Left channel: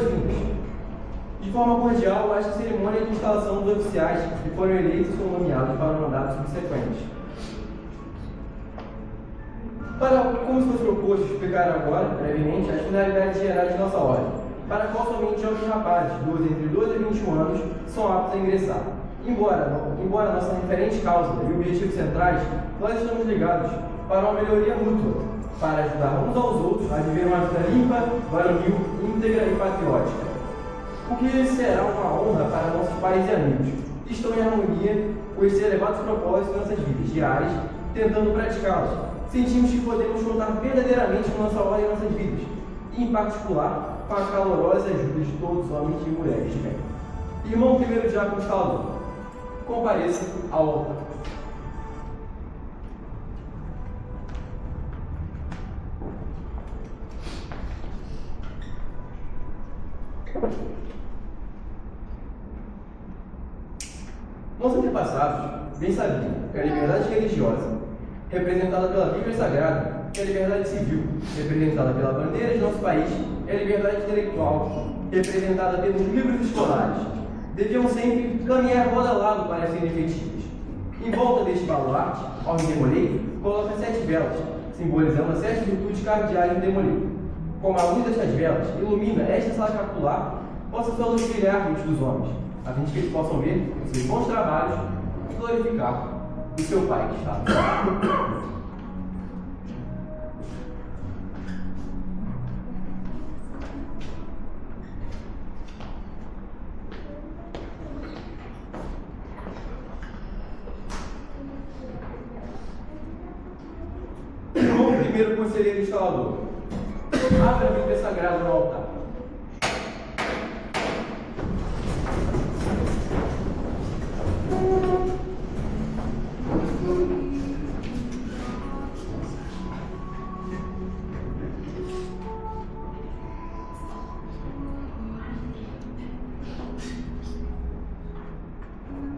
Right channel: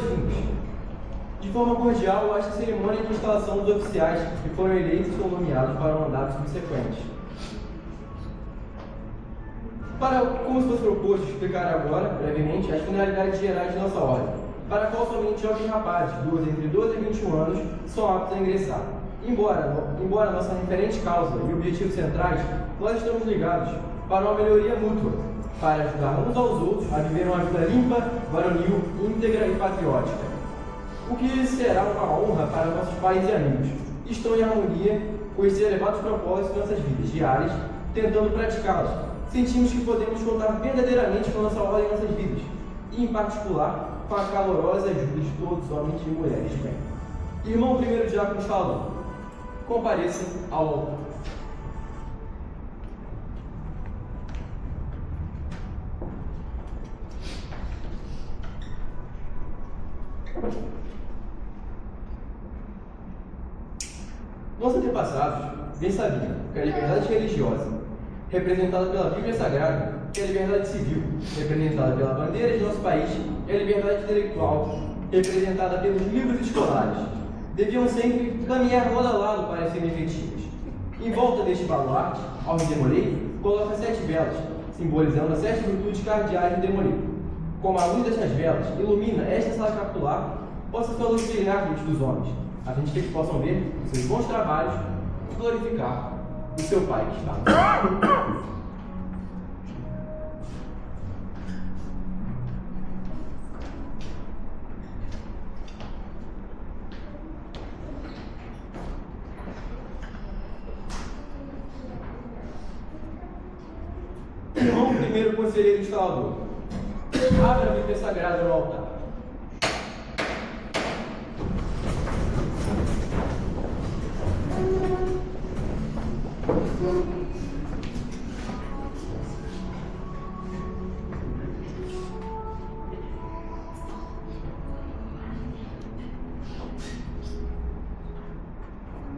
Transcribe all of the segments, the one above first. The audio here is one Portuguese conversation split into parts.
boas-vindas. De forma cordial, esta cerimônia de instalação dos oficiais que foram eleitos ou nomeados para mandatos subsequentes. Como se fosse proposto, explicar agora, brevemente, as finalidades gerais de nossa ordem, para a qual somente jovens rapazes, entre 12 e 21 anos, são aptos a ingressar. Embora nossa referente causa e objetivos centrais, nós estamos ligados para uma melhoria mútua, para ajudar uns aos outros a viver uma vida limpa, varonil, íntegra e patriótica. O que será uma honra para nossos pais e amigos, que estão em harmonia com esses elevados propósitos de nossas vidas diárias, tentando praticá-los. Sentimos que podemos contar verdadeiramente com nossa ordem em nossas vidas, e, em particular, com a calorosa ajuda de todos os homens e mulheres de bem. Irmão primeiro diácono falou, compareça ao altar. Nossos antepassados bem sabiam que a liberdade religiosa, representada pela Bíblia Sagrada, que a liberdade civil, representada pela bandeira de nosso país, e a liberdade intelectual, representada pelos livros escolares, deviam sempre caminhar lado a lado para serem efetivas. Em volta deste baluarte, ao redemoleiro, coloca 7 velas, simbolizando as 7 virtudes cardeais do demoleiro. Como a luz destas velas ilumina esta sala capitular, possa sua luz brilhar diante dos homens, a fim de que eles possam ver os seus bons trabalhos e glorificar o seu Pai que está no céu. Irmão primeiro conselheiro instalador, abra a Bíblia Sagrada no altar.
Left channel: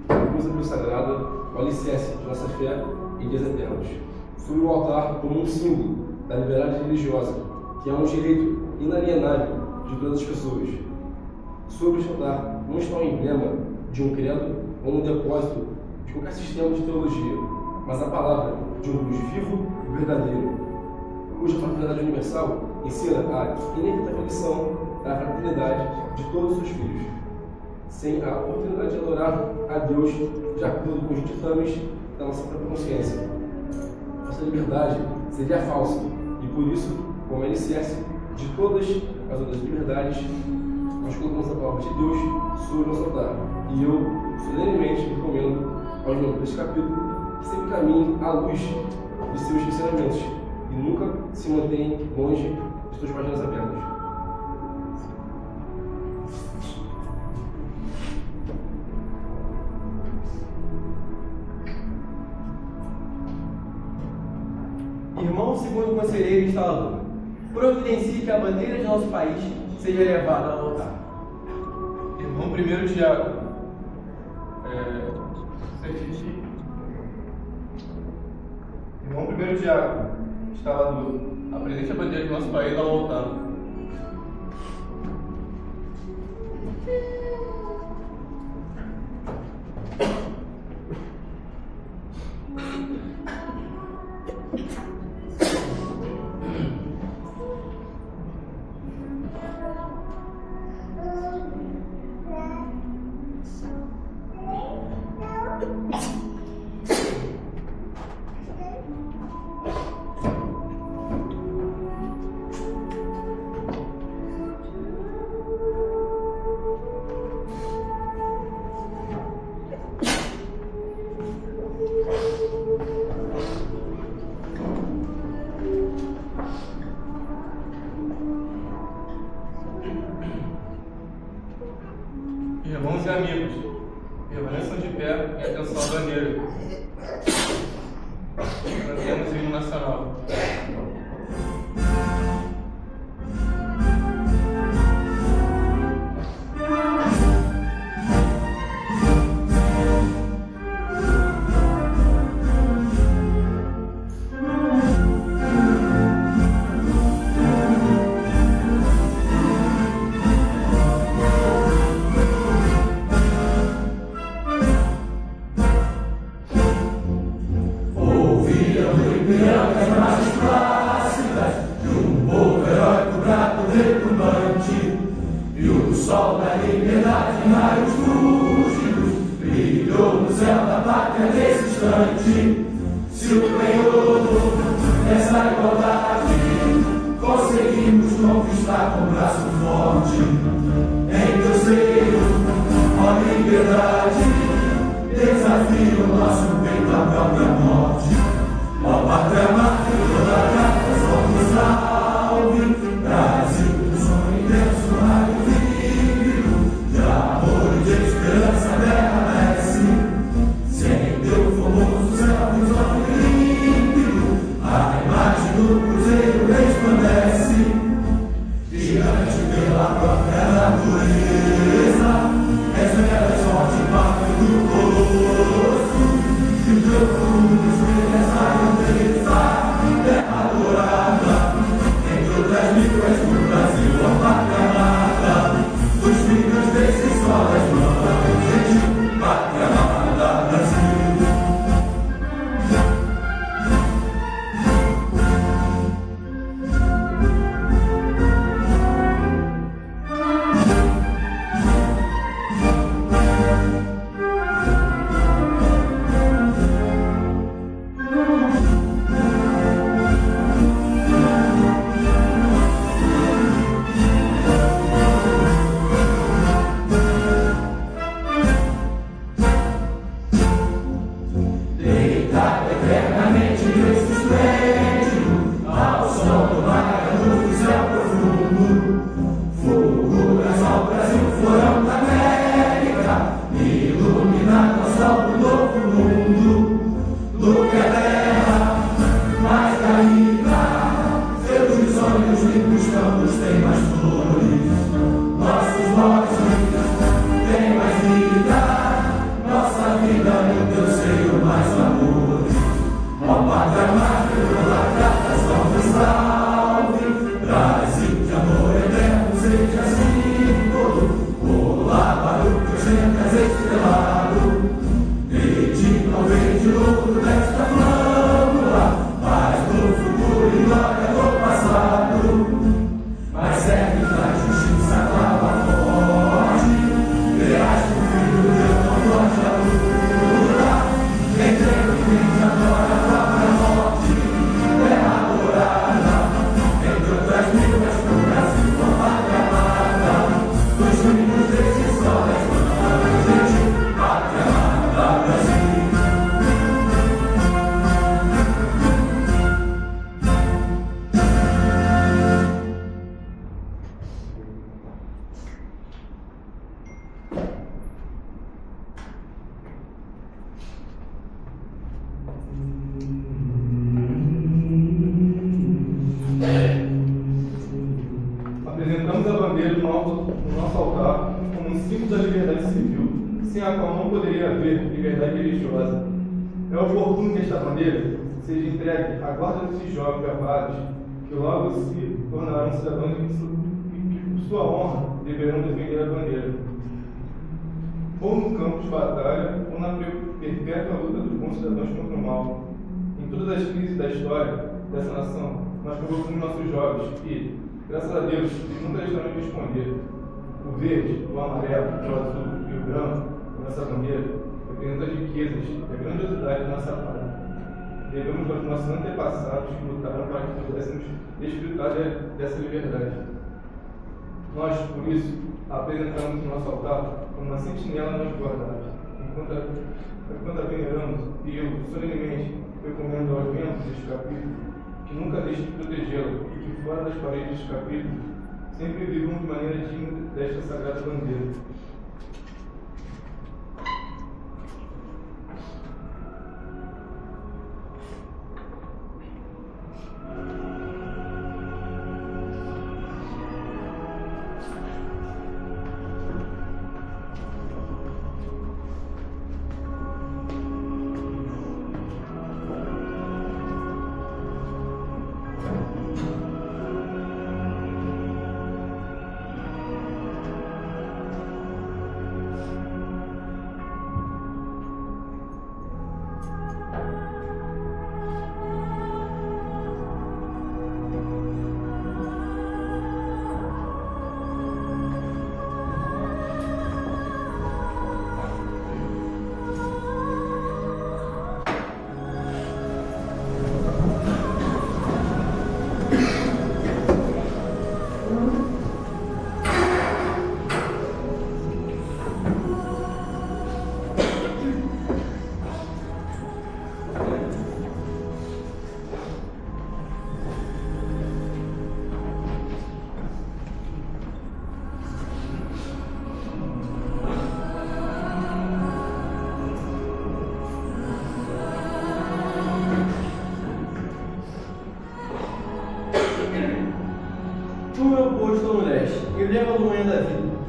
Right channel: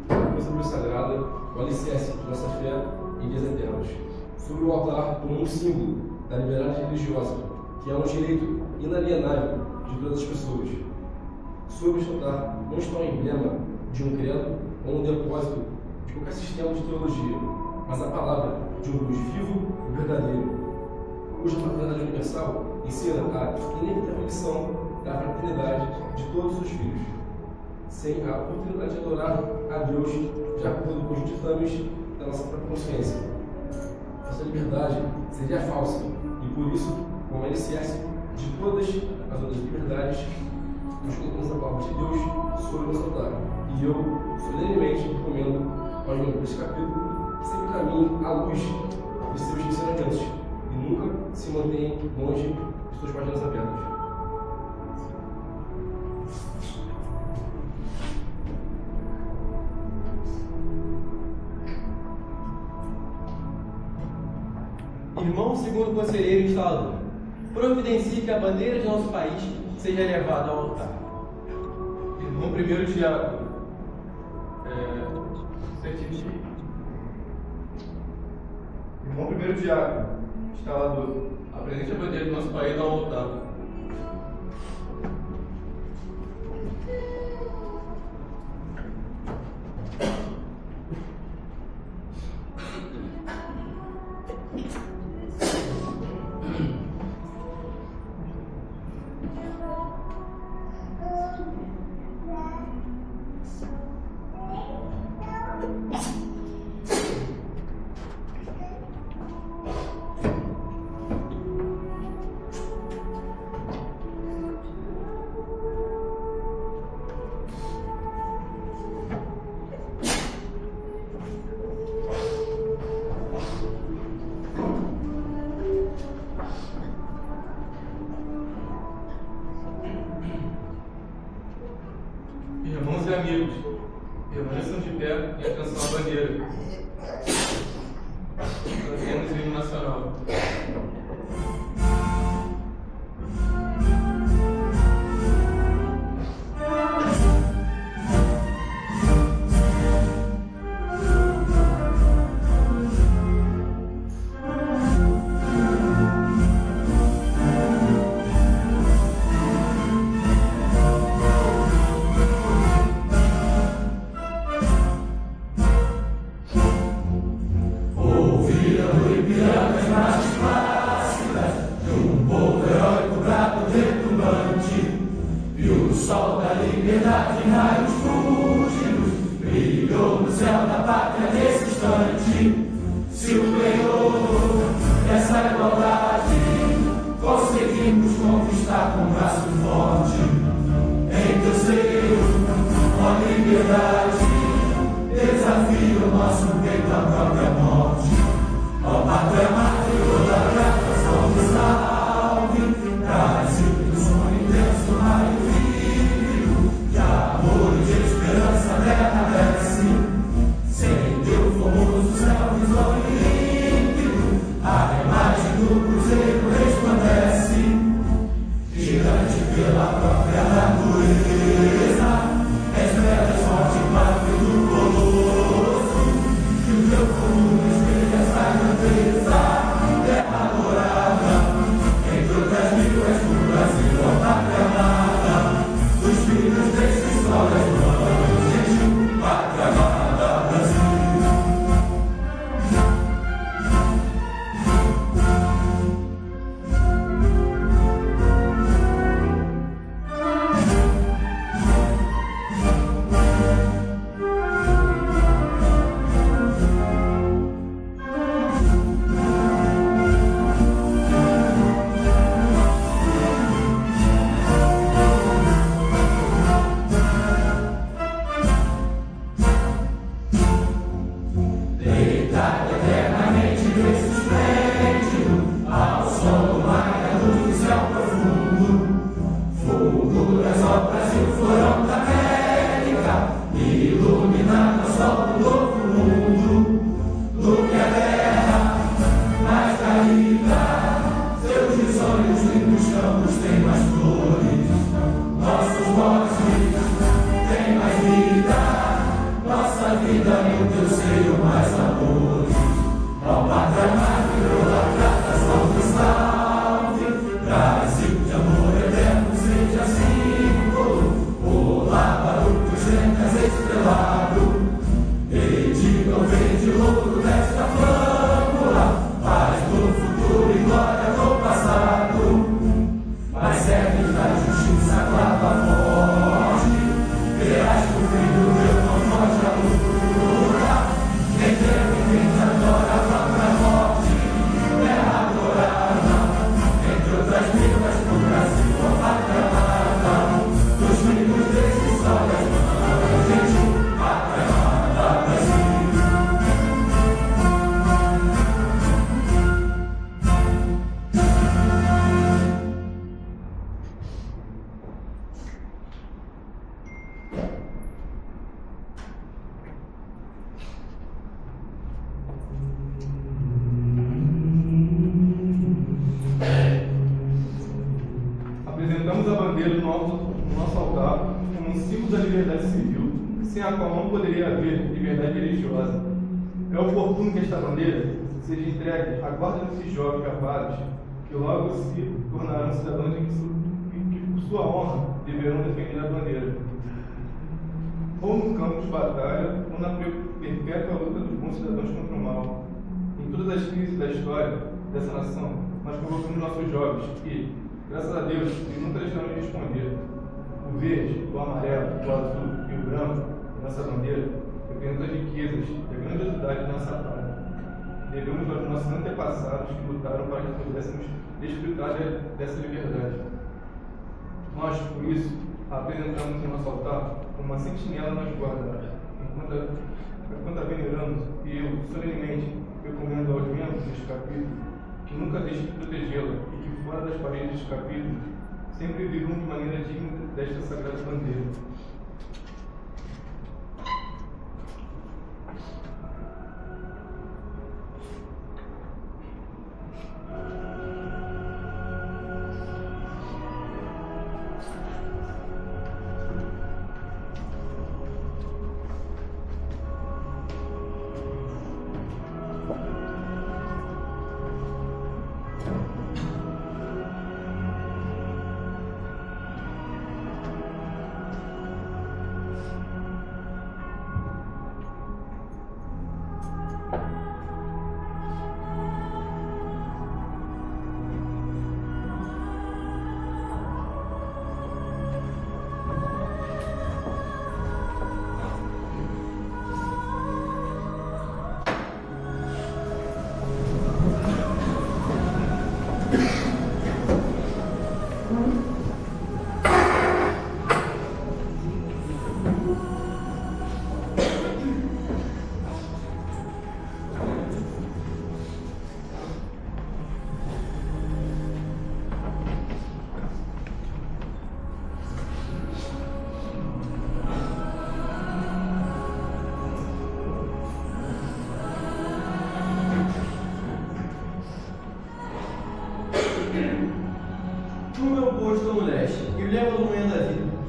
Bíblia Sagrada, o alicerce de nossa fé e dias eternos. Sobre o altar como um símbolo da liberdade religiosa, que é um direito inalienável de todas as pessoas. Sobre este altar não está um emblema de um credo ou um depósito de qualquer sistema de teologia, mas a palavra de um Deus vivo e verdadeiro, cuja fraternidade universal ensina a inevitabilização da fraternidade de todos os seus filhos, sem a oportunidade de adorar a Deus de acordo com os ditames da nossa própria consciência. Nossa liberdade seria falsa e, por isso, como alicerce de todas as outras liberdades, nós colocamos a palavra de Deus sobre o nosso altar. E eu, solenemente, recomendo aos membros deste capítulo que sempre caminhem à luz de seus ensinamentos e nunca se mantenham longe de suas páginas abertas. Irmão segundo conselheiro instalador, providencie que a bandeira de nosso país seja levada ao altar. Irmão primeiro diácono, certifique. Irmão primeiro diácono, instalador, apresente a bandeira do nosso país ao altar. Irmãos e amigos, permaneçam de pé em atenção à bandeira. Cantemos o hino nacional. o sol da liberdade em raios fúlgidos brilhou no céu da pátria nesse instante. Se o penhor dessa igualdade conseguimos conquistar com braço forte, em teu seio, ó liberdade, desafio o nosso peito à própria morte. Ó pátria mártir, toda grata, somos salve, Brasil, do sonho intenso, raio vívido, de amor e de esperança a terra desce, sem teu formoso céu risonho límpido, a imagem do cruzeiro resplandece, gigante pela própria natureza, és pedras forte parte do poço, e teu fogo espelha essa grandeza, terra adorada, entre outras mil és do Brasil, ó pátria amada, os filhos desse sol és nova, gente, pátria amada, Brasil. Deitado eternamente nesse esplêndido, ao som do mar e a luz do céu profundo, fulguras ao Brasil, florão da América, iluminado ao sol do novo mundo, do que a terra mais caída, seus risonhos limpos campos têm mais flores, nossos bosques têm mais vida, nossa vida no teu seio mais amores. Ó pátria amada, idolatrada, salve, salve, Brasil de amor eterno, seja símbolo, o lábaro que ostentas estrelado, dedica ao verde louco desta flâmula, paz do futuro e glória do passado, mas serve da justiça clava forte, verás que o filho de Deus não foge à luta, quem tem o fim adora a própria morte, terra adorada, entre outras mil és pro Brasil, ó pátria amada, dos filhos desse sol és nova, gente, pátria amada, Brasil. Apresentamos a bandeira no nosso altar como um símbolo da liberdade civil, sem a qual não poderia haver liberdade religiosa. É oportuno que esta bandeira seja entregue à guarda desses jovens capazes, que logo se tornarão cidadãos que, por sua honra, deverão defender a bandeira, ou no campo de batalha, ou na perpétua luta dos bons cidadãos contra o mal. Em todas as crises da história dessa nação, nós provocamos nossos jovens que, graças a Deus, eles nunca deixaram de responder. O verde, o amarelo, o azul e o branco da nossa bandeira representam as riquezas e a grandiosidade da nossa pátria. Devemos aos nossos antepassados que lutaram para que pudéssemos desfrutar dessa liberdade. Nós, por isso, apresentamos o nosso altar como uma sentinela nos guardada. Enquanto a veneramos, e eu, solenemente, recomendo aos membros deste capítulo que nunca deixem de protegê-la e que, fora das paredes deste capítulo, sempre vivam de maneira digna desta sagrada bandeira.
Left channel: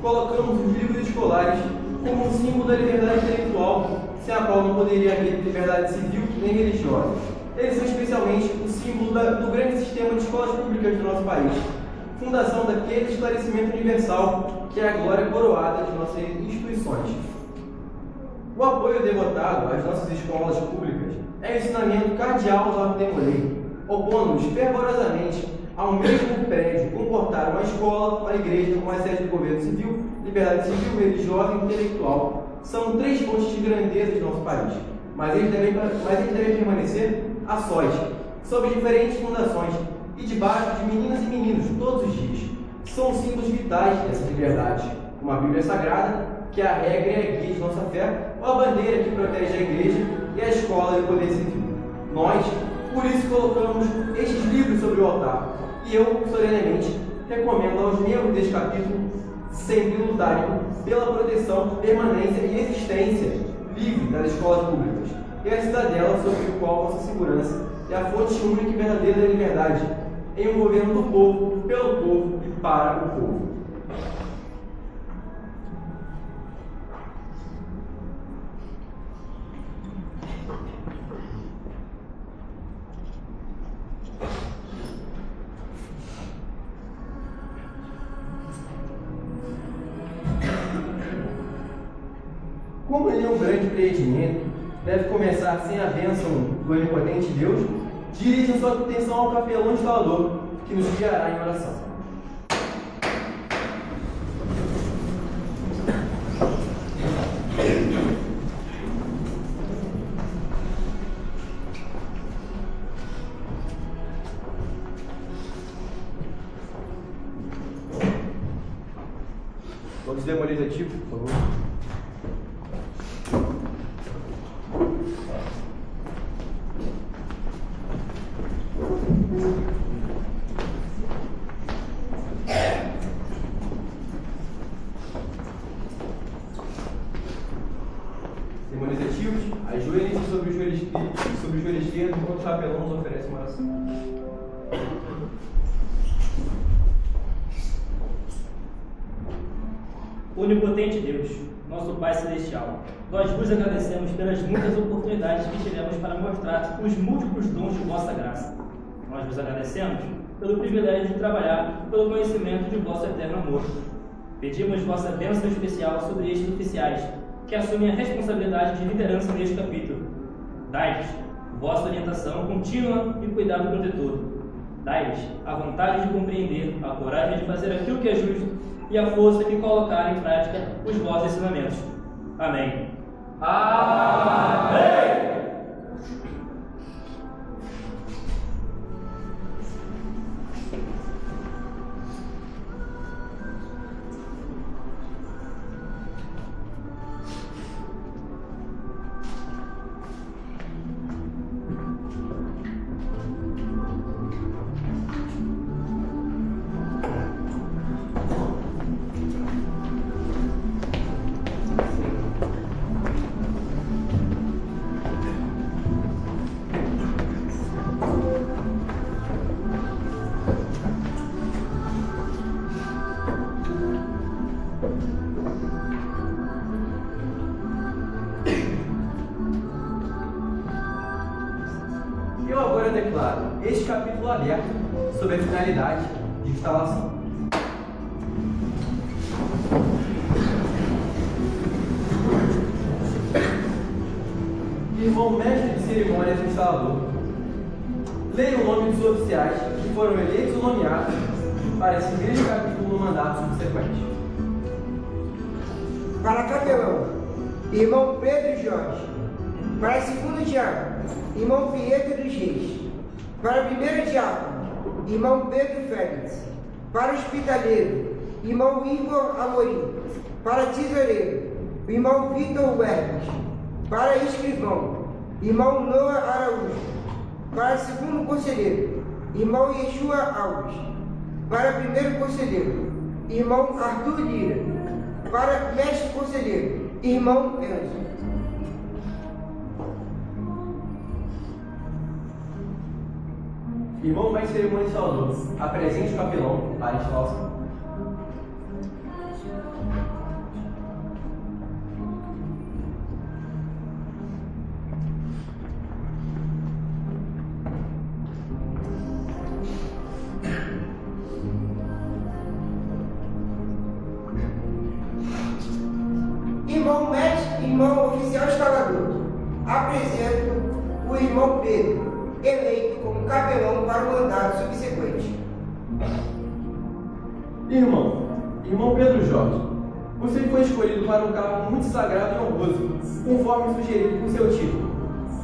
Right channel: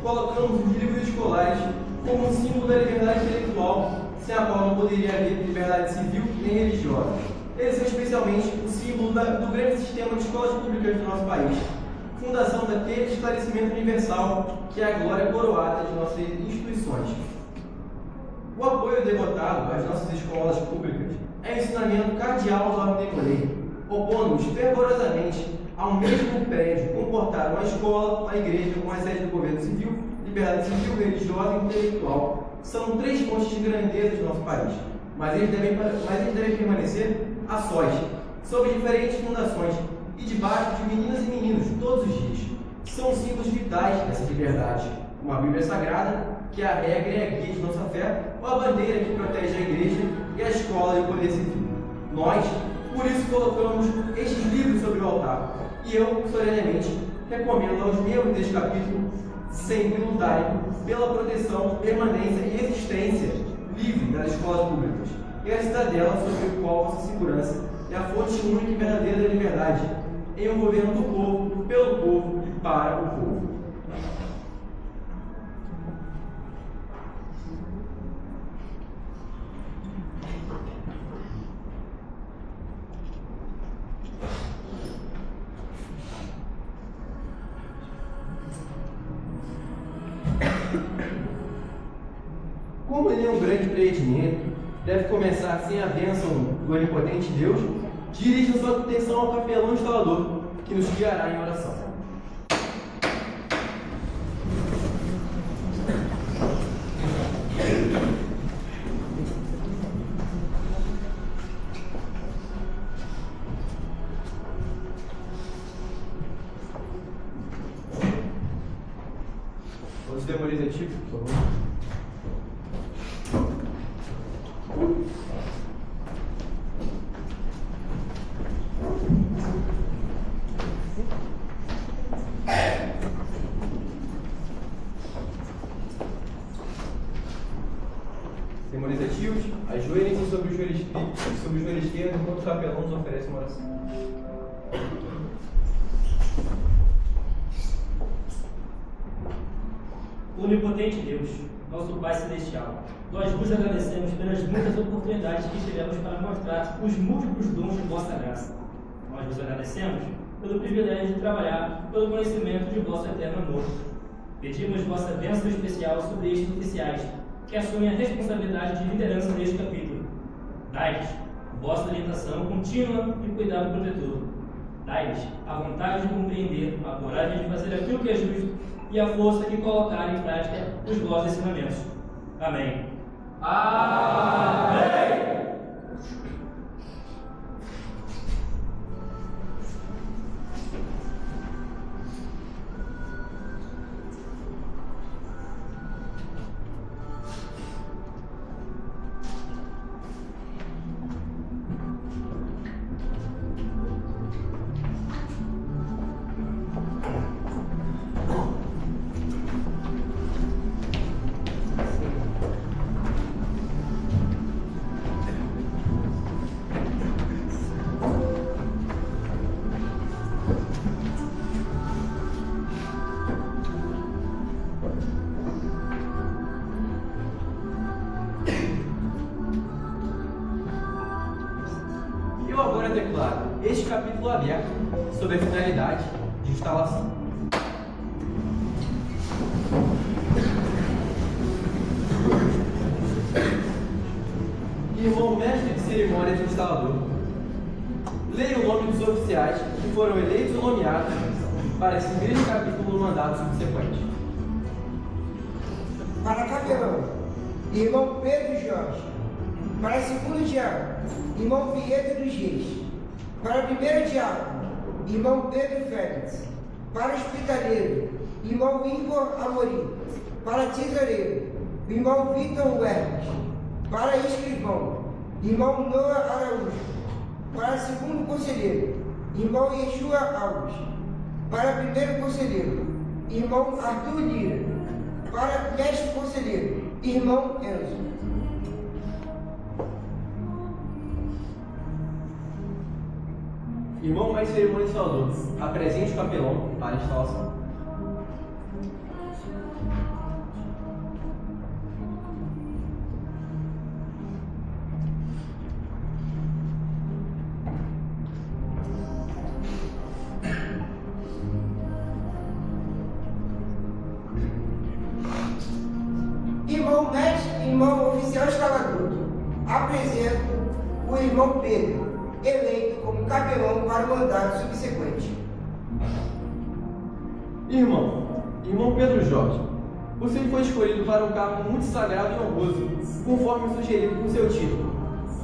colocamos os livros escolares como um símbolo da liberdade intelectual, sem a qual não poderia haver liberdade civil nem religiosa. Eles são especialmente o símbolo do grande sistema de escolas públicas do nosso país, fundação daquele esclarecimento universal que é a glória coroada de nossas instituições. O apoio devotado às nossas escolas públicas é um ensinamento cardeal aos ordens de lei, opondo-nos fervorosamente ao mesmo prédio comportar uma escola, uma igreja, uma sede do governo civil, liberdade civil, religiosa e intelectual. São três fontes de grandeza do nosso país, mas eles devem permanecer a sós, sob diferentes fundações e debaixo de meninas e meninos todos os dias. São símbolos vitais dessas liberdades, como a Bíblia Sagrada, que é a regra e a guia de nossa fé, ou a bandeira que protege a igreja e a escola e o poder civil. Nós, por isso, colocamos estes livros sobre o altar, e eu, solenemente, recomendo aos membros deste capítulo sempre lutarem pela proteção, permanência e existência livre das escolas públicas, e a cidadela sobre o qual nossa segurança é a fonte única e verdadeira da liberdade, em um governo do povo, pelo povo e para o povo. Como ele é um grande empreendimento, deve começar sem a bênção do onipotente Deus, dirijam sua atenção ao capelão instalador, que nos guiará em oração. Todos demolidos ativos, por favor. Ajoelhem-se sobre o joelho esquerdo enquanto o capelão nos oferece uma oração. Onipotente Deus, nosso Pai Celestial, nós vos agradecemos pelas muitas oportunidades que tivemos para mostrar os múltiplos dons de vossa graça. Nós vos agradecemos pelo privilégio de trabalhar pelo conhecimento de vosso eterno amor. Pedimos vossa bênção especial sobre estes oficiais, que assumem a responsabilidade de liderança neste capítulo. Dai-lhes vossa orientação contínua e cuidado protetor. Dai-lhes a vontade de compreender, a coragem de fazer aquilo que é justo e a força de colocar em prática os vossos ensinamentos. Amém. Amém! Eu agora declaro este capítulo aberto sobre a finalidade de instalação. Irmão mestre de cerimônias e instalador, leia o nome dos oficiais que foram eleitos ou nomeados para seguir este capítulo no mandato subsequente. Para capelão, irmão Pedro Jorge. Para segundo diácono, irmão Pietro dos Reis. Para primeiro diácono, irmão Pedro Félix. Para hospitaleiro, irmão Igor Amorim. Para tesoureiro, irmão Vitor Huertas. Para escrivão, irmão Noah Araújo. Para segundo conselheiro, irmão Yeshua Alves. Para primeiro conselheiro, irmão Arthur Lira. Para mestre conselheiro, irmão Enzo. Irmão mestre de cerimônia instalador, apresente o capelão para a instalação. apresento o irmão Pedro, eleito como capelão para o mandato subsequente. Irmão Pedro Jorge, você foi escolhido para um cargo muito sagrado e honroso, conforme sugerido por seu título.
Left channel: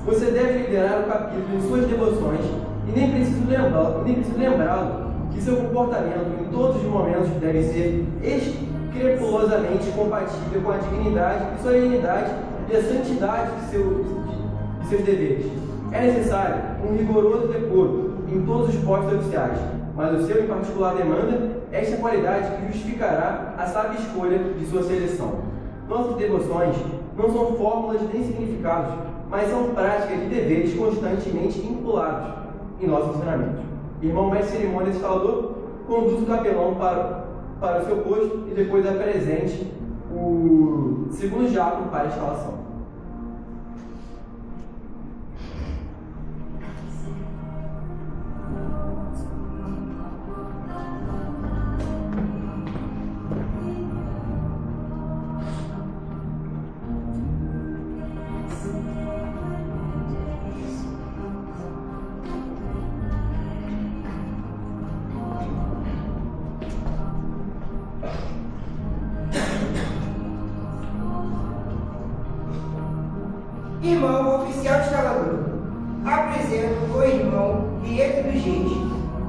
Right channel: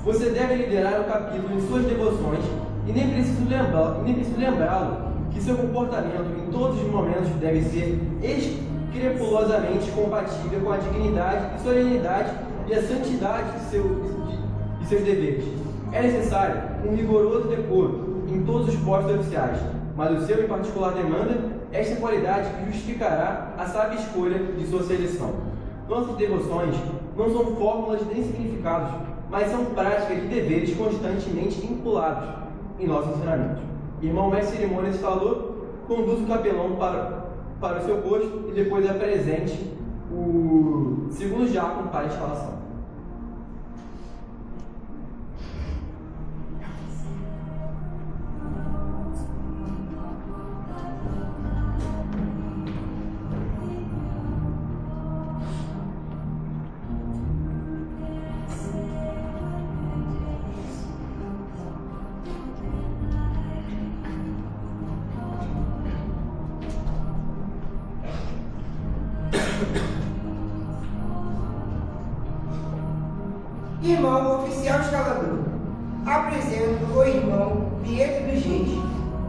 Você deve liderar o capítulo em suas devoções e nem preciso lembrá-lo que seu comportamento em todos os momentos deve ser escrupulosamente compatível com a dignidade e solenidade e a santidade de seus deveres. É necessário um rigoroso decoro em todos os postos oficiais, mas o seu em particular demanda esta qualidade que justificará a sábia escolha de sua seleção. Nossas devoções não são fórmulas nem significados, mas são práticas de deveres constantemente vinculados em nossos ensinamentos. Irmão mestre de cerimônia instalador, conduz o capelão para o seu posto e depois apresente o segundo diácono para a instalação. Irmão oficial instalador, apresento o irmão Pietro dos Reis,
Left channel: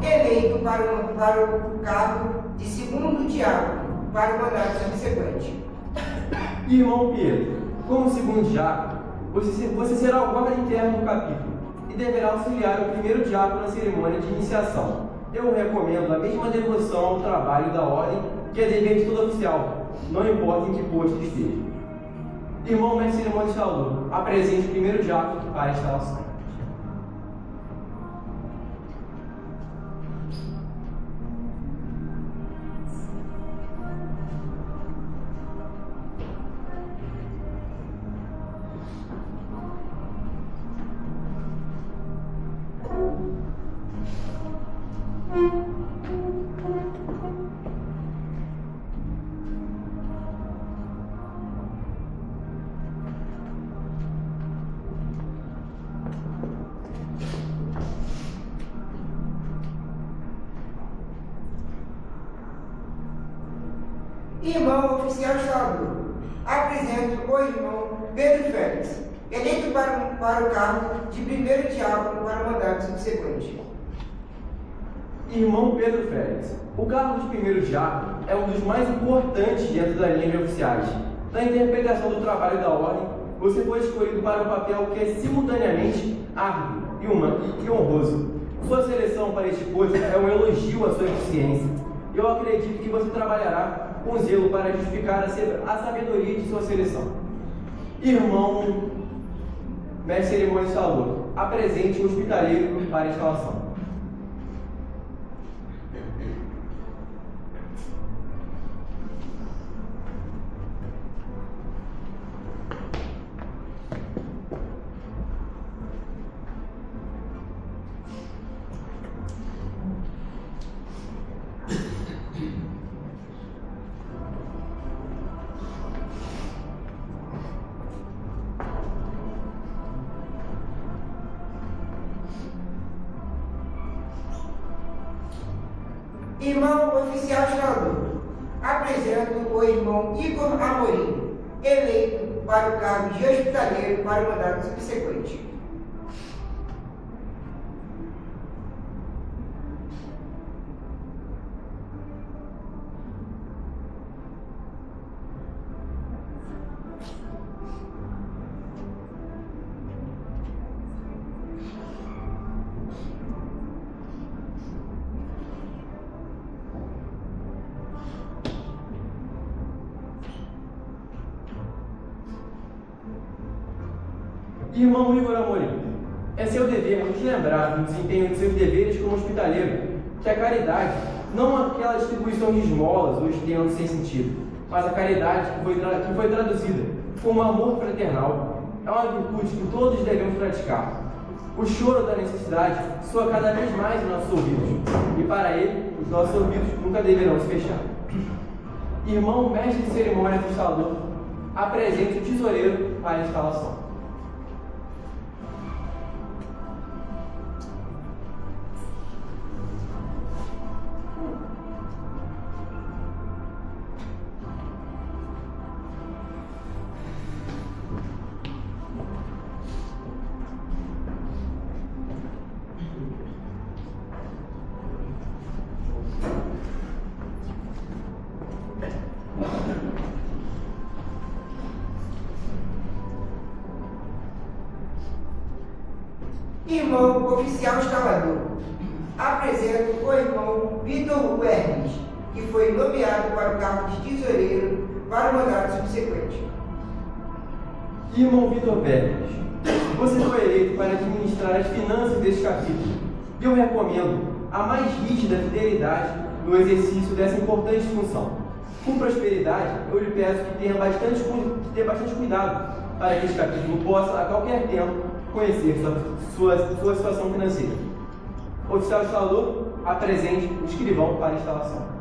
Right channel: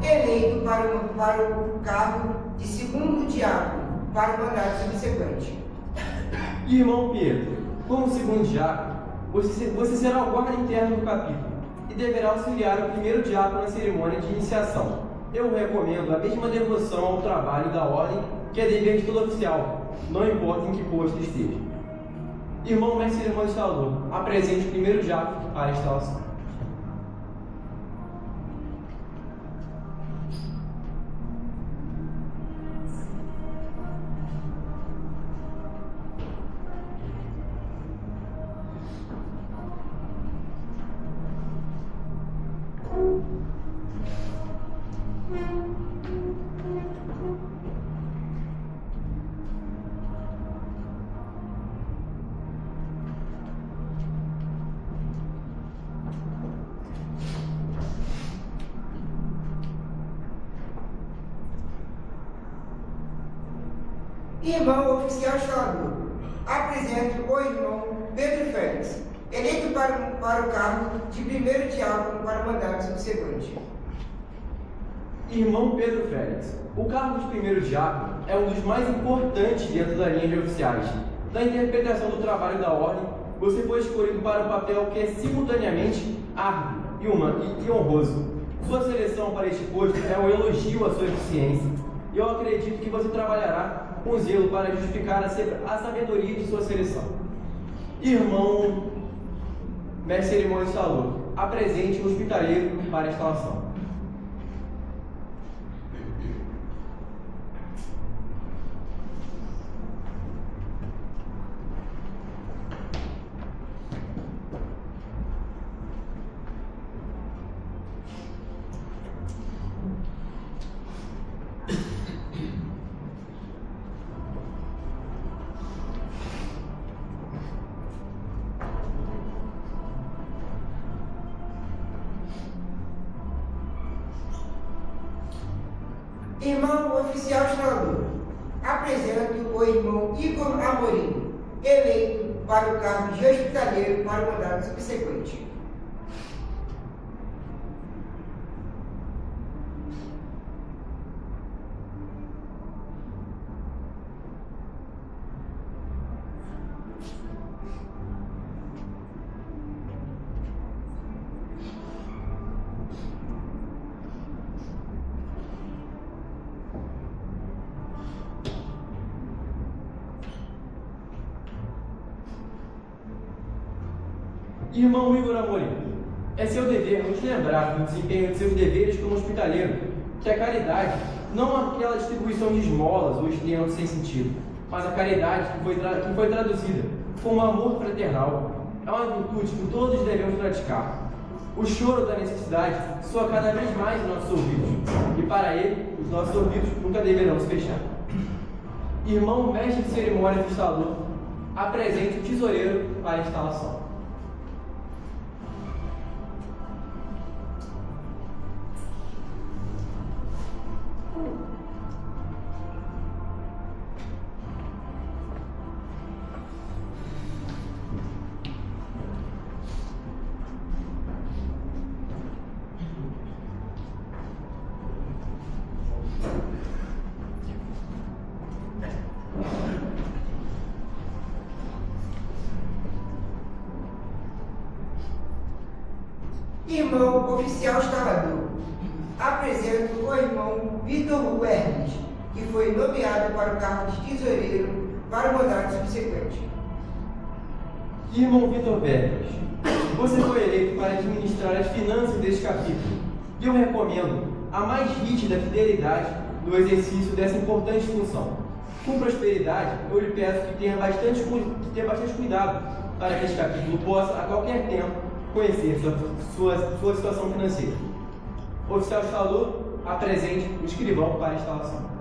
eleito para o cargo de segundo diácono para o mandato subsequente. Irmão Pietro, como segundo diácono, você será o guarda interno do capítulo e deverá auxiliar o primeiro diácono na cerimônia de iniciação. Eu recomendo a mesma devoção ao trabalho da ordem que é dever de todo oficial, não importa em que posto esteja. Irmão mestre de cerimônia instalador, apresente o primeiro diácono para a instalação. Irmão oficial instalador, apresento o irmão Pedro Félix, eleito para o cargo de primeiro diácono para o mandato subsequente. Irmão Pedro Félix, o cargo de primeiro diácono é um dos mais importantes dentro da linha de oficiais. Na interpretação do trabalho da ordem, você foi escolhido para um papel que é simultaneamente árduo e honroso. Sua seleção para este posto é um elogio à sua eficiência. Eu acredito que você trabalhará com zelo para justificar a sabedoria de sua seleção. Irmão mestre de cerimônia instalador, apresente o hospitaleiro para a instalação. Irmão oficial instalador, apresento o irmão Igor Amorim, eleito para o cargo de hospitaleiro para o mandato subsequente. Irmão Igor Amorim, é seu dever nos lembrar do desempenho de seus deveres como hospitaleiro, que a caridade não é aquela distribuição de esmolas ou estímulos sem sentido, mas a caridade que foi traduzida como amor fraternal é uma virtude que todos devemos praticar. O choro da necessidade soa cada vez mais em nossos ouvidos, e para ele, os nossos ouvidos nunca deverão se fechar. Irmão mestre de cerimônia do instalador, apresente o tesoureiro para a instalação. Irmão oficial instalador, apresento o irmão Vitor Hugo Hermes, que foi nomeado para o cargo de tesoureiro para o mandato subsequente. Irmão Vitor Pérez, você foi eleito para administrar as finanças deste capítulo e eu recomendo a mais rígida fidelidade no exercício dessa importante função. Com prosperidade, eu lhe peço que tenha bastante cuidado para que este capítulo possa, a qualquer tempo, conhecer sua situação financeira. Oficial instalador, apresente o escrivão para a instalação.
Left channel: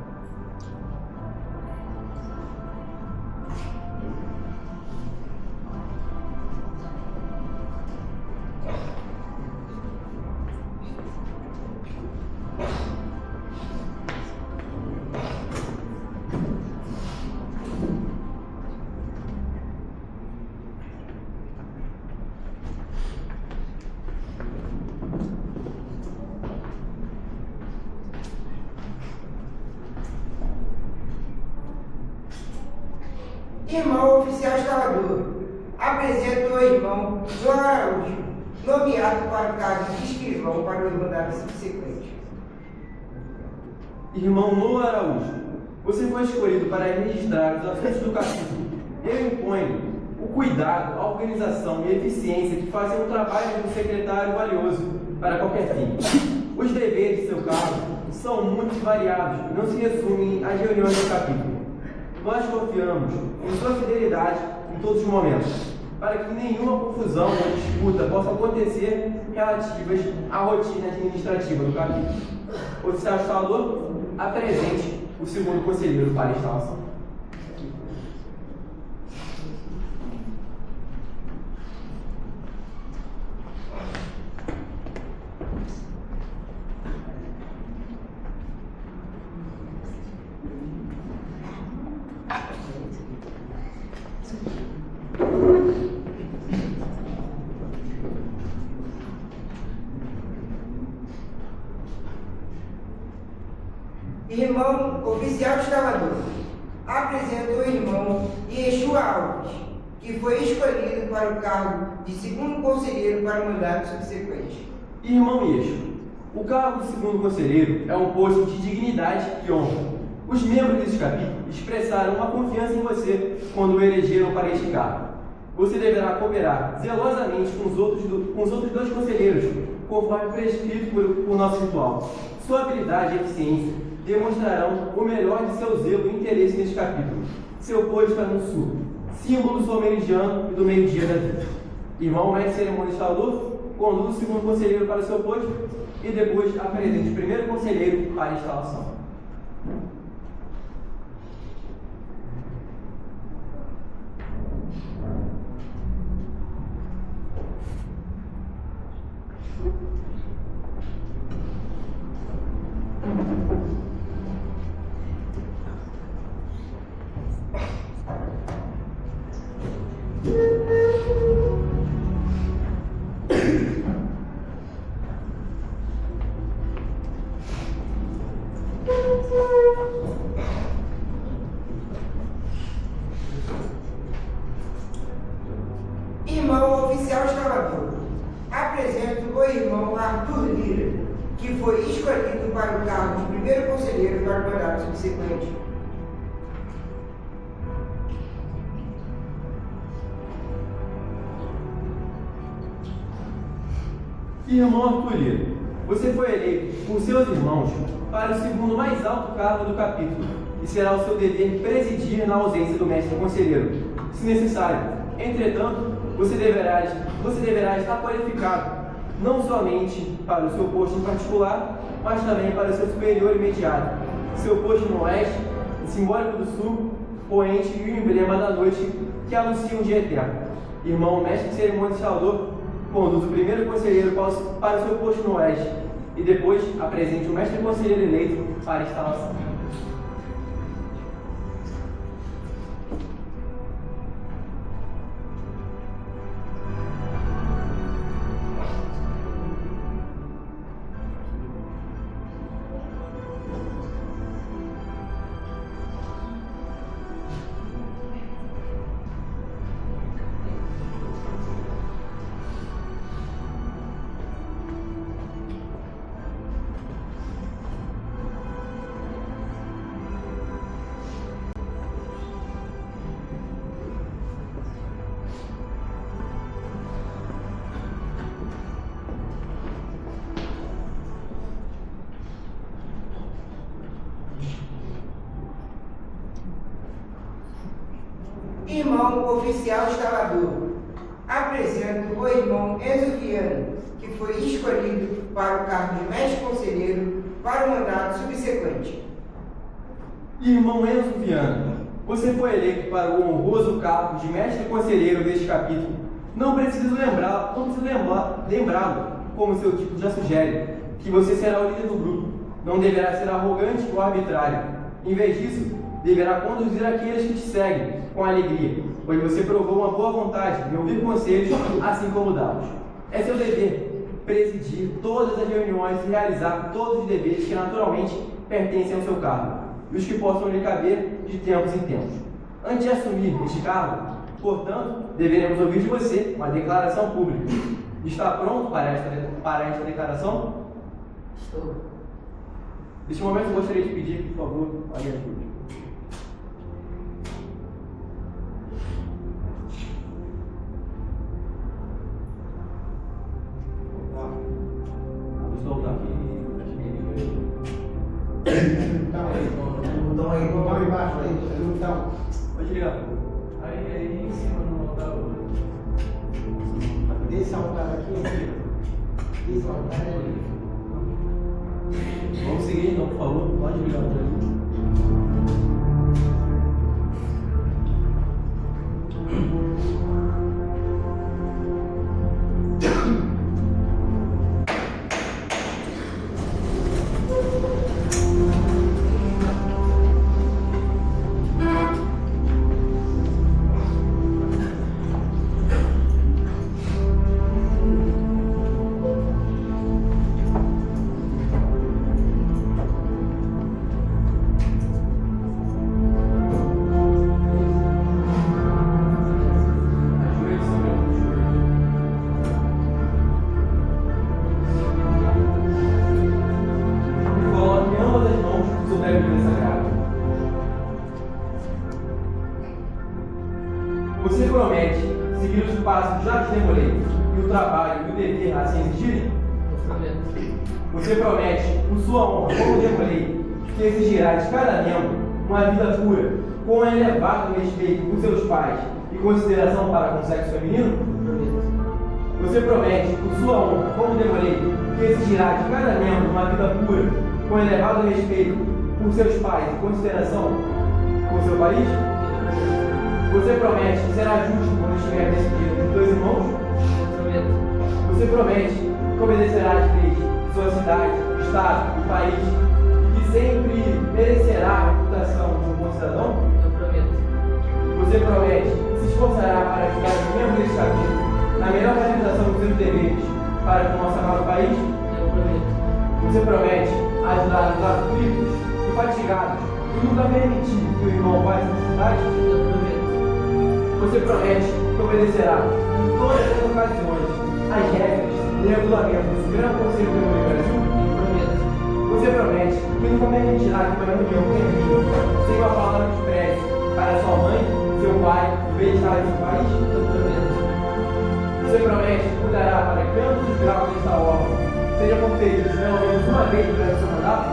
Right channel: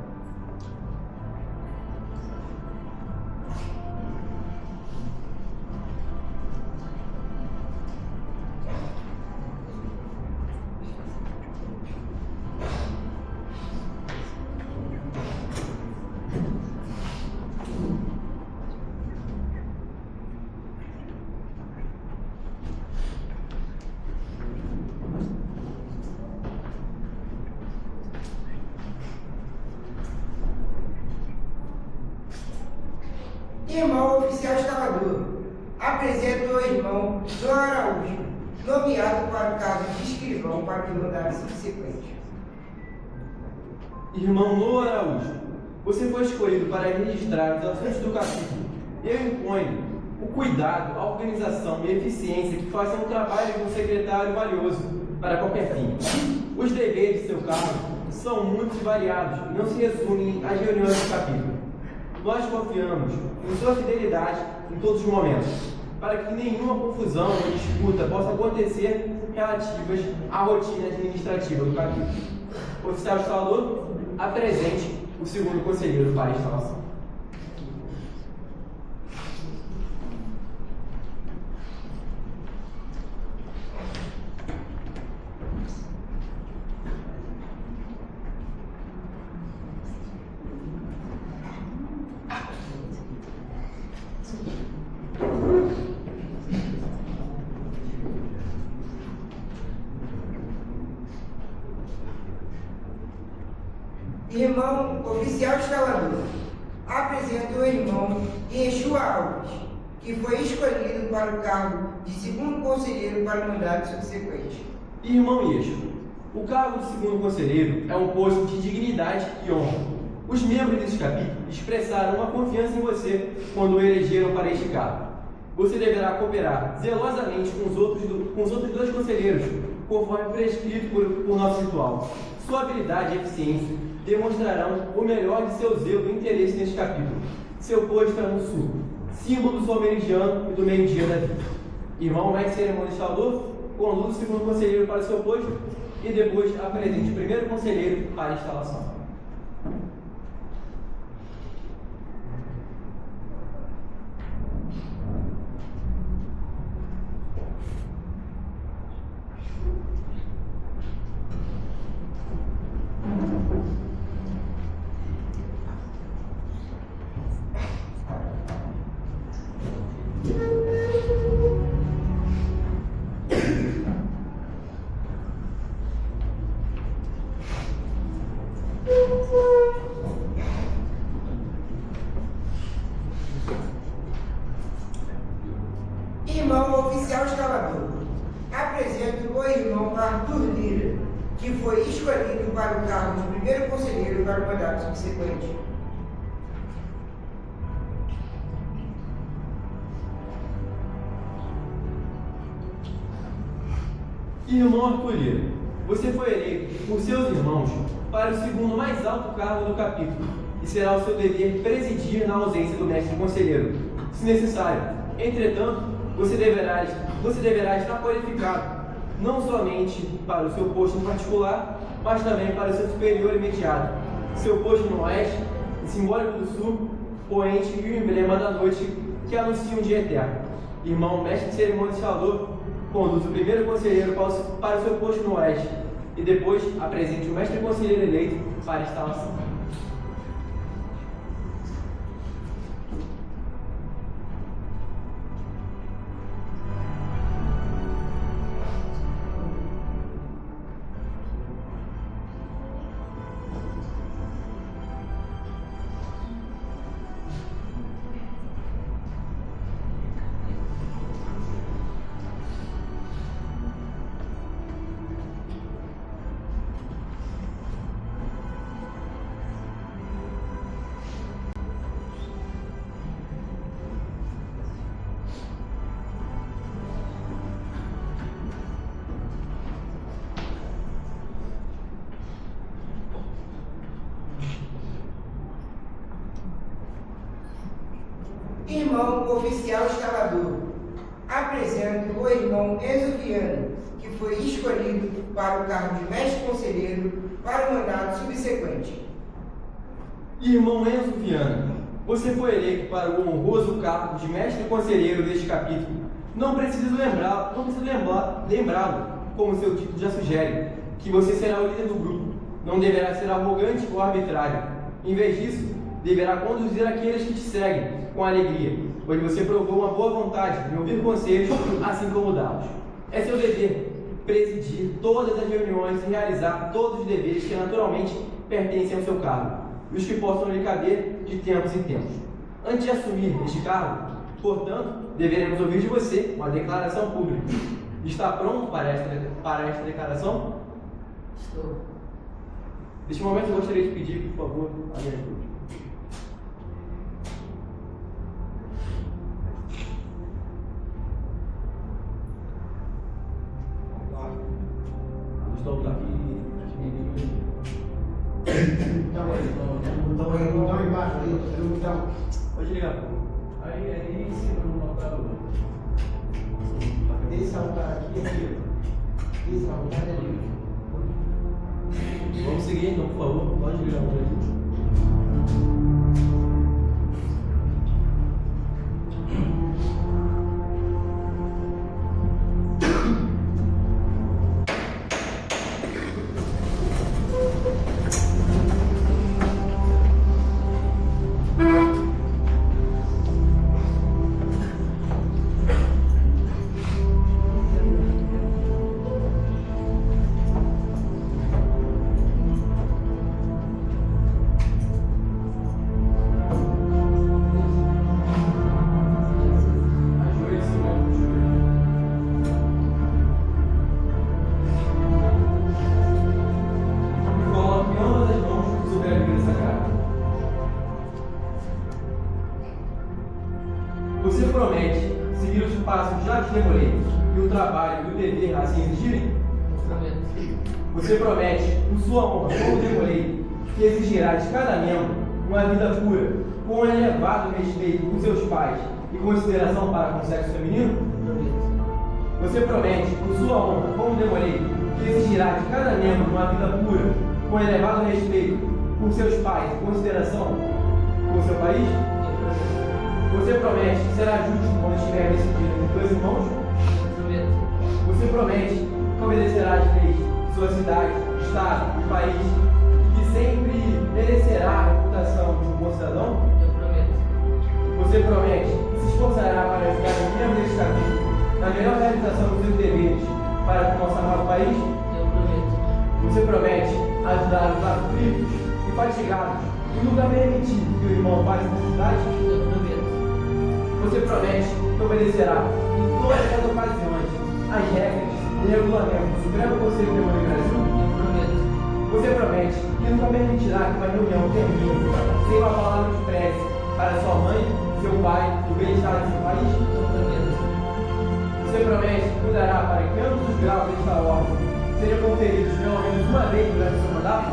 Irmão oficial instalador, apresento o irmão João Araújo, nomeado para o cargo de escrivão para o mandato subsequente. Irmão Noah Araújo, você foi escolhido para registrar os assuntos do capítulo. Eu imponho o cuidado, a organização e a eficiência que fazem um trabalho de um secretário valioso para qualquer fim. Os deveres de seu cargo são muitos e variados e não se resumem às reuniões do capítulo. Nós confiamos em sua fidelidade em todos os momentos, para que nenhuma confusão ou disputa possa acontecer relativas à rotina administrativa do capítulo. Oficial instalador, apresente o segundo conselheiro para a instalação. Irmão oficial instalador, apresento o irmão Yeshua Alves, que foi escolhido para o cargo de segundo conselheiro para o mandato subsequente. Irmão Yeshua, o cargo de segundo conselheiro é um posto de dignidade e honra. Os membros desse capítulo expressaram uma confiança em você quando o elegeram para este cargo. Você deverá cooperar zelosamente com os outros dois conselheiros, conforme prescrito por nosso ritual. Sua habilidade e eficiência demonstrarão o melhor de seu zelo e interesse neste capítulo. Seu posto é no sul, símbolo sul-meridiano e do meio-dia da vida. Irmão mestre cerimônia instalador, conduza o segundo conselheiro para o seu posto e depois apresente o primeiro conselheiro para a instalação. Irmão oficial instalador, apresento o irmão Arthur Lira, que foi escolhido para o cargo de primeiro conselheiro para o mandato subsequente. Irmão Arthur Lira, você foi eleito por seus irmãos para o segundo mais alto cargo do capítulo e será o seu dever presidir na ausência do mestre conselheiro, se necessário. Entretanto, você deverá estar qualificado não somente para o seu posto em particular, mas também para o seu superior imediato. Seu posto no oeste, simbólico do sul, poente e o emblema da noite que anuncia um dia eterno. Irmão mestre de cerimônia instalador, conduz o primeiro conselheiro para o seu posto no oeste e depois apresente o mestre conselheiro eleito para a instalação. Irmão oficial instalador, apresento o irmão Enzo Viana, que foi escolhido para o cargo de mestre conselheiro para o mandato subsequente. Irmão Enzo Viana, você foi eleito para o honroso cargo de mestre conselheiro deste capítulo. Não preciso lembrá-lo, como seu título já sugere, que você será o líder do grupo. Não deverá ser arrogante ou arbitrário. Em vez disso, deverá conduzir aqueles que te seguem com alegria, pois você provou uma boa vontade de ouvir conselhos, assim como dá-los. É seu dever presidir todas as reuniões e realizar todos os deveres que naturalmente pertencem ao seu cargo, e os que possam lhe caber de tempos em tempos. Antes de assumir este cargo, portanto, deveremos ouvir de você uma declaração pública. Está pronto para esta declaração? Estou. Neste momento, eu gostaria de pedir, por favor, a minha ajuda. Estou aqui. Botão aí embaixo, aí, botão. Pode ligar. Aí em cima no local. Esse altar aqui, esse altar é ali. Vamos seguir então, por favor. Pode ligar o telefone. Você promete seguir os passos que já te demorei e o trabalho e o dever assim exigirem? Você promete, por sua honra, como demorei, que exigirá de cada membro uma vida pura, com um elevado respeito por seus pais e consideração para com o sexo feminino? Você promete, por sua honra, como demorei, que exigirá de cada membro uma vida pura, com elevado respeito por seus pais e consideração por seu país? Você promete que será justo quando estiver decidido os dois irmãos? Você promete que obedecerá às leis de sua cidade, estado e país, e que sempre merecerá a reputação de um bom cidadão? Você promete que se esforçará para ajudar os membros deste capítulo na melhor realização dos seus deveres para com o nosso amado país? Você promete ajudar os aflitos e fatigados e nunca permitir que o irmão passe necessidade? Você promete que obedecerá em todas as ocasiões as regras e regulamentos do Supremo Conselho do Brasil? Você promete que nunca permitirá que uma reunião termine sem uma palavra de prece para sua mãe, seu pai, o bem-estar do seu país? Você promete que cuidará para que ambos os graus desta ordem sejam conferidos pelo menos uma vez durante o seu mandato?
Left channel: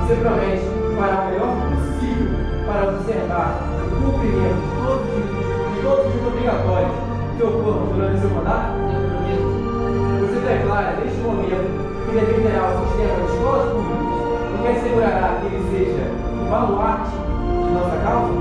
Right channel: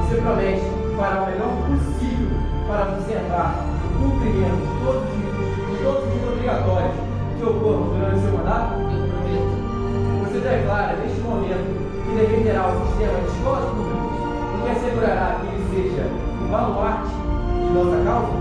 Você promete que fará o melhor possível para observar o cumprimento de todos os obrigatórios que ocorram durante o seu mandato? Você declara, neste momento, que defenderá o sistema de escolas públicas e que assegurará que ele seja o baluarte de nossa causa?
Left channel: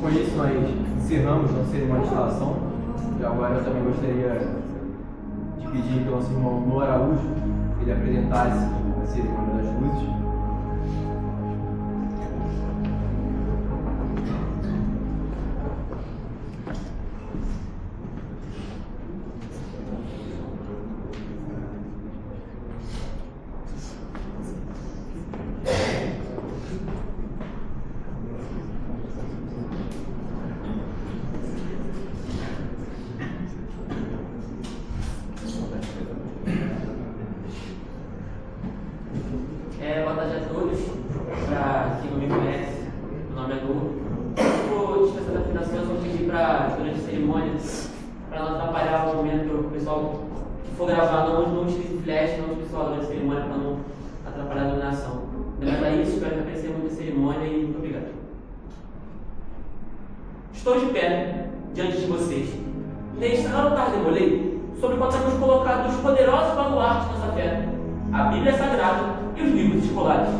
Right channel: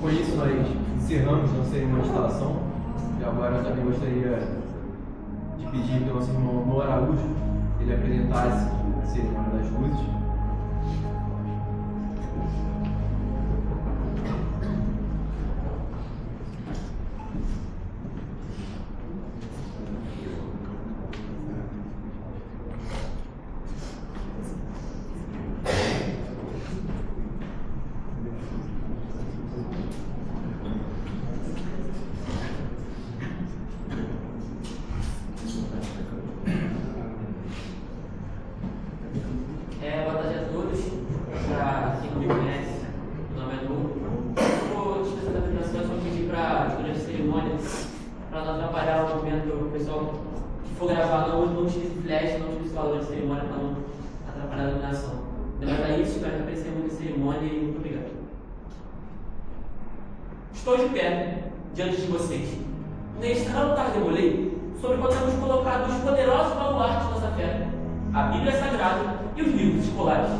Com isso, nós encerramos nossa cerimônia de instalação. E agora eu também gostaria de pedir que o nosso irmão Noah Araújo ele apresentasse a cerimônia das luzes. Boa tarde a todos. Para quem não me conhece, meu nome é Nu. Vou dispensar da afinação, só pedir para, durante a cerimônia, para não atrapalhar o momento que o pessoal que for gravar não utilize flash, não utilize falar durante a cerimônia para não atrapalhar a iluminação. Depois daí, espero que aprecie muito a cerimônia e muito obrigado. Estou de pé diante de vocês. Neste altar demolei, sobre o qual temos colocado os poderosos baluartes de nossa fé, a Bíblia Sagrada e os livros escolares.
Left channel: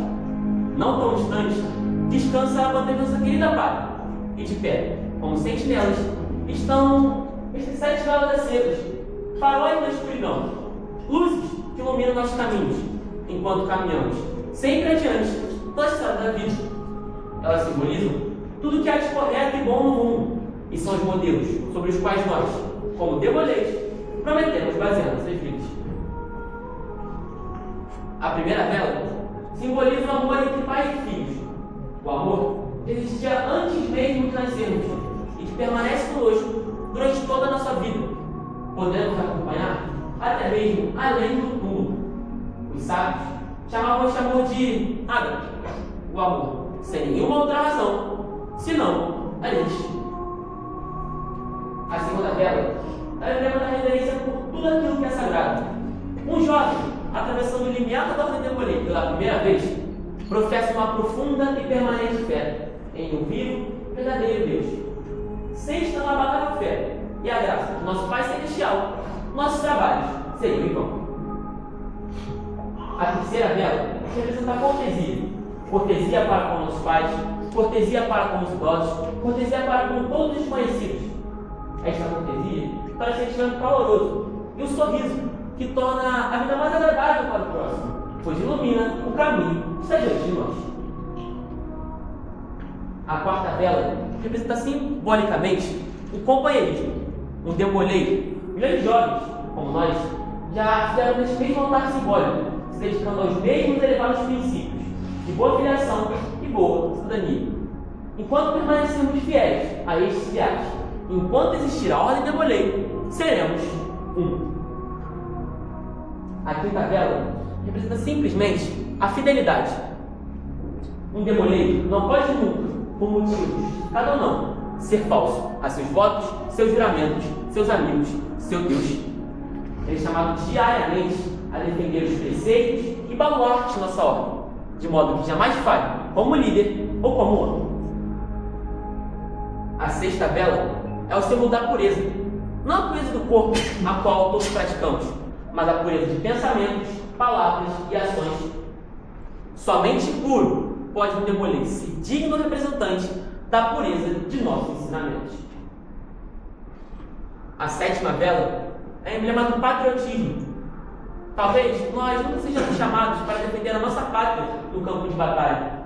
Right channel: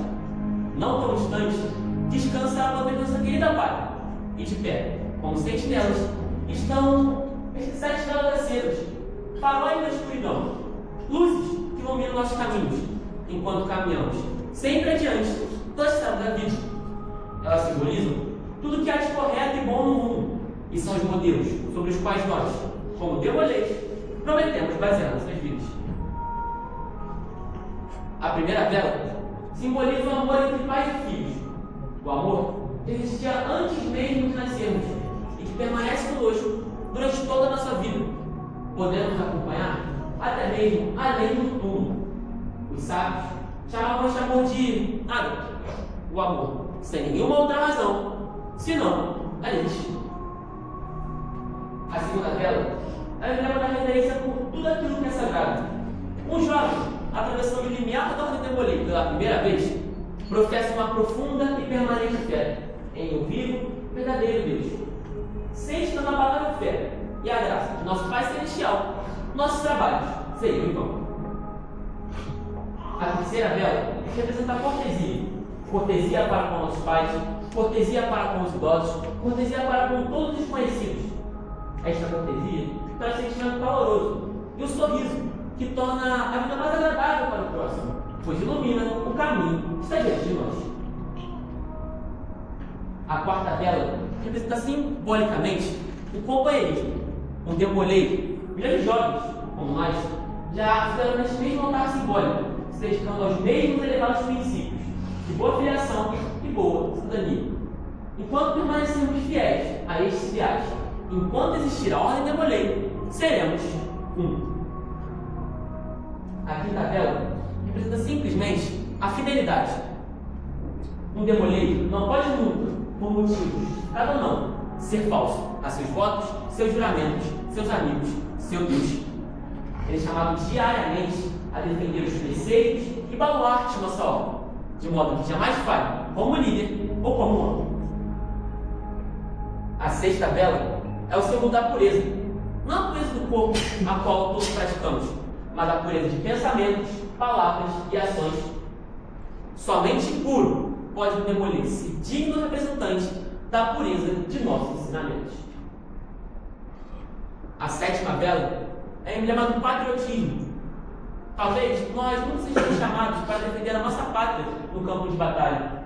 Não tão distantes, descansa a bandeira de nossa querida pátria, e de pé, como sentinelas, estão estes 7 velas acesos, faróis na escuridão, luzes que iluminam nossos caminhos, enquanto caminhamos, sempre adiante, pela estrada da vida. Elas simbolizam tudo que há de correto e bom no mundo, e são os modelos sobre os quais nós, como demoleis, prometemos basear nossas vidas. A primeira vela simboliza o amor entre pais e filhos. O amor que existia antes mesmo de nascermos e que permanece conosco durante toda a nossa vida, podendo nos acompanhar até mesmo além do túmulo. Os sábios chamavam este amor de ágape, o amor, sem nenhuma outra razão, senão a existir. A segunda vela é o emblema da reverência por tudo aquilo que é sagrado. Um jovem, atravessando o limiar da ordem demolida pela primeira vez, professa uma profunda e permanente fé em um vivo, verdadeiro Deus. Sem estar na palavra fé e a graça do nosso Pai Celestial, nossos trabalhos seriam em vão. A terceira vela representa a cortesia. Cortesia para com os pais, cortesia para com os idosos, cortesia para com todos os desconhecidos. Esta cortesia para o sentimento caloroso e o sorriso que torna a vida mais agradável para o próximo, pois ilumina o caminho que está diante de nós. A quarta vela representa simbolicamente o companheirismo. Um demoleiro, milhões de jovens, como nós, já fizeram neste mesmo altar simbólico, se dedicando aos mesmos elevados princípios de boa filiação e boa cidadania. Enquanto permanecermos fiéis a estes ideais, enquanto existir a ordem demoleiro, seremos um. A quinta vela representa simplesmente a fidelidade. Um demoleiro não pode nunca, por motivos justificados ou não, ser falso a seus votos, seus juramentos, seus amigos, seu Deus. Ele é chamado diariamente a defender os preceitos e baluartes de nossa ordem, de modo que jamais falhe como líder ou como homem. A sexta vela é o símbolo da pureza, não a pureza do corpo, a qual todos praticamos, mas a pureza de pensamentos, palavras e ações. Somente puro pode um demoleiro ser digno representante da pureza de nossos ensinamentos. A sétima vela é emblema do patriotismo. Talvez nós não sejamos chamados para defender a nossa pátria no campo de batalha.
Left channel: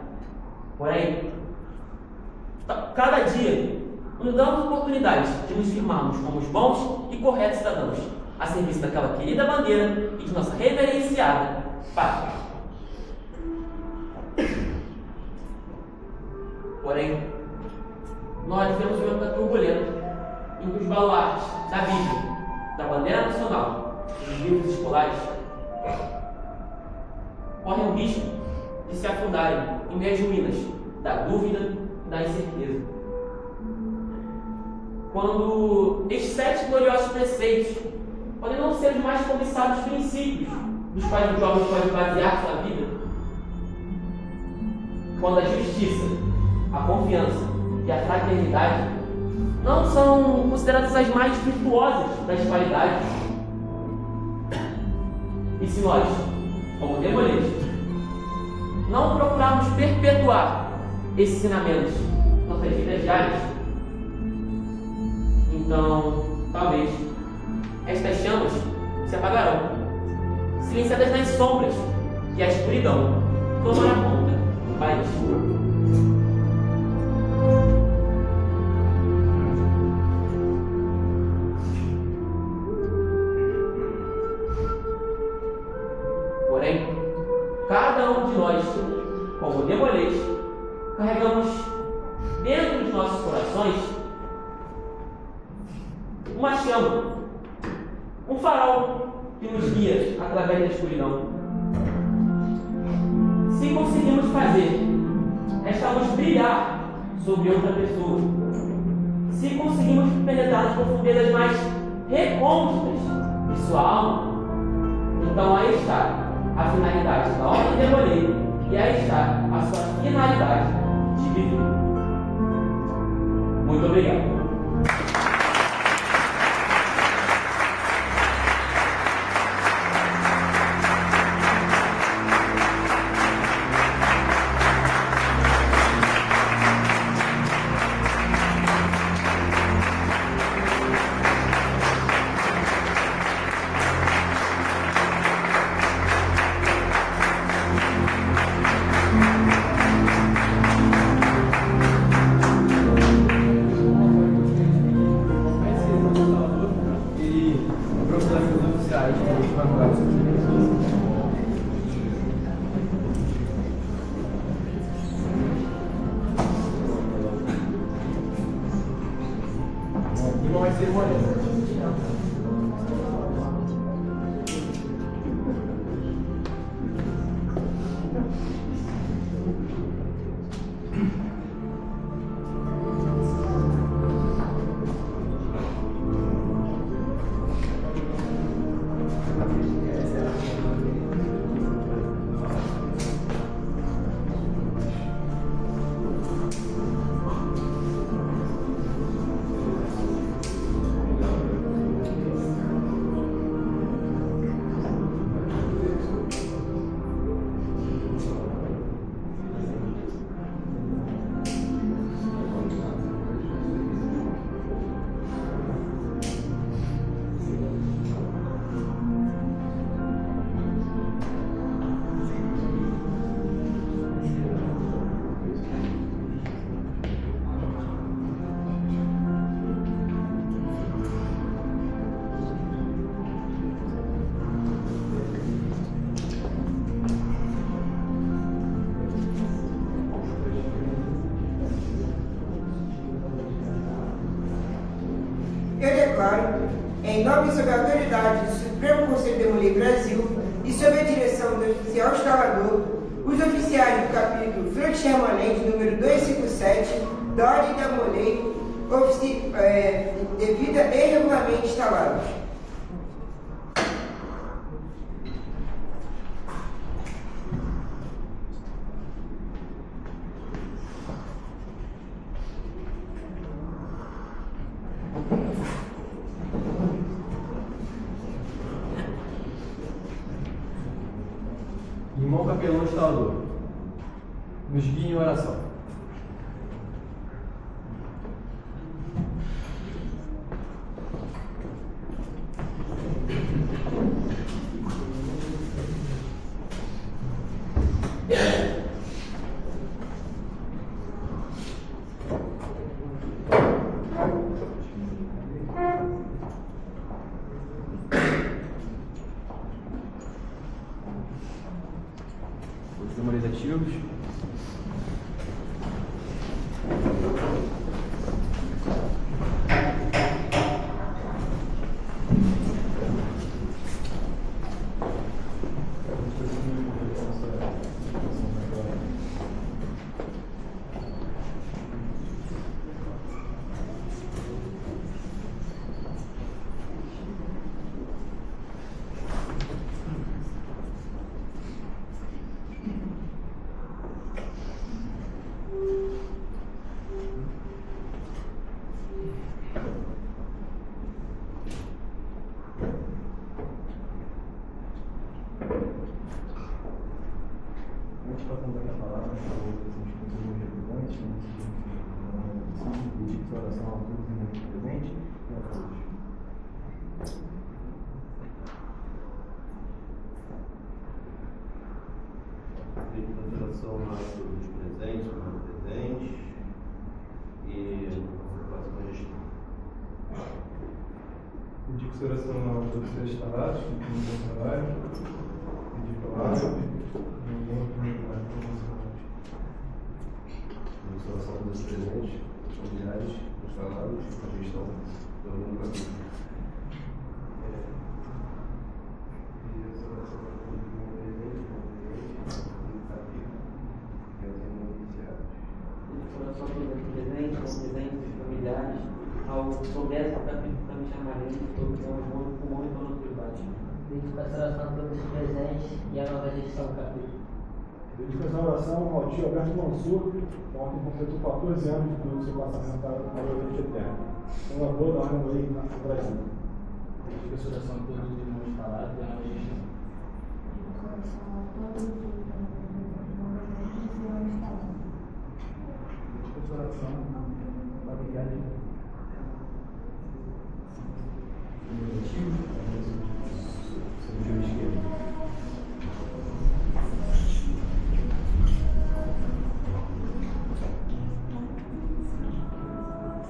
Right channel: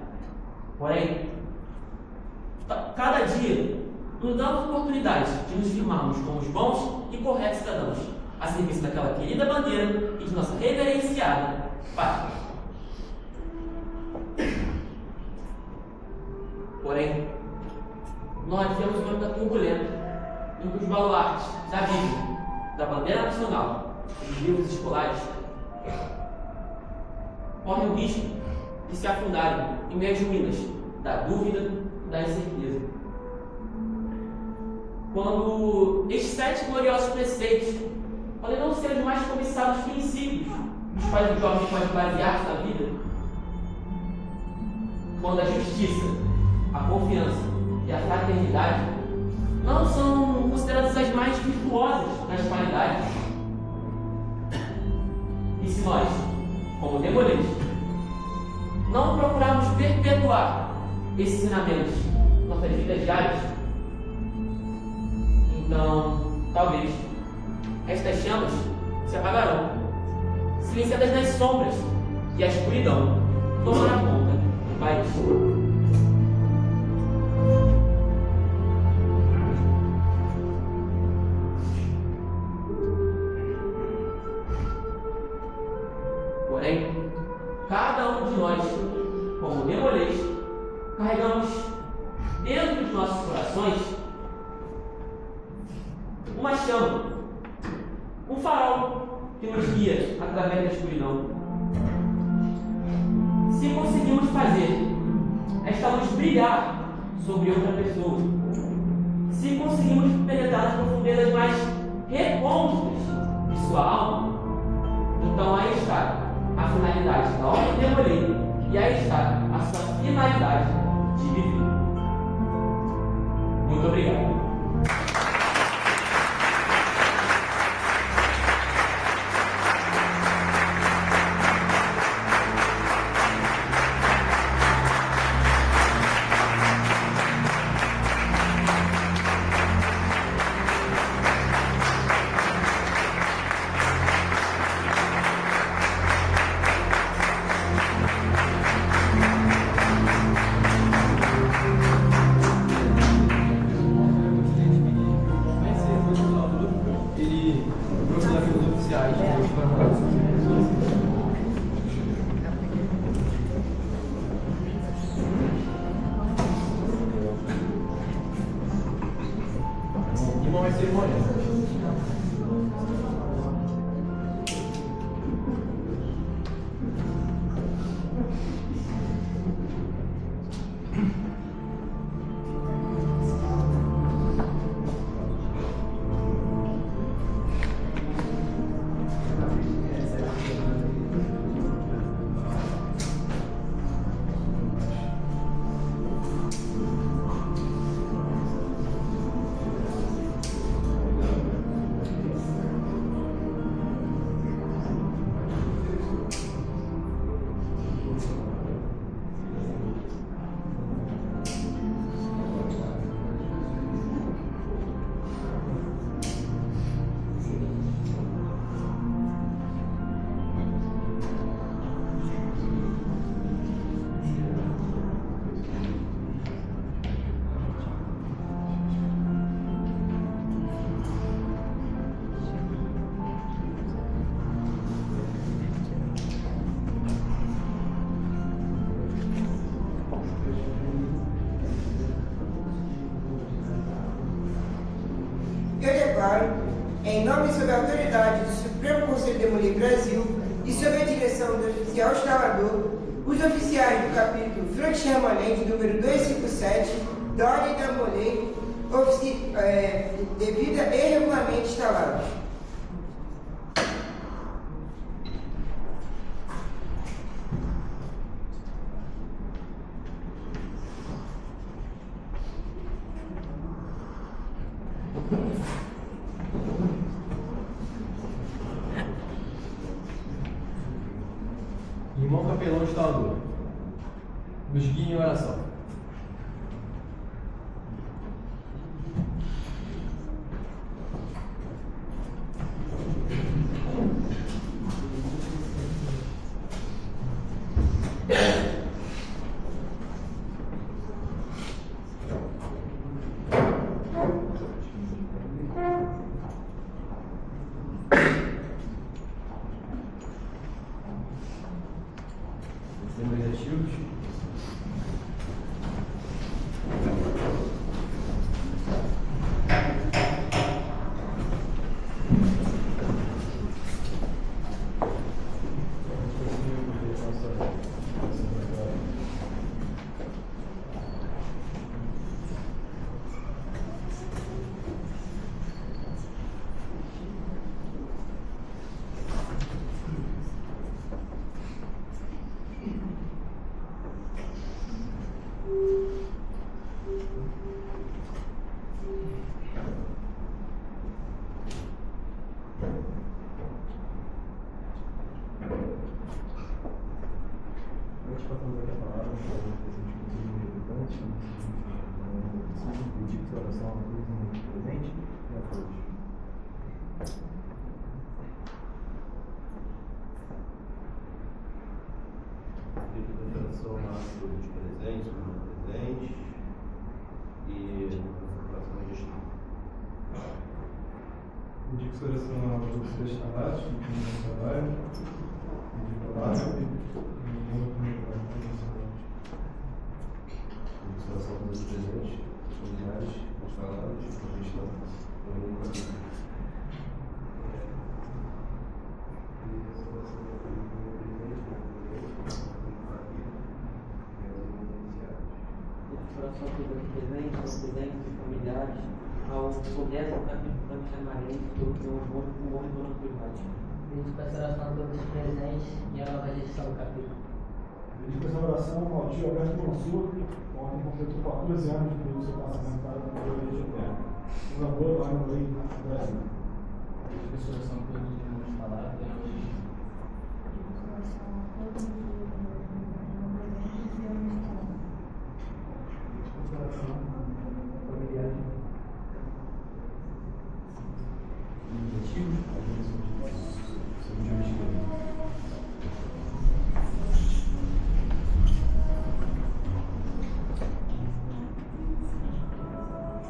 Porém, cada dia nos damos oportunidade de nos firmarmos como os bons e corretos cidadãos, a serviço daquela querida bandeira e de nossa reverenciada pátria. Porém, nós vivemos um momento turbulento em que os baluartes da Bíblia, da bandeira nacional e dos livros escolares correm o risco de se afundarem em meio às ruínas da dúvida e da incerteza. Quando estes 7 gloriosos preceitos podem não ser os mais cobiçados princípios nos quais os jovens podem basear sua vida, quando a justiça, a confiança e a fraternidade não são consideradas as mais virtuosas das qualidades, e se nós, como demoleis, não procurarmos perpetuar esses ensinamentos nas nossas vidas diárias, Então, talvez, estas chamas se apagarão, silenciadas nas sombras que a escuridão tomará conta do país. Porém, cada um de nós, como Demolês, carregamos dentro dos nossos corações uma chama, um farol que nos guia através da escuridão. Se conseguimos fazer esta luz brilhar sobre outra pessoa, se conseguimos penetrar nas profundezas mais recônditas de sua alma, então aí está a finalidade da obra de Demolei, e aí está a sua finalidade de viver. Muito obrigado. Irmão, vai ser cerimônia. Em nome e sob a autoridade do Supremo Conselho de Demolei Brasil e sob a direção do oficial instalador, os oficiais do capítulo Front Permanente número 257 da Ordem da Demolei, devida e regularmente instalados. Irmão capelão instalador, nos guie em oração. Demolizativos. Indico sua oração a todos os irmãos presentes e a todos. Indico sua oração a todos os presentes, aos não presentes e a próxima gestão. Indico sua oração a todos os restaurados, que tem no trabalho, indico a água e ninguém comigo na Indico sua oração a todos os presentes, familiares, instalados, a gestão do mundo católico. Só para os presentes, familiares, ao progresso da missionarense, todos os bons pulmões e donos privados. Dedico essa oração a todos os presentes e a nova gestão do capítulo. Dedico essa oração ao tio Alberto Mansur, ontem completou 14 anos do seu passamento para o Movimento Eterno. Um avô lá no Leite do Brasil. Dedico essa oração a todos os irmãos instalados e a nova gestão. Oração familiar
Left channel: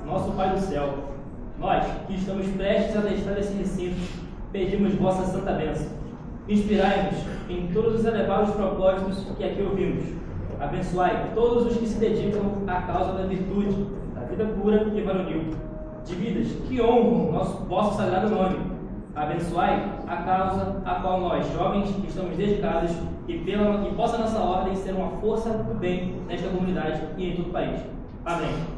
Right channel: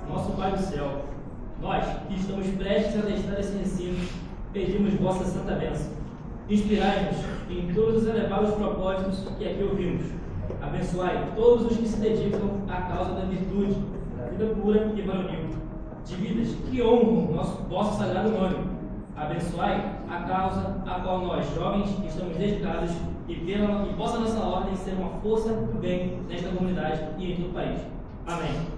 Nosso Pai do céu, nós que estamos prestes a deixar esse recinto, pedimos vossa santa bênção. Inspirai-nos em todos os elevados propósitos que aqui ouvimos. Abençoai todos os que se dedicam à causa da virtude, da vida pura e varonil, de vidas que honram vosso sagrado nome. Abençoai a causa a qual nós, jovens, estamos dedicados e possa nossa ordem ser uma força do bem nesta comunidade e em todo o país. Amém.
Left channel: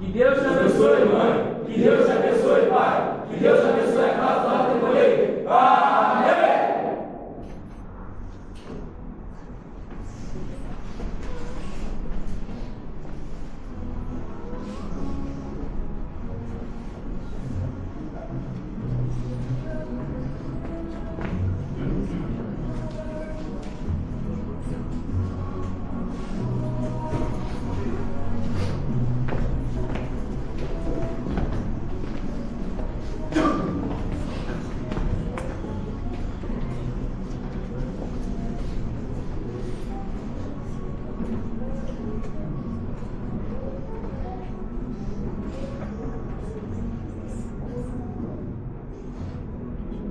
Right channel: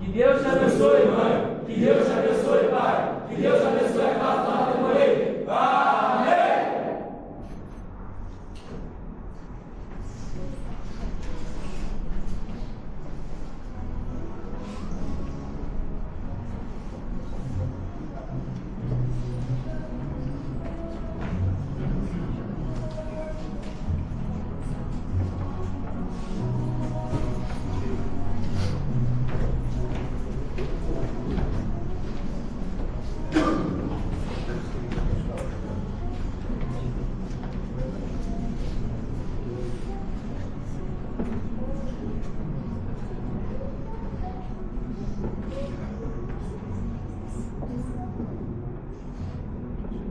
Que Deus te abençoe, mãe. Que Deus te abençoe, pai. Que Deus te abençoe a casa da comunidade. Amém.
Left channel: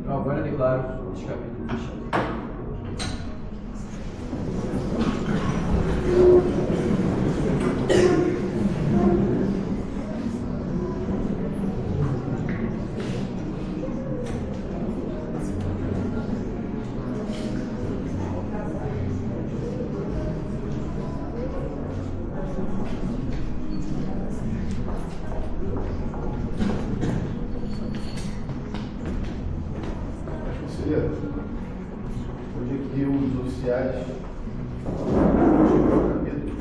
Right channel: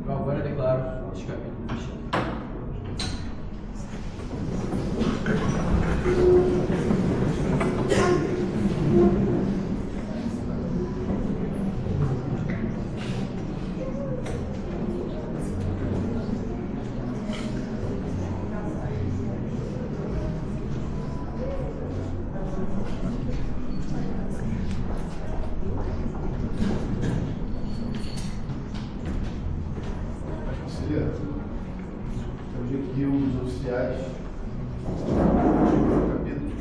Agora eu declaro este capítulo fechado. Hoje aqui os oficiais do capítulo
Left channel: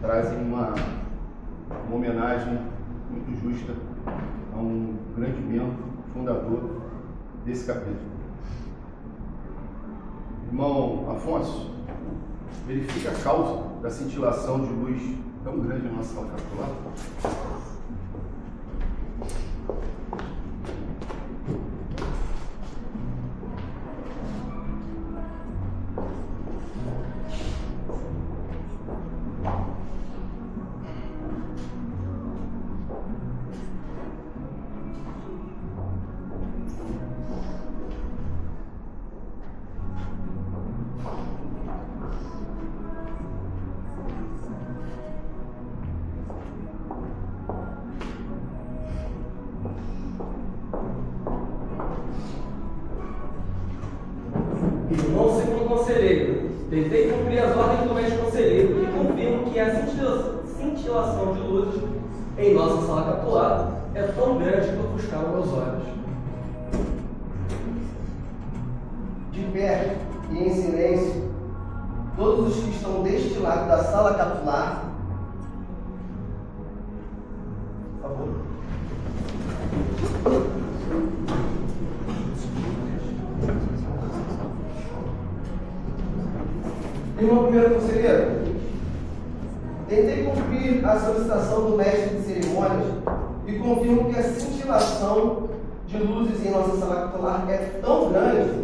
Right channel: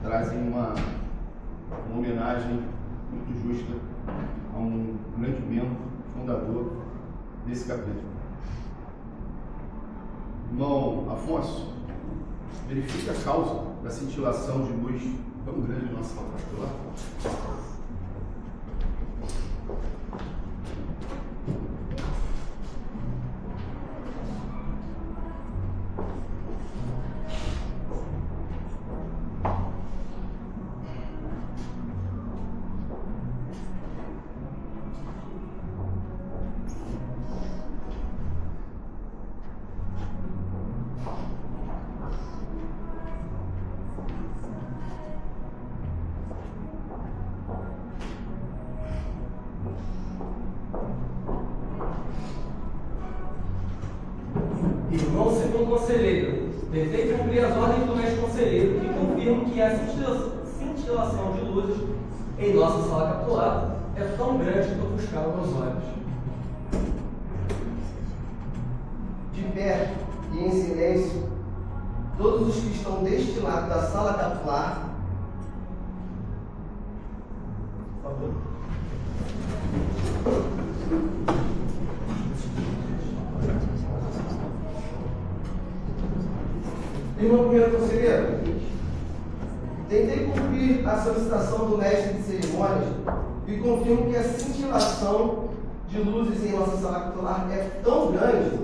trazem uma homenagem muito justa a um grande membro, fundador desse capítulo. Irmão Afonso, verifica a causa da cintilação de luz tão grande na nossa sala capitular. Irmão segundo conselheiro, tentei cumprir as ordens do mestre conselheiro e confirmo que a cintilação de luzes em nossa sala capitular é tão grande que ofuscaram meus olhos. De pé e em silêncio, todos os que estão deste lado da sala capitular, por favor. Irmão primeiro conselheiro, Tentei cumprir a solicitação do mestre de cerimônias e confirmo que a cintilação de luzes em nossa sala capitular é tão grande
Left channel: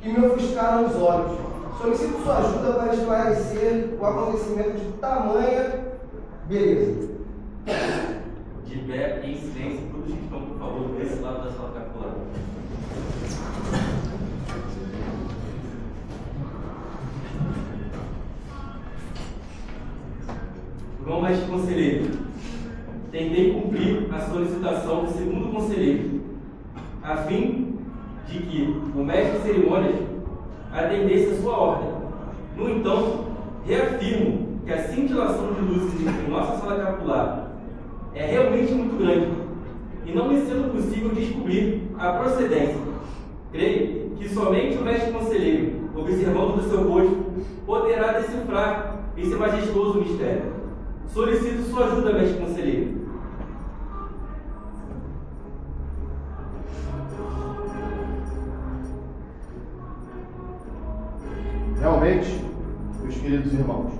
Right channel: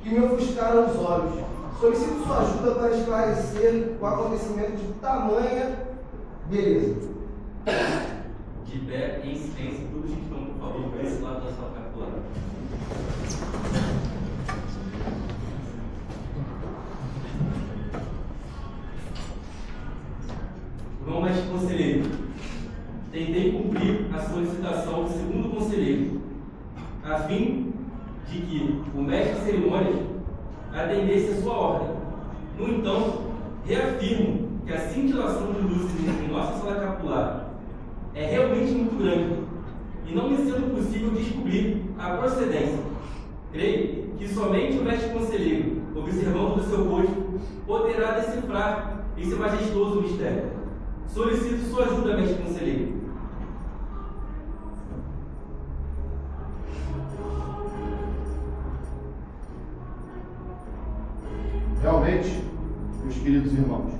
que me ofuscaram os olhos. Solicito sua ajuda para esclarecer o acontecimento de tamanha beleza. De pé, em silêncio, todos que estão, por favor, para esse lado da sala capitular. João Mestre Conselheiro, tentei cumprir a solicitação do segundo conselheiro, a fim de que o mestre de cerimônias atendesse a sua ordem. No entanto, reafirmo que a cintilação de luzes em nossa sala capitular é realmente muito grande e não me sendo possível descobrir a procedência. Creio que somente o mestre conselheiro, observando do seu posto, poderá decifrar esse majestoso mistério. Solicito sua ajuda, mestre conselheiro. Realmente, meus queridos irmãos,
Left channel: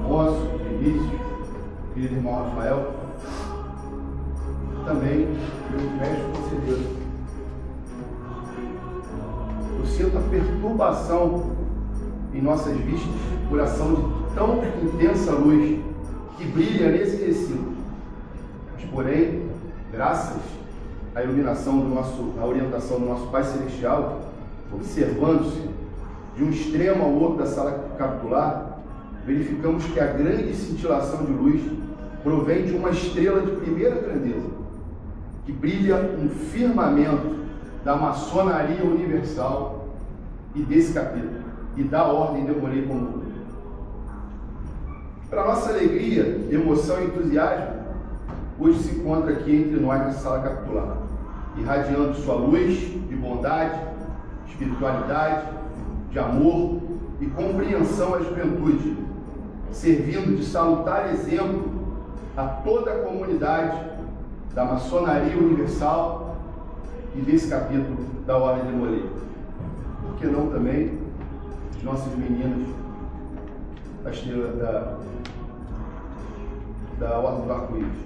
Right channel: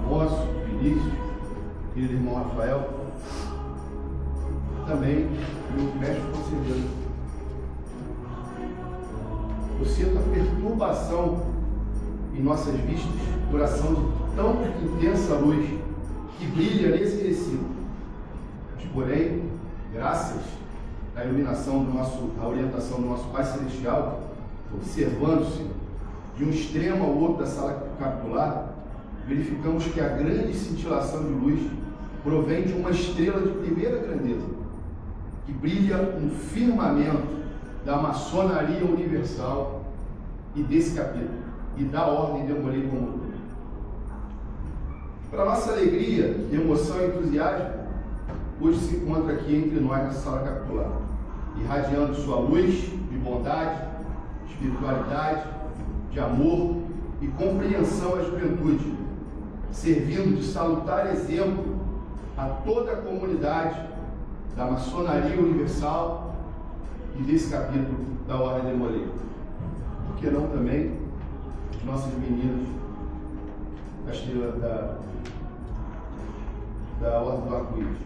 Afonso, Vinícius, querido irmão Rafael, também meu mestre conselheiro, eu sinto a perturbação em nossas vistas por ação de tão intensa luz que brilha nesse recinto. Mas, porém, graças à iluminação à orientação do nosso Pai Celestial, observando-se de um extremo ao outro da sala capitular, verificamos que a grande cintilação de luz provém de uma estrela de primeira grandeza, que brilha um firmamento da maçonaria universal e desse capítulo, e da ordem de Molay comum. Para nossa alegria, emoção e entusiasmo, hoje se encontra aqui entre nós na sala capitular, irradiando sua luz de bondade, espiritualidade, de amor e compreensão à juventude, servindo de salutar exemplo a toda a comunidade da maçonaria universal e desse capítulo da Ordem de Molay. Por que não também as nossas meninas da estrela da Ordem do Arco-Íris?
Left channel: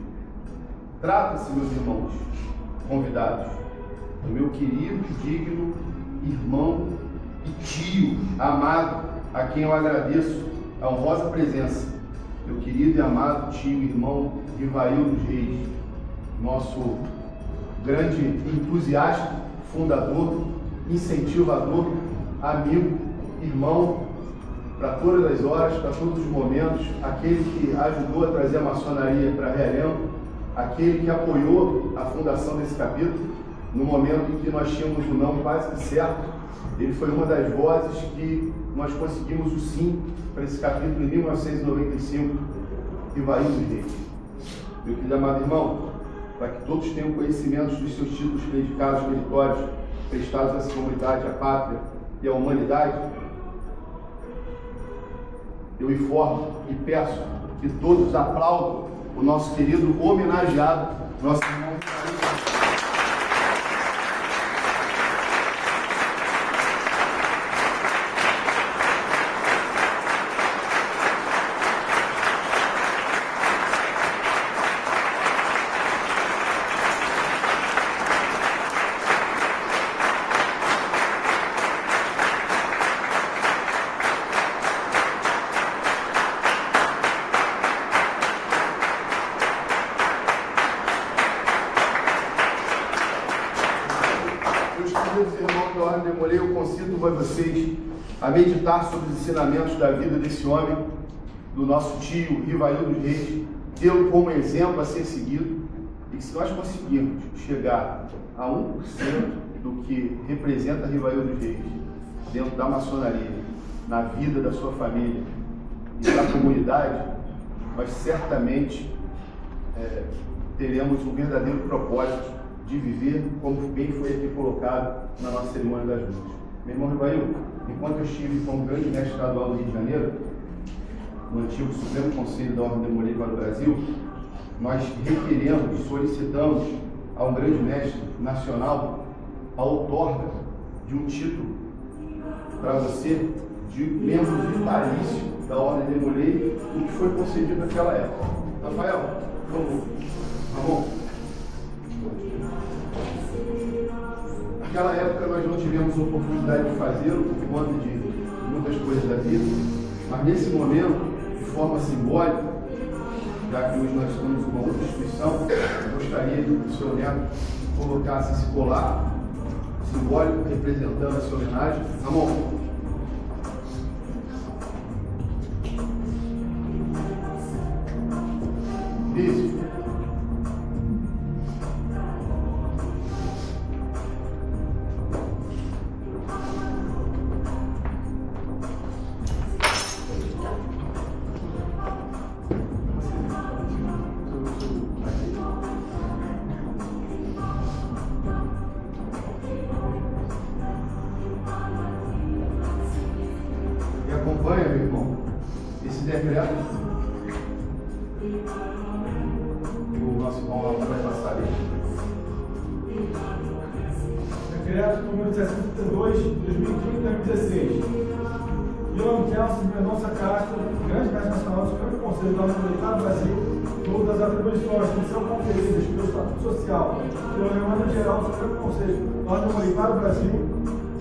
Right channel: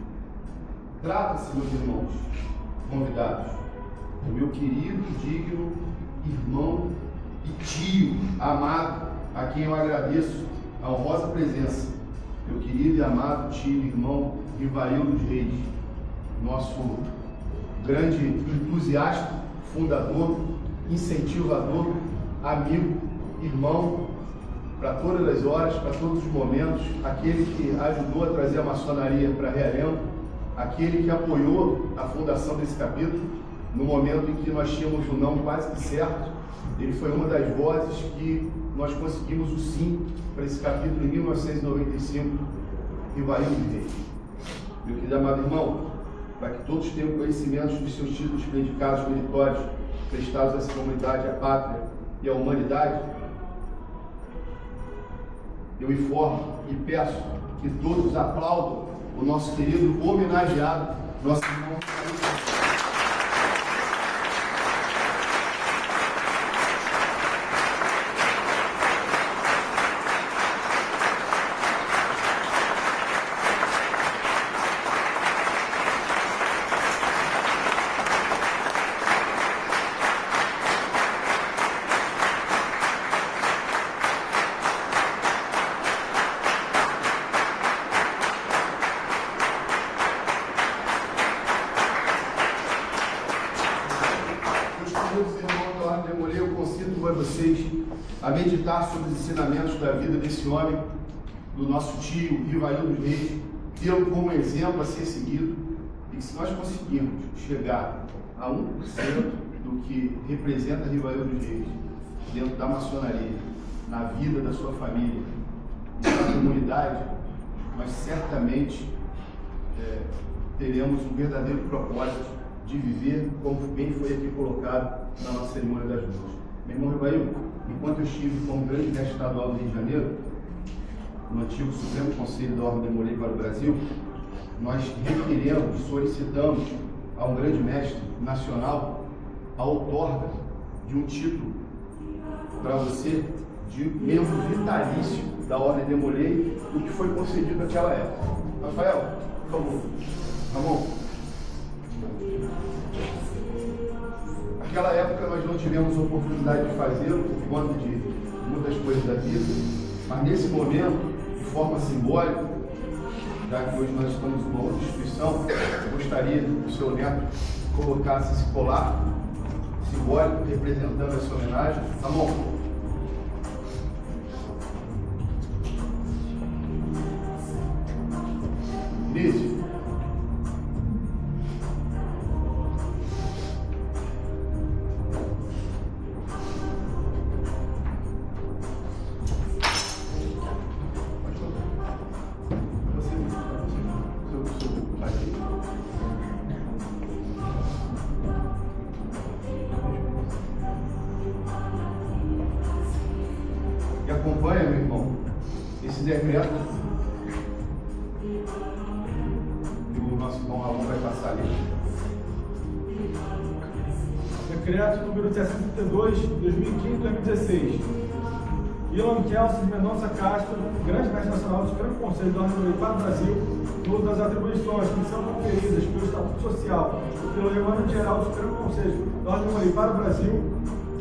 Trata-se, meus irmãos convidados, do meu querido e digno irmão e tio amado, a quem eu agradeço a honrosa presença, meu querido e amado tio e irmão Rivail dos Reis, nosso grande entusiasta, fundador, incentivador, amigo, irmão, para todas as horas, para todos os momentos, aquele que ajudou a trazer a maçonaria para Realengo, aquele que apoiou a fundação desse capítulo, no momento em que nós tínhamos o não quase que certo. Ele foi uma das vozes que nós conseguimos o sim para esse capítulo em 1995, Rivail dos Reis. Meu querido amado irmão, para que todos tenham conhecimento dos seus títulos predicados meritórios, prestados a essa comunidade, à pátria e à humanidade, eu informo e peço que todos aplaudam o nosso querido homenageado, nosso irmão. Eu concito a vocês a meditar sobre os ensinamentos da vida desse homem, do nosso tio Rivail dos Reis, tê-lo como exemplo a ser seguido, e que se nós conseguirmos chegar a 1% do que representa Rivail dos Reis dentro da maçonaria, na vida da sua família e da comunidade, nós certamente teremos um verdadeiro propósito de viver como bem foi aqui colocado na nossa cerimônia das luzes. Meu irmão Rivail, enquanto eu estive como grande mestre estadual do Rio de Janeiro, no antigo Supremo Conselho da Ordem de Molay para o Brasil, nós requeremos, solicitamos a um grande mestre nacional a outorga de um título para você de membro vitalício da Ordem de Molay, o que foi concedido naquela época. Rafael, por favor. Ramon. Naquela época nós não tivemos oportunidade de fazê-lo por conta de muitas coisas da vida, mas nesse momento, de forma simbólica, já que hoje nós estamos em uma outra instituição, eu gostaria que o seu neto colocasse esse colar simbólico representando essa homenagem. Ramon. Isso. E acompanha, meu irmão, esse decreto. O nosso irmão Ramon vai passar ali. Decreto número 62, 2015-2016. Ilan Kelsen Mendonça Castro, grande mestre nacional do Supremo Conselho da Ordem para o Brasil, no uso das atribuições que são conferidas pelo Estatuto Social e pelo Regimento Geral do Supremo Conselho da Ordem para o Brasil,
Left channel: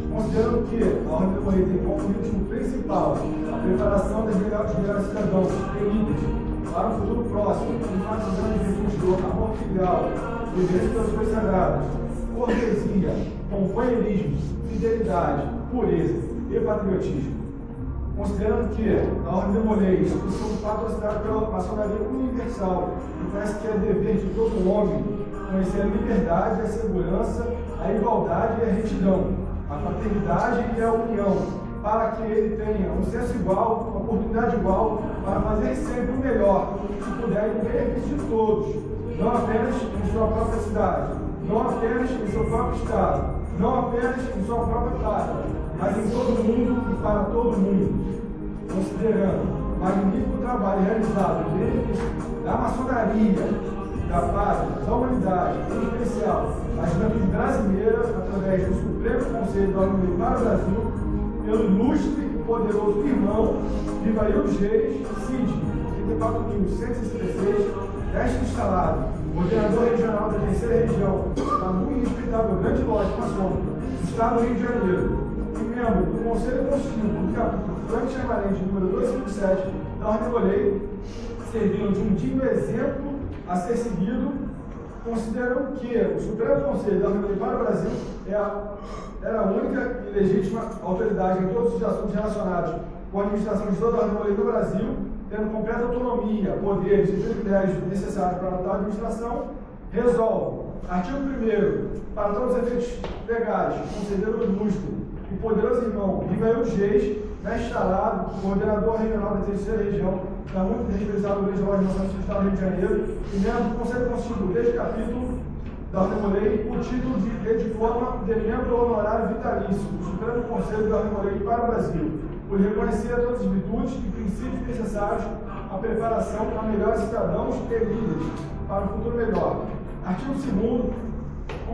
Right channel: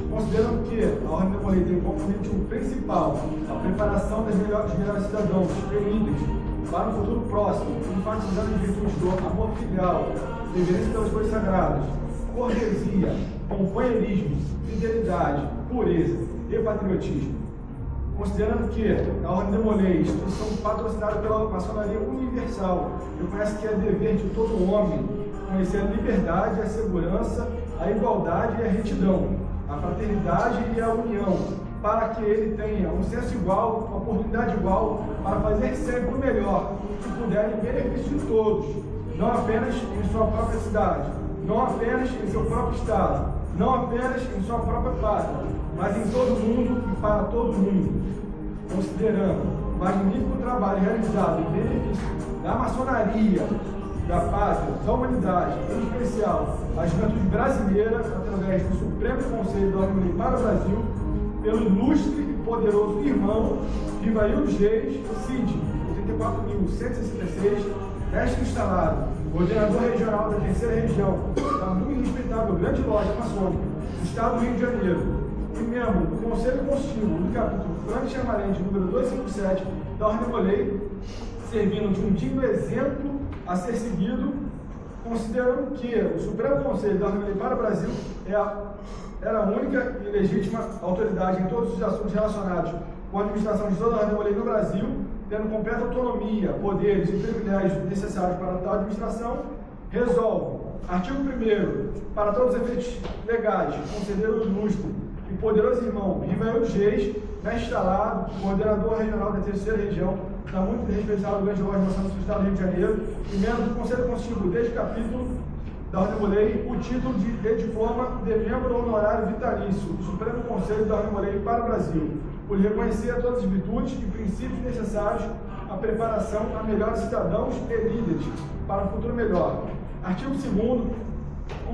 considerando que a Ordem tem como objetivo principal a preparação das melhores cidadãos elites para o futuro próximo, enfatizando as virtudes do amor filial, reverência pelas coisas sagradas, cortesia, companheirismo, fidelidade, pureza e patriotismo. Considerando que a Ordem de Molay, instituição patrocinada pela maçonaria universal, reconhece que é dever de todo homem conhecer a liberdade, a segurança, a igualdade e a retidão, a fraternidade e a união, para que ele tenha um senso igual, uma oportunidade igual, para fazer sempre o melhor, que puder em benefício de todos, não apenas em sua própria cidade, não apenas em seu próprio estado, não apenas em sua própria pátria, mas em todo mundo e para todo mundo. Considerando o magnífico trabalho realizado em benefício da maçonaria, da pátria, da humanidade, em especial a juventude brasileira, através do Supremo Conselho da Ordem para o Brasil, pelo ilustre e poderoso irmão Vivaildo Geis, Cid, 34.166, mestre instalado, coordenador regional da terceira região, da muito respeitável Grande Loja Maçônica, do Estado do Rio de Janeiro, e membro do Conselho Constitutivo do capítulo Franco Chamarente, número 257, da Ordem Molay, servindo de um digno exemplo a ser seguido, considerando que o Supremo Conselho da Ordem para o Brasil era a única e legítima autoridade em todos os assuntos relacionados com a administração de toda a Ordem no Brasil, tendo completa autonomia, poderes e privilégios necessários para tal administração, resolve, artigo 1º, para todos os efeitos legais, conceder o ilustre e poderoso irmão Vivaildo Geis, mestre instalado, coordenador regional da terceira região, da muito respeitável Grande Loja Maçônica do Estado do Rio de Janeiro, e membro do Conselho Constitutivo deste capítulo da Ordem Molay, o título de diploma de membro honorário vitalício do Supremo Conselho da Ordem Molay para o Brasil, por reconhecer todas as virtudes e princípios necessários à preparação a melhores cidadãos e líderes para um futuro melhor. Artigo 2º, um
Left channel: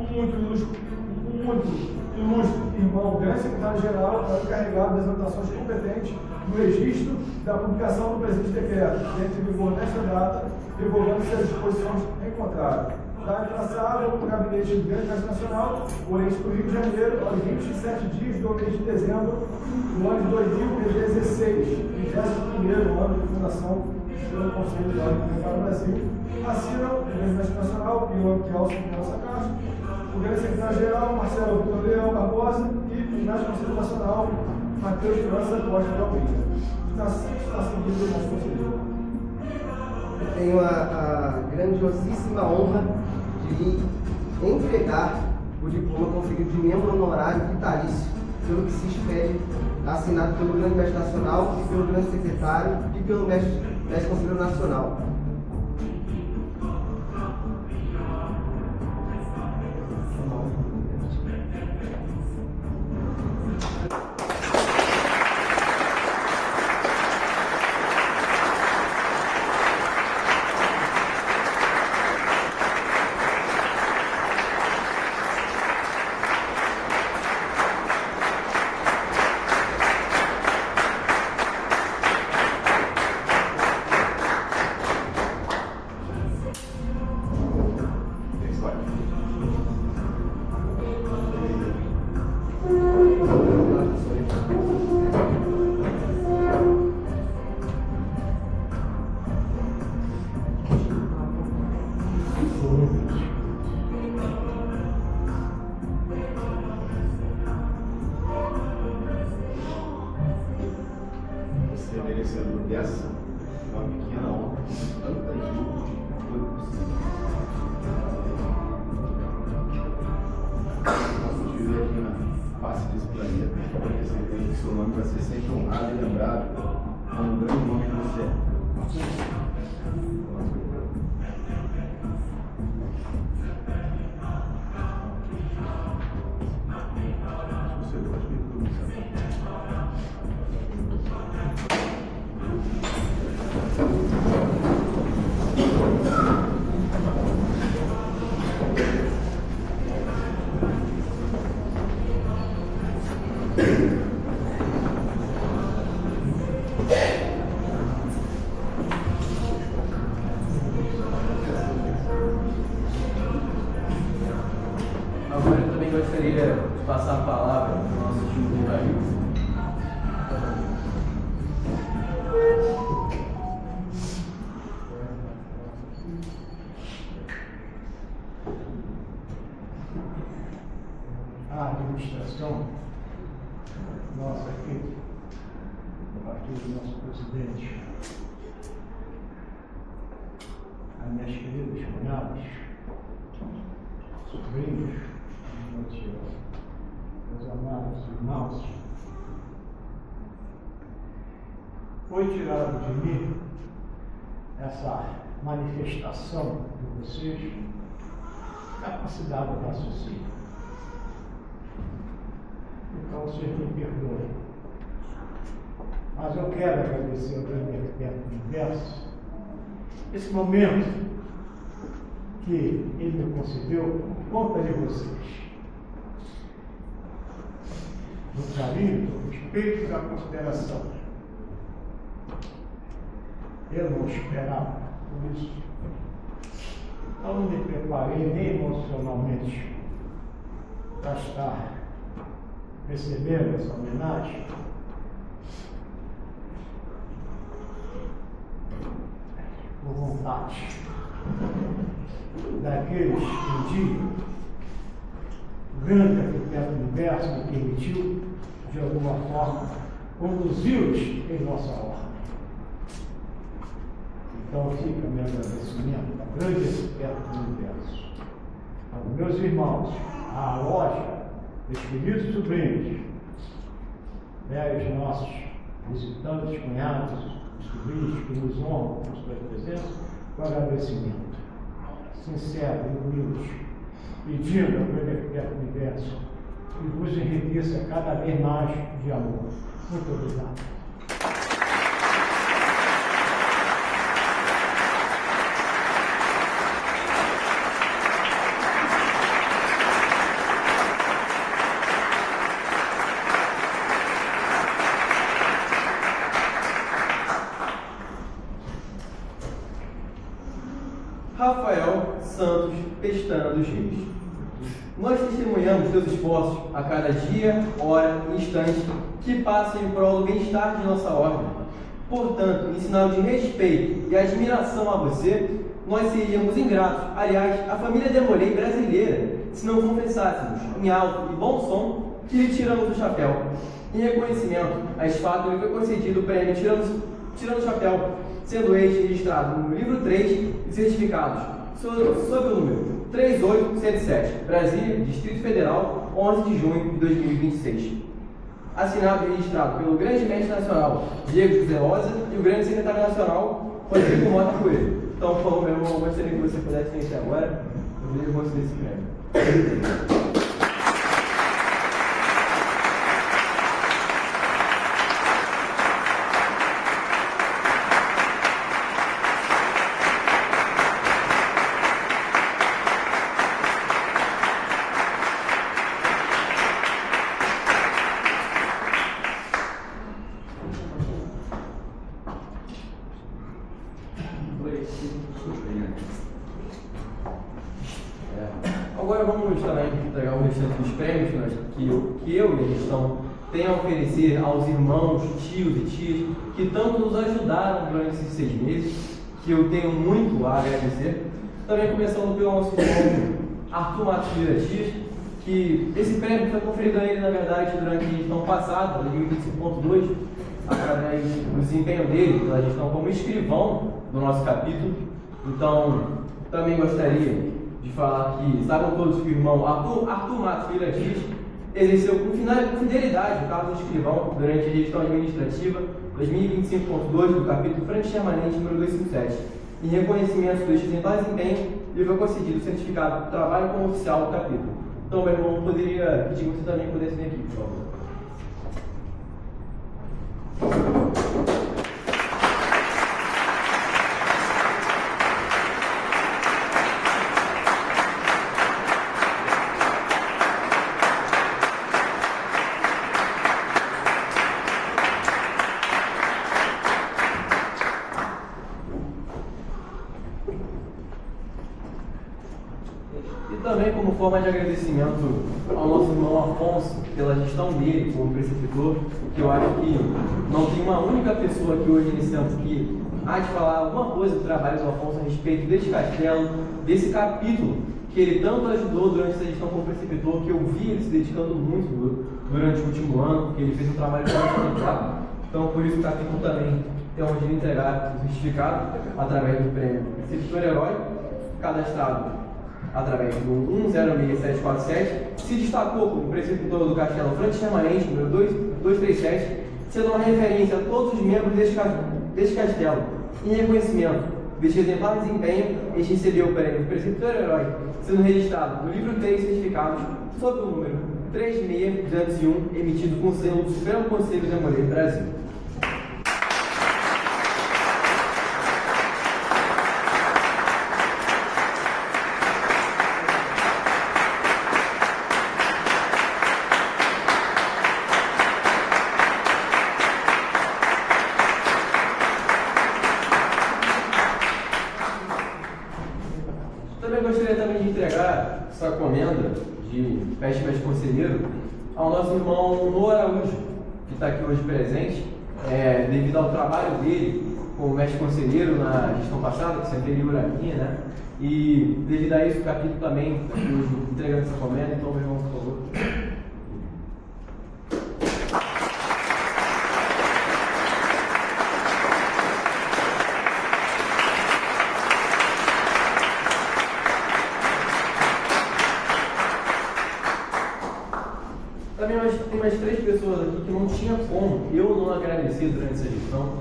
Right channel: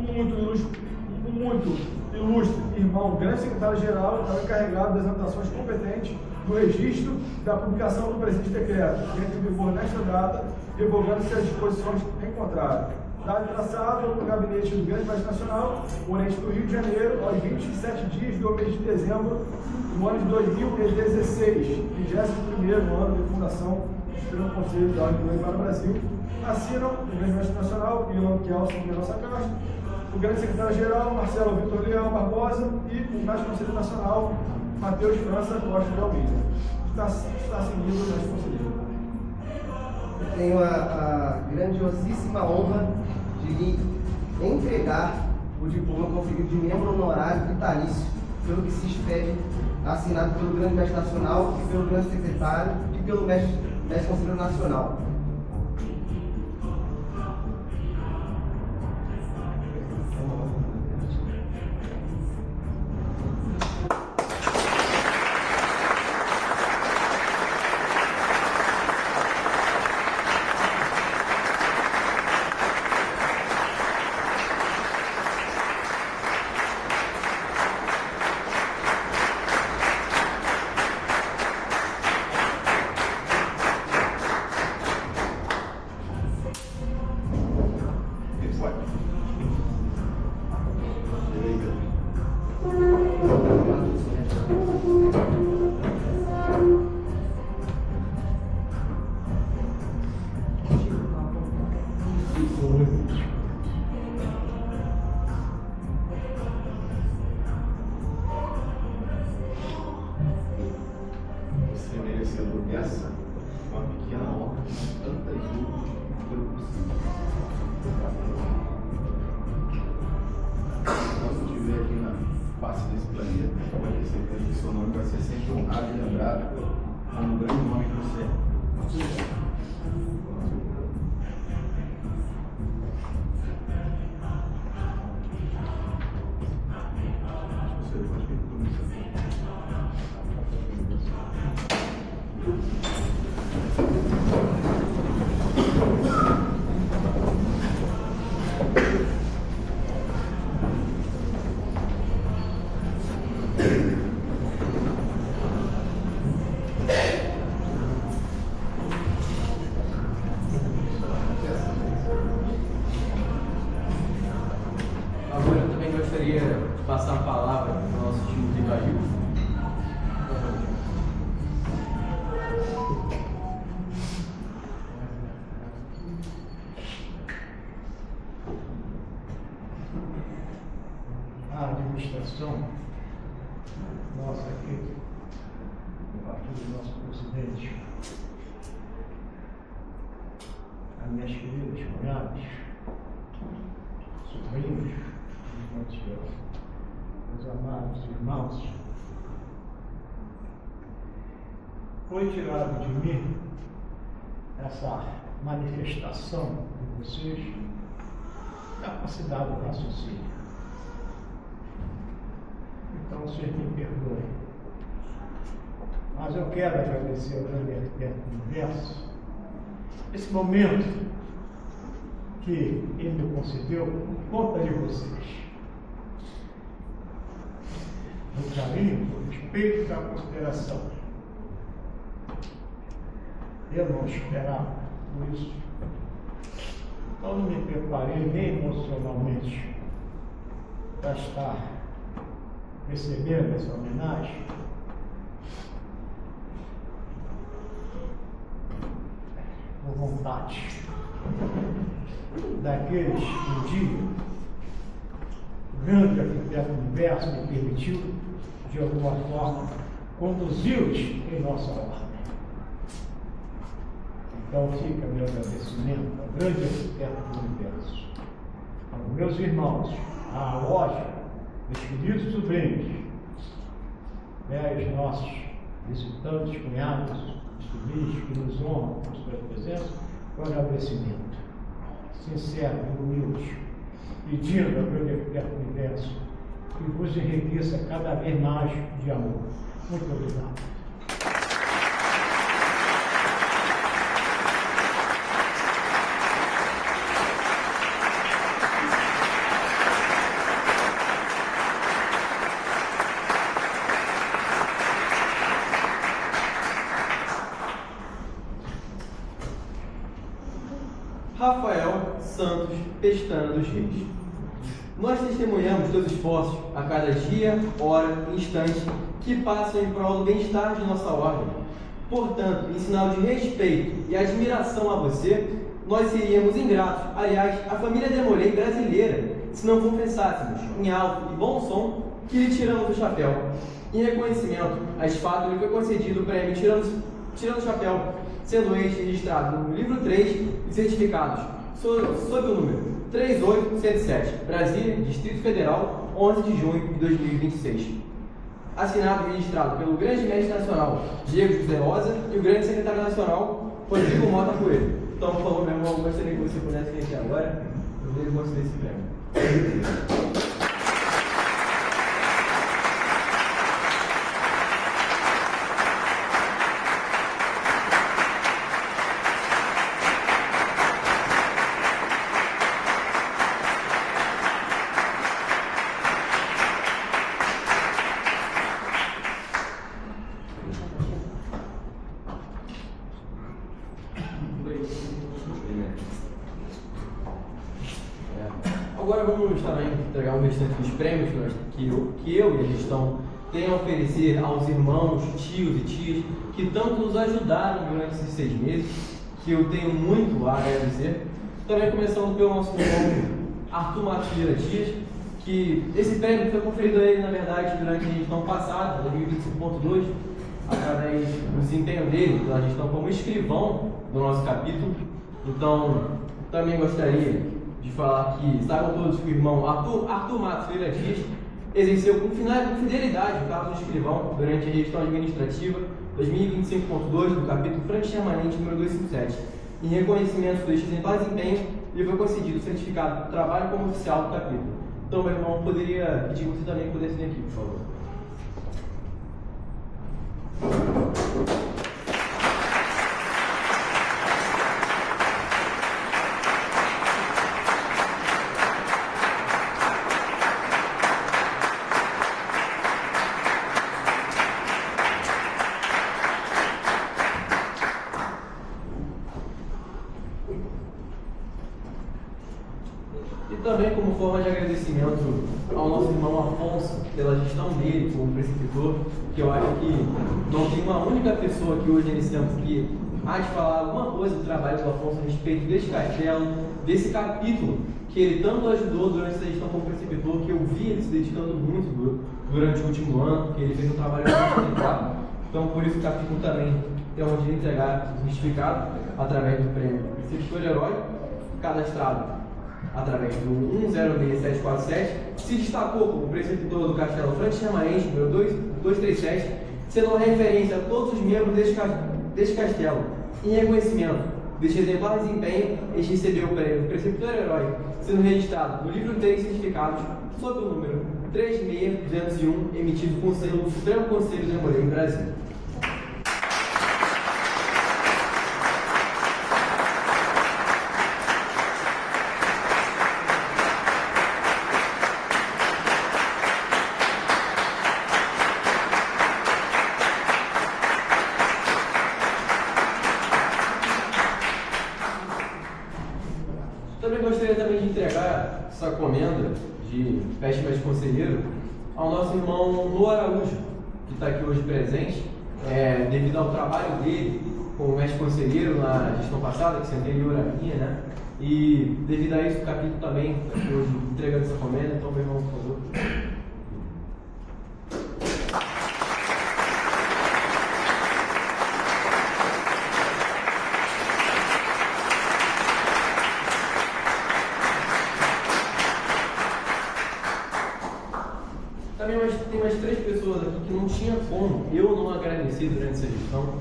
muito ilustre irmão, grande secretário-geral, encarregado das anotações competentes no registro da publicação do presente decreto, que entra em vigor nesta data, revogando-se as disposições em contrário. Dado traçado no gabinete do Grande Mestre Nacional, Oriente do Rio de Janeiro, aos 27 dias do mês de dezembro do ano de 2016, 21º ano de fundação do Supremo Conselho da Ordem para o Brasil, assinam o Grande Mestre Nacional, Ilan Kelsen Mendonça Castro, o Grande Secretário-Geral, Marcelo Vitor Leão Barbosa, e o Mestre Conselho Nacional, Matheus França Costa de Almeida. Está seguido o Mestre Conselheiro. Eu tenho a grandiosíssima honra de lhe entregar o diploma conferido de membro honorário vitalício, pelo que se expede, assinado pelo Grande Mestre Nacional, pelo Grande Secretário e pelo Mestre Conselheiro Nacional. certeza que seu nome vai ser sempre honrado e lembrado como um grande homem que você é. Agora eu também gostaria de passar a palavra para o nosso tio Ivail. A administração nossa aqui, do nosso presidente, as minhas queridas cunhadas, sobrinhos, meus amados irmãos, foi tirado de mim essa manifestação de vocês, capacidade de raciocínio. Então vocês me perdoem. Mas eu quero agradecer ao grande arquiteto do universo esse momento que ele me concedeu por conta de vocês. Do carinho, do respeito e da consideração. Eu não esperava por isso. Então não me preparei nem emocionalmente para estar recebendo essa homenagem. Por vontade daqueles que um dia o grande arquiteto do universo me permitiu, de alguma forma, conduzi-los em nossa ordem. Então fica meu agradecimento ao grande arquiteto do universo, aos meus irmãos, à loja, meus queridos sobrinhos, velhos nossos visitantes, cunhados, sobrinhos que nos honram com suas presenças, o agradecimento sincero e humilde, pedindo ao grande arquiteto do universo que vos enriqueça cada vez mais de amor. Muito obrigado. Rafael Santos Pestana dos Reis. Nós testemunhamos teus esforços a cada dia, hora e instante que passam em prol do bem-estar de nossa ordem. Portanto, em sinal de respeito e admiração a você, nós seríamos ingratos, aliás, a família Demolei brasileira, se não confessássemos, em alto e bom som, que lhe tiramos o chapéu. Em reconhecimento a esse fato, lhe foi concedido o prêmio Tirando o Chapéu, sendo este registrado no livro 3 de certificados, sob o número 38107, Brasília, Distrito Federal, 11 de junho de 2026. Assinado e registrado pelo grande mestre nacional Diego José Rosa e o grande secretário nacional Rodrigo Mota Coelho. Então, por favor, meu irmão, gostaria que você pudesse vir aqui agora, para ele conceder esse prêmio. Agora vamos também entregar o restante dos prêmios que eu e a gestão têm a oferecer aos irmãos, tios e tias que tanto nos ajudaram durante esses 6 meses, que eu tenho muito a agradecer. Também começando pelo nosso irmão Arthur Matilha Dias, que esse prêmio foi conferido a ele, na verdade, durante a gestão passada, 2025.2, através do desempenho dele pela gestão como escrivão do nosso capítulo. Então, também gostaria de falar que saibam todos que o irmão Arthur Matos Filha Dias exerceu com fidelidade o cargo de escrivão durante a gestão administrativa 2025.2 do capítulo Frank Permanente número 257. Em reconhecimento deste exemplar desempenho, lhe foi concedido o certificado de trabalho como oficial do capítulo. Então, meu irmão, poderia pedir que você também pudesse vir aqui, por favor. E também, como forma de agradecimento ao nosso irmão Afonso pela gestão dele como preceptor, que eu acho que não tem uma única pessoa aqui hoje nesse tempo que há de falar alguma coisa do trabalho do Afonso a respeito deste castelo, desse capítulo que ele tanto ajudou durante essa gestão como preceptor, que eu vi ele se dedicando muito durante o último ano, que ele fez um trabalho muito exemplar. Então, por isso o capítulo também tem onde ele entregar o certificado através do prêmio Preceptor Herói, cadastrado através do 106747, se destacou como preceptor do Castelo Frank Permanente, número 237, sendo uma referência a todos os membros deste castelo. Em reconhecimento deste exemplar de desempenho, este recebeu o prêmio Preceptor Herói, sendo registrado no livro 3 certificados, sob o número 36201, emitido com o selo do Supremo Conselho da Mulher em Brasil. Também gostaria de entregar essa comenda de mestre conselheiro ao nosso irmão Lô Araújo, que está aqui hoje presente, devido ao trabalho dele como mestre conselheiro na gestão passada, que se anterior a minha, né? E devido a isso o capítulo também está aqui hoje entregando essa comenda, então meu irmão, por favor. Tem mais 3 pessoas aqui que não tinha como eu não agradecer durante essa gestão,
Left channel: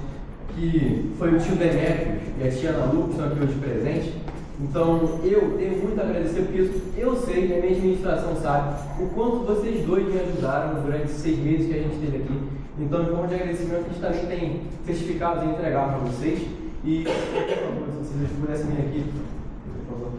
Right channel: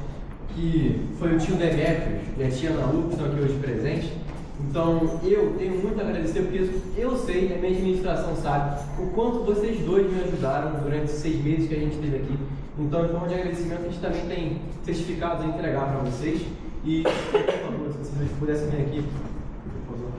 que foi o tio Demétrios e a tia Ana Lu, que estão aqui hoje presentes. Então, eu tenho muito a agradecer, porque eu sei, e a minha administração sabe, o quanto vocês dois me ajudaram durante esses 6 meses que a gente esteve aqui. Então, em forma de agradecimento, a gente também tem certificados a entregar para vocês. E, por favor, se vocês pudessem vir aqui, por favor.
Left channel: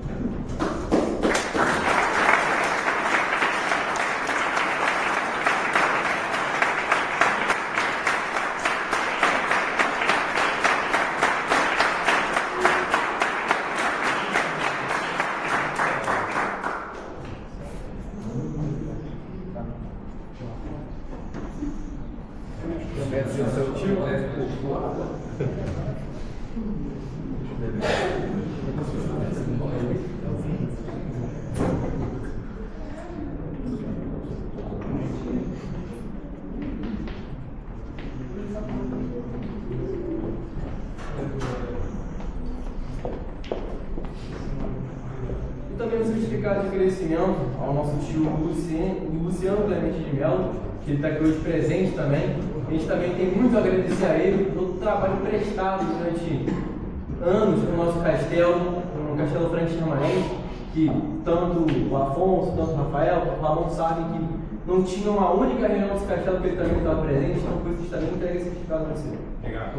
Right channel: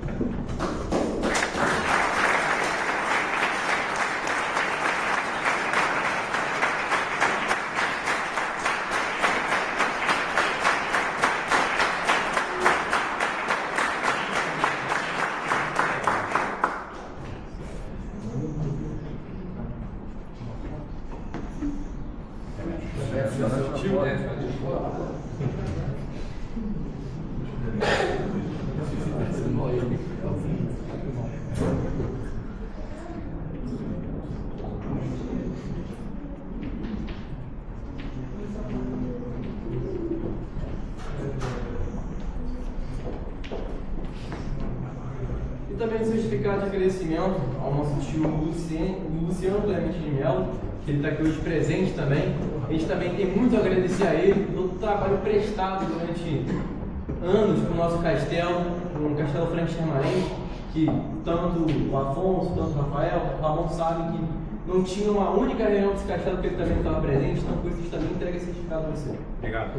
E também um certificado de agradecimento ao nosso tio Luciano Clemente de Mello, que ele está aqui hoje presente também. A gente também tem muito a agradecer a ele por todo o trabalho prestado durante anos com o nosso castelo, com o Castelo Frank Permanente, que tanto o Afonso, tanto o Rafael, o Ramon sabem que não tinha uma única reunião desse castelo que ele também estava presente, então por isso a gente também entrega esse certificado para você. Obrigado.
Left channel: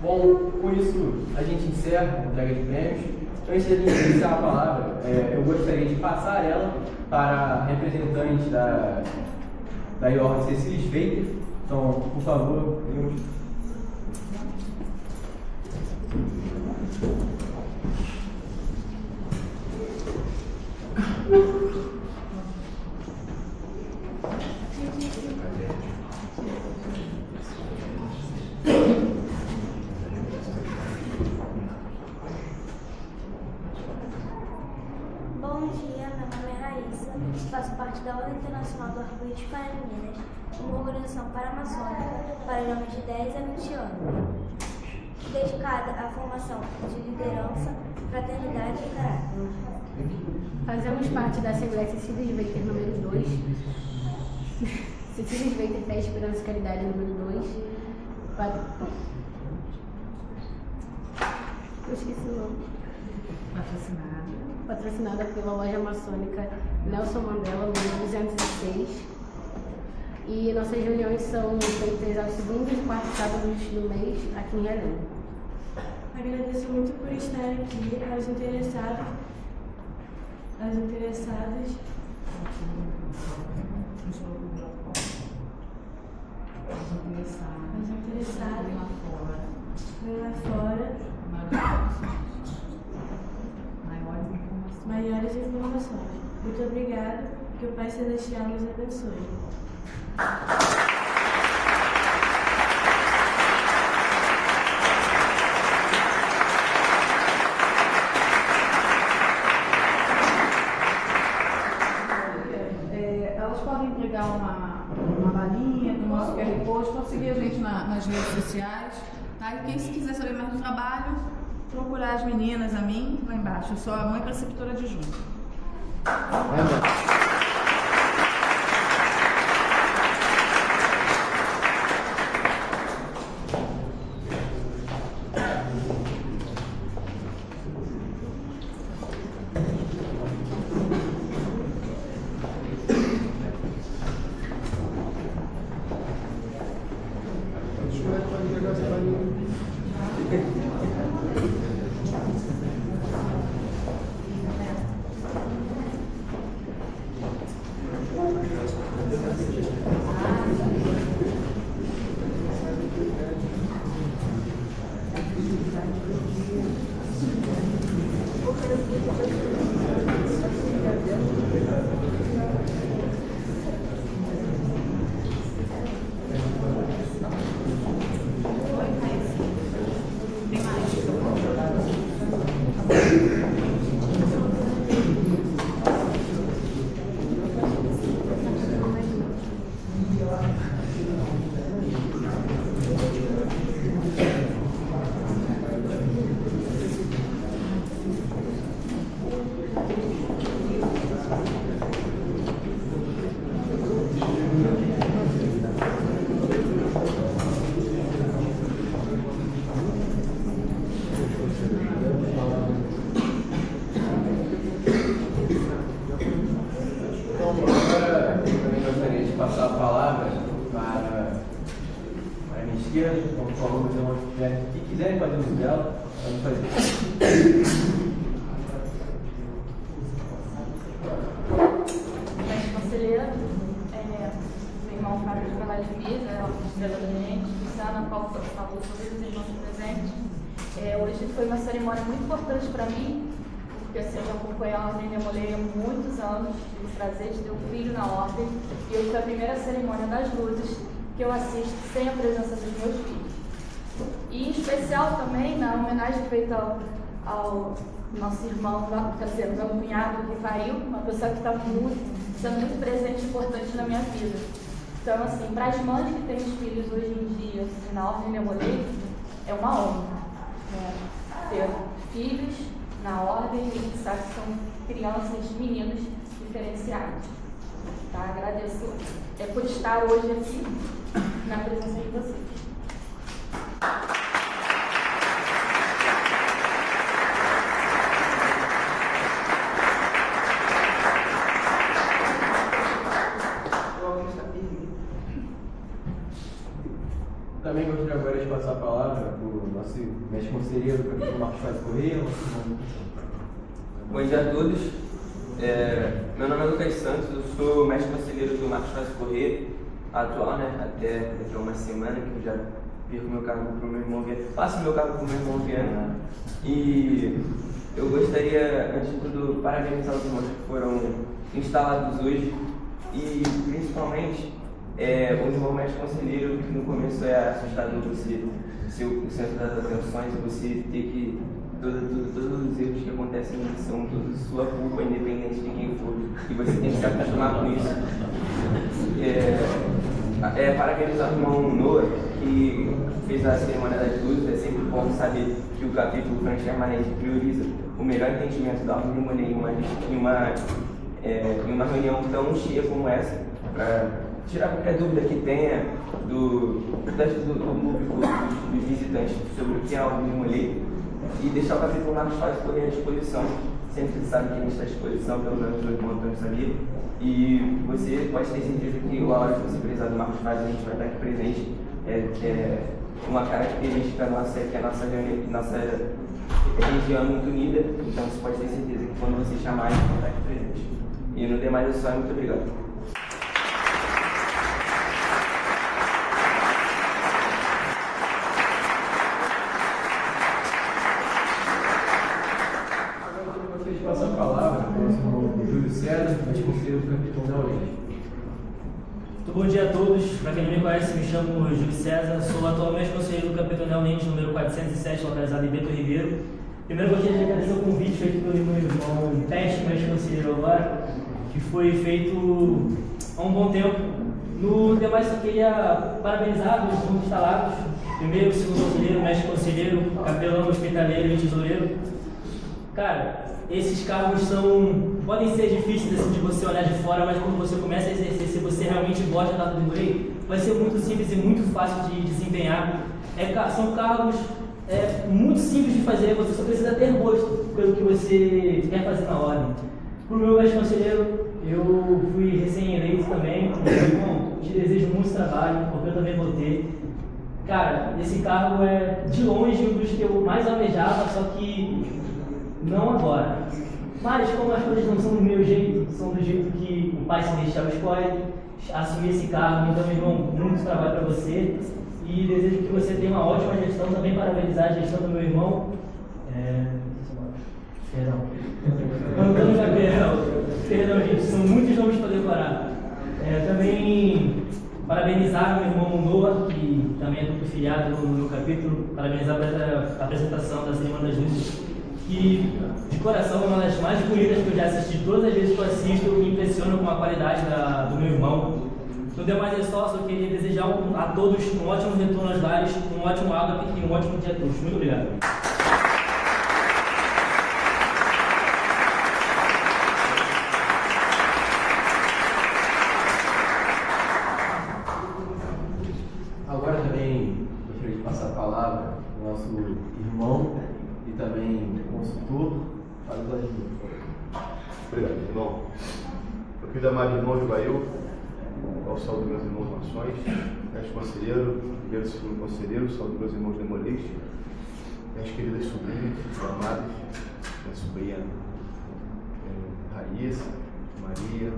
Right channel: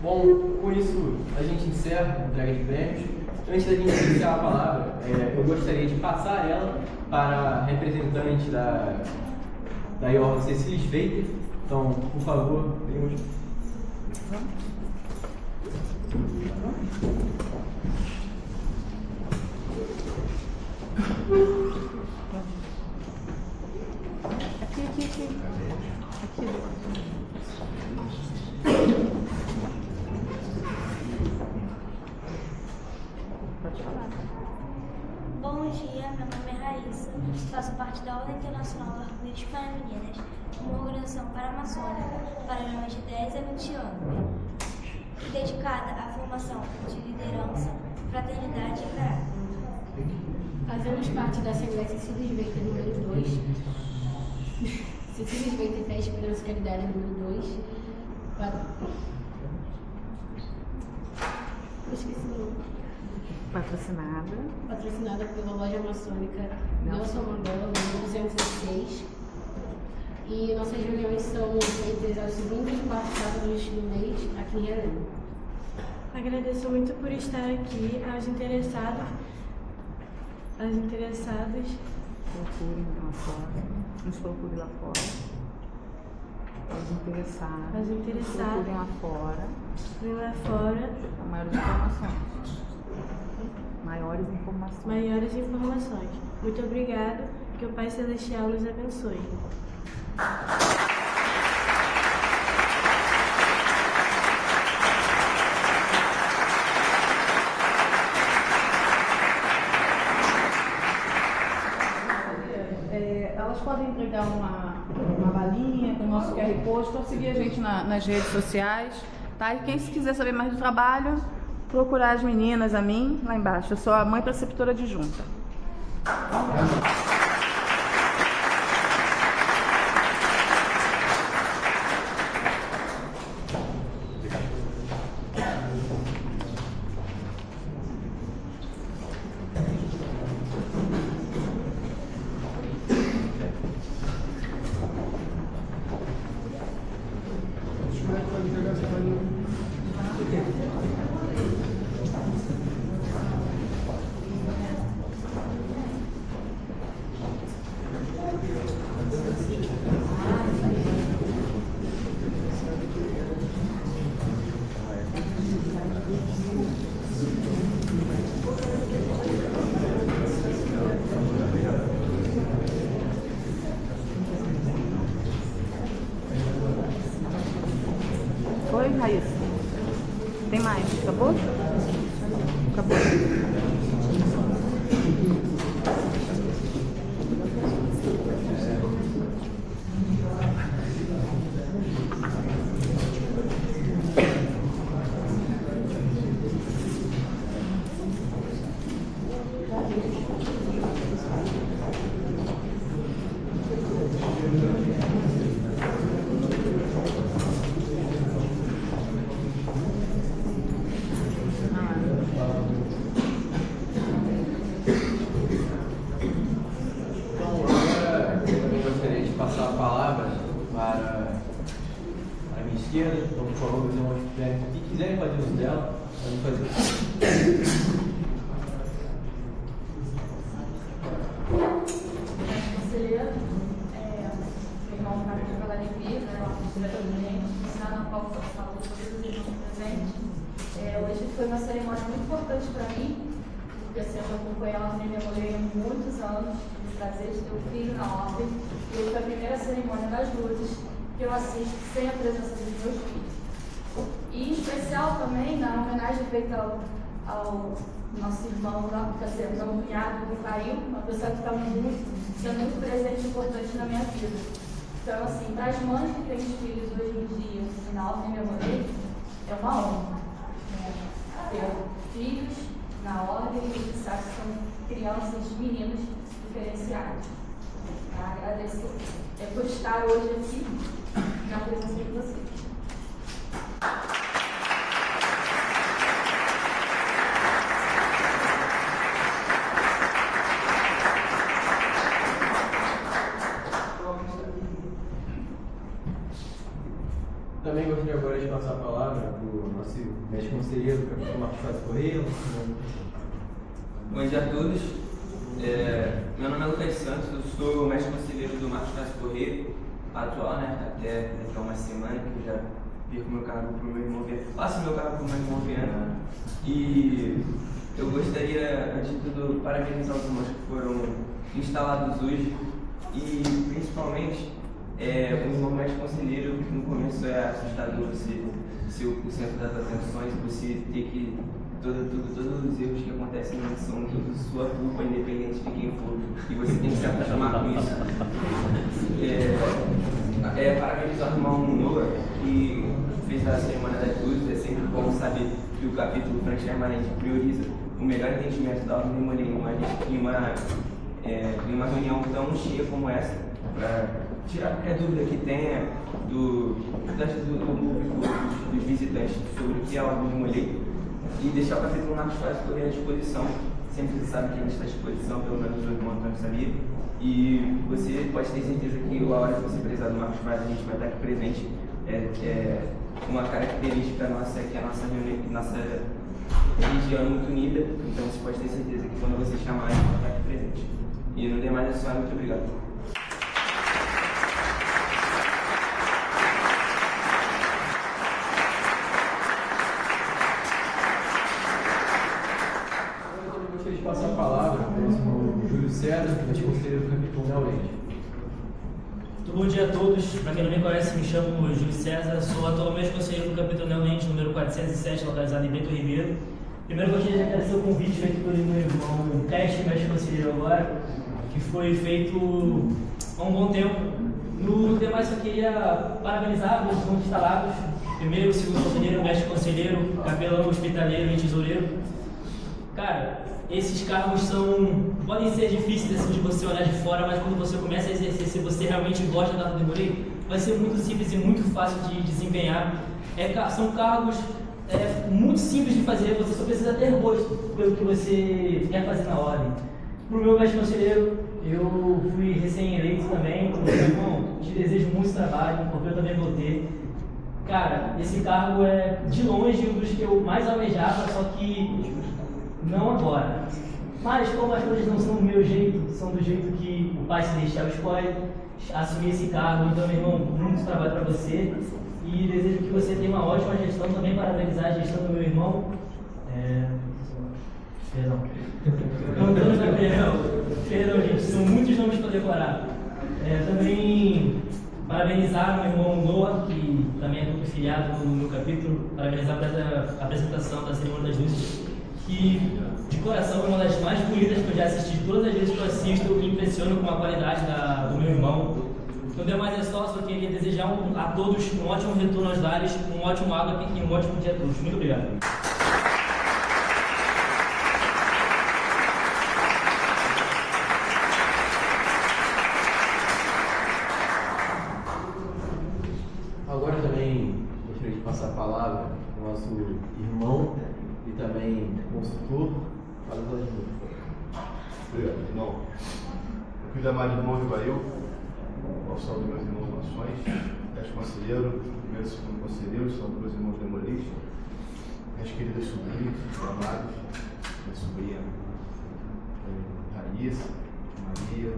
Bom, com isso a gente encerra a entrega de prêmios. Antes da gente iniciar a palavra, eu gostaria de passar ela para a representante da Iorra, Cecília Sveiter. Então, por favor, temos... faço parte da Ordem Internacional do Arco-Íris para Meninas, uma organização paramaçônica para jovens de 10 a 20 anos, dedicada à formação de liderança, fraternidade e caráter. Fazemos parte da Assembleia Cecília Sveiter número 2, Cecília Sveiter Fé, Esperança e Caridade número 2, eu esqueci o nome. Patrocinada pela loja maçônica Nelson Mandela, número 206. E nossas reuniões são feitas aos segundos e quartos sábados do mês aqui em Relém. Agradeço muito por estar aqui, aos interessados, vem lá fora, maiores informações. Muito obrigado, que o Pai Celestial nos abençoe. Elas podem entregar uma balinha com o nosso QR Code, então seguir a gente nas redes sociais, tá? E quem se quiser saber mais do trabalho, procurar as meninas, a mim, lá embaixo. Eu sou a mãe preceptora adjunta. Então, por favor, fazer uma atividade. Se quiserem fazer no dela, podem fazer. Conselheira, irmão Fábio de Vila de Vida, conselheira do Gabinete, Luciana, qual falou sobre os irmãos presentes. Hoje foi uma cerimônia muito importante para mim, porque assim, eu acompanho a Ordem Demoleira há muitos anos, tive o prazer de ter um filho na Ordem, e hoje foi a primeira cerimônia das luzes que eu assisto sem a presença dos meus filhos. E em especial também, na homenagem feita ao nosso irmão, quer dizer, meu cunhado que caiu, uma pessoa que está sendo muito presente e importante na minha vida. Então, assim, para as mães que têm os filhos hoje em dia, na Ordem Demoleira, é uma honra ter filhos na Ordem e a gente sabe que são crianças, meninos diferenciados. Tá? Agradeço por estar hoje aqui na presença de vocês. Também gostaria agora de passar a palavra para o nosso mestre conselheiro, o professor Marcos Fábio Corrêa. Bom dia a todos. Meu nome é Lucas Santos, eu sou mestre conselheiro do Marcos Fábio Corrêa, atual, né? Até daqui a uma semana que eu já perco meu cargo para o meu irmão Viana. Passo meu cargo para o meu irmão Viana, né? E eu gostaria, antes de tudo, parabenizar os irmãos que foram instalados hoje e principalmente o irmão mestre conselheiro, que no começo é assustador você ser o centro das atenções e você ter que todos os erros que acontecem são toda sua culpa, independente de quem for. E você tem que se acostumar com isso. Parabenizar o irmão Noah, que fez a cerimônia das luzes. É sempre bom saber que o capítulo Transpermanente prioriza o melhor entendimento da ordem demoníaca em uma reunião tão cheia como essa, para tirar qualquer dúvida que tenha do público, dos visitantes, sobre o que é a ordem demoníaca, e deixar o capítulo Marcos Faz correr à disposição. Sempre que sabe que a gente está à disposição, pelo menos o irmão Antônio sabia. E você pode ter certeza que a hora que você precisar do Marcos Faz, a gente vai estar aqui presente. É uma característica nossa, que a nossa região é muito unida, então você pode ter certeza que quando você chamar, a gente vai estar aqui presente. E no demais é só, muito obrigado. Agora eu gostaria de passar a palavra ao próximo Júlio César, anticonselheiro do capítulo da Oriente. Muito bom dia a todos. Para quem não me conhece, me chamo Júlio César, sou atualmente conselheiro do capítulo da Oriente, número 407, localizado em Bento Ribeiro. Primeiro eu gostaria de agradecer o convite feito pelo meu irmão Teste, mestre conselheiro agora, que foi feito há um bom tempo. No demais, eu queria parabenizar os nomes instalados, primeiro, segundo conselheiro, mestre conselheiro, capelão, hospitaleiro e tesoureiro. Cara, esses cargos podem ser difíceis assim, de você olhar de fora, mas quando você começa a exercer, se você realmente gosta da Demorei, vai ser muito simples e muito fácil de desempenhar. São cargos muito simples de fazer, você só precisa ter gosto pelo que você quer fazer na ordem. Para o meu mestre conselheiro, eu fui recém-eleito também, bom, te desejo muito trabalho, porque eu também vou ter. Cara, esse cargo é de longe um dos que eu mais almejava, só que não agora. Mas como as coisas não são do meu jeito, são do jeito que o Pai Celestial escolhe, assumir esse cargo. Então, meu irmão, muito trabalho para você e desejo que você tenha uma ótima gestão. Também parabenizar a gestão do meu irmão. Antônio Gabriel. Perdão, gente, são muitos nomes para decorar. Também parabenizar o meu irmão Noah, que também é duplo filiado no meu capítulo. Parabenizar pela apresentação da Cerimônia das Luzes, que de coração é uma das mais bonitas que eu já assisti. Todas as vezes que eu assisto, me impressiono com a qualidade do meu irmão. No demais é só queria desejar a todos um ótimo retorno aos lares, um ótimo ágape e um ótimo dia a todos. Muito obrigado. Agora também gostaria de passar a palavra ao nosso irmão e também consultor, para os ajudantes. Obrigado, irmão. Eu queria amar de irmão de Baio, ao salve meus irmãos nações, mestre conselheiro, primeiro e segundo conselheiro, salve meus irmãos demonistas, minhas queridas sobrinhas, amadas, minha sobrinha Raíssa, Maria,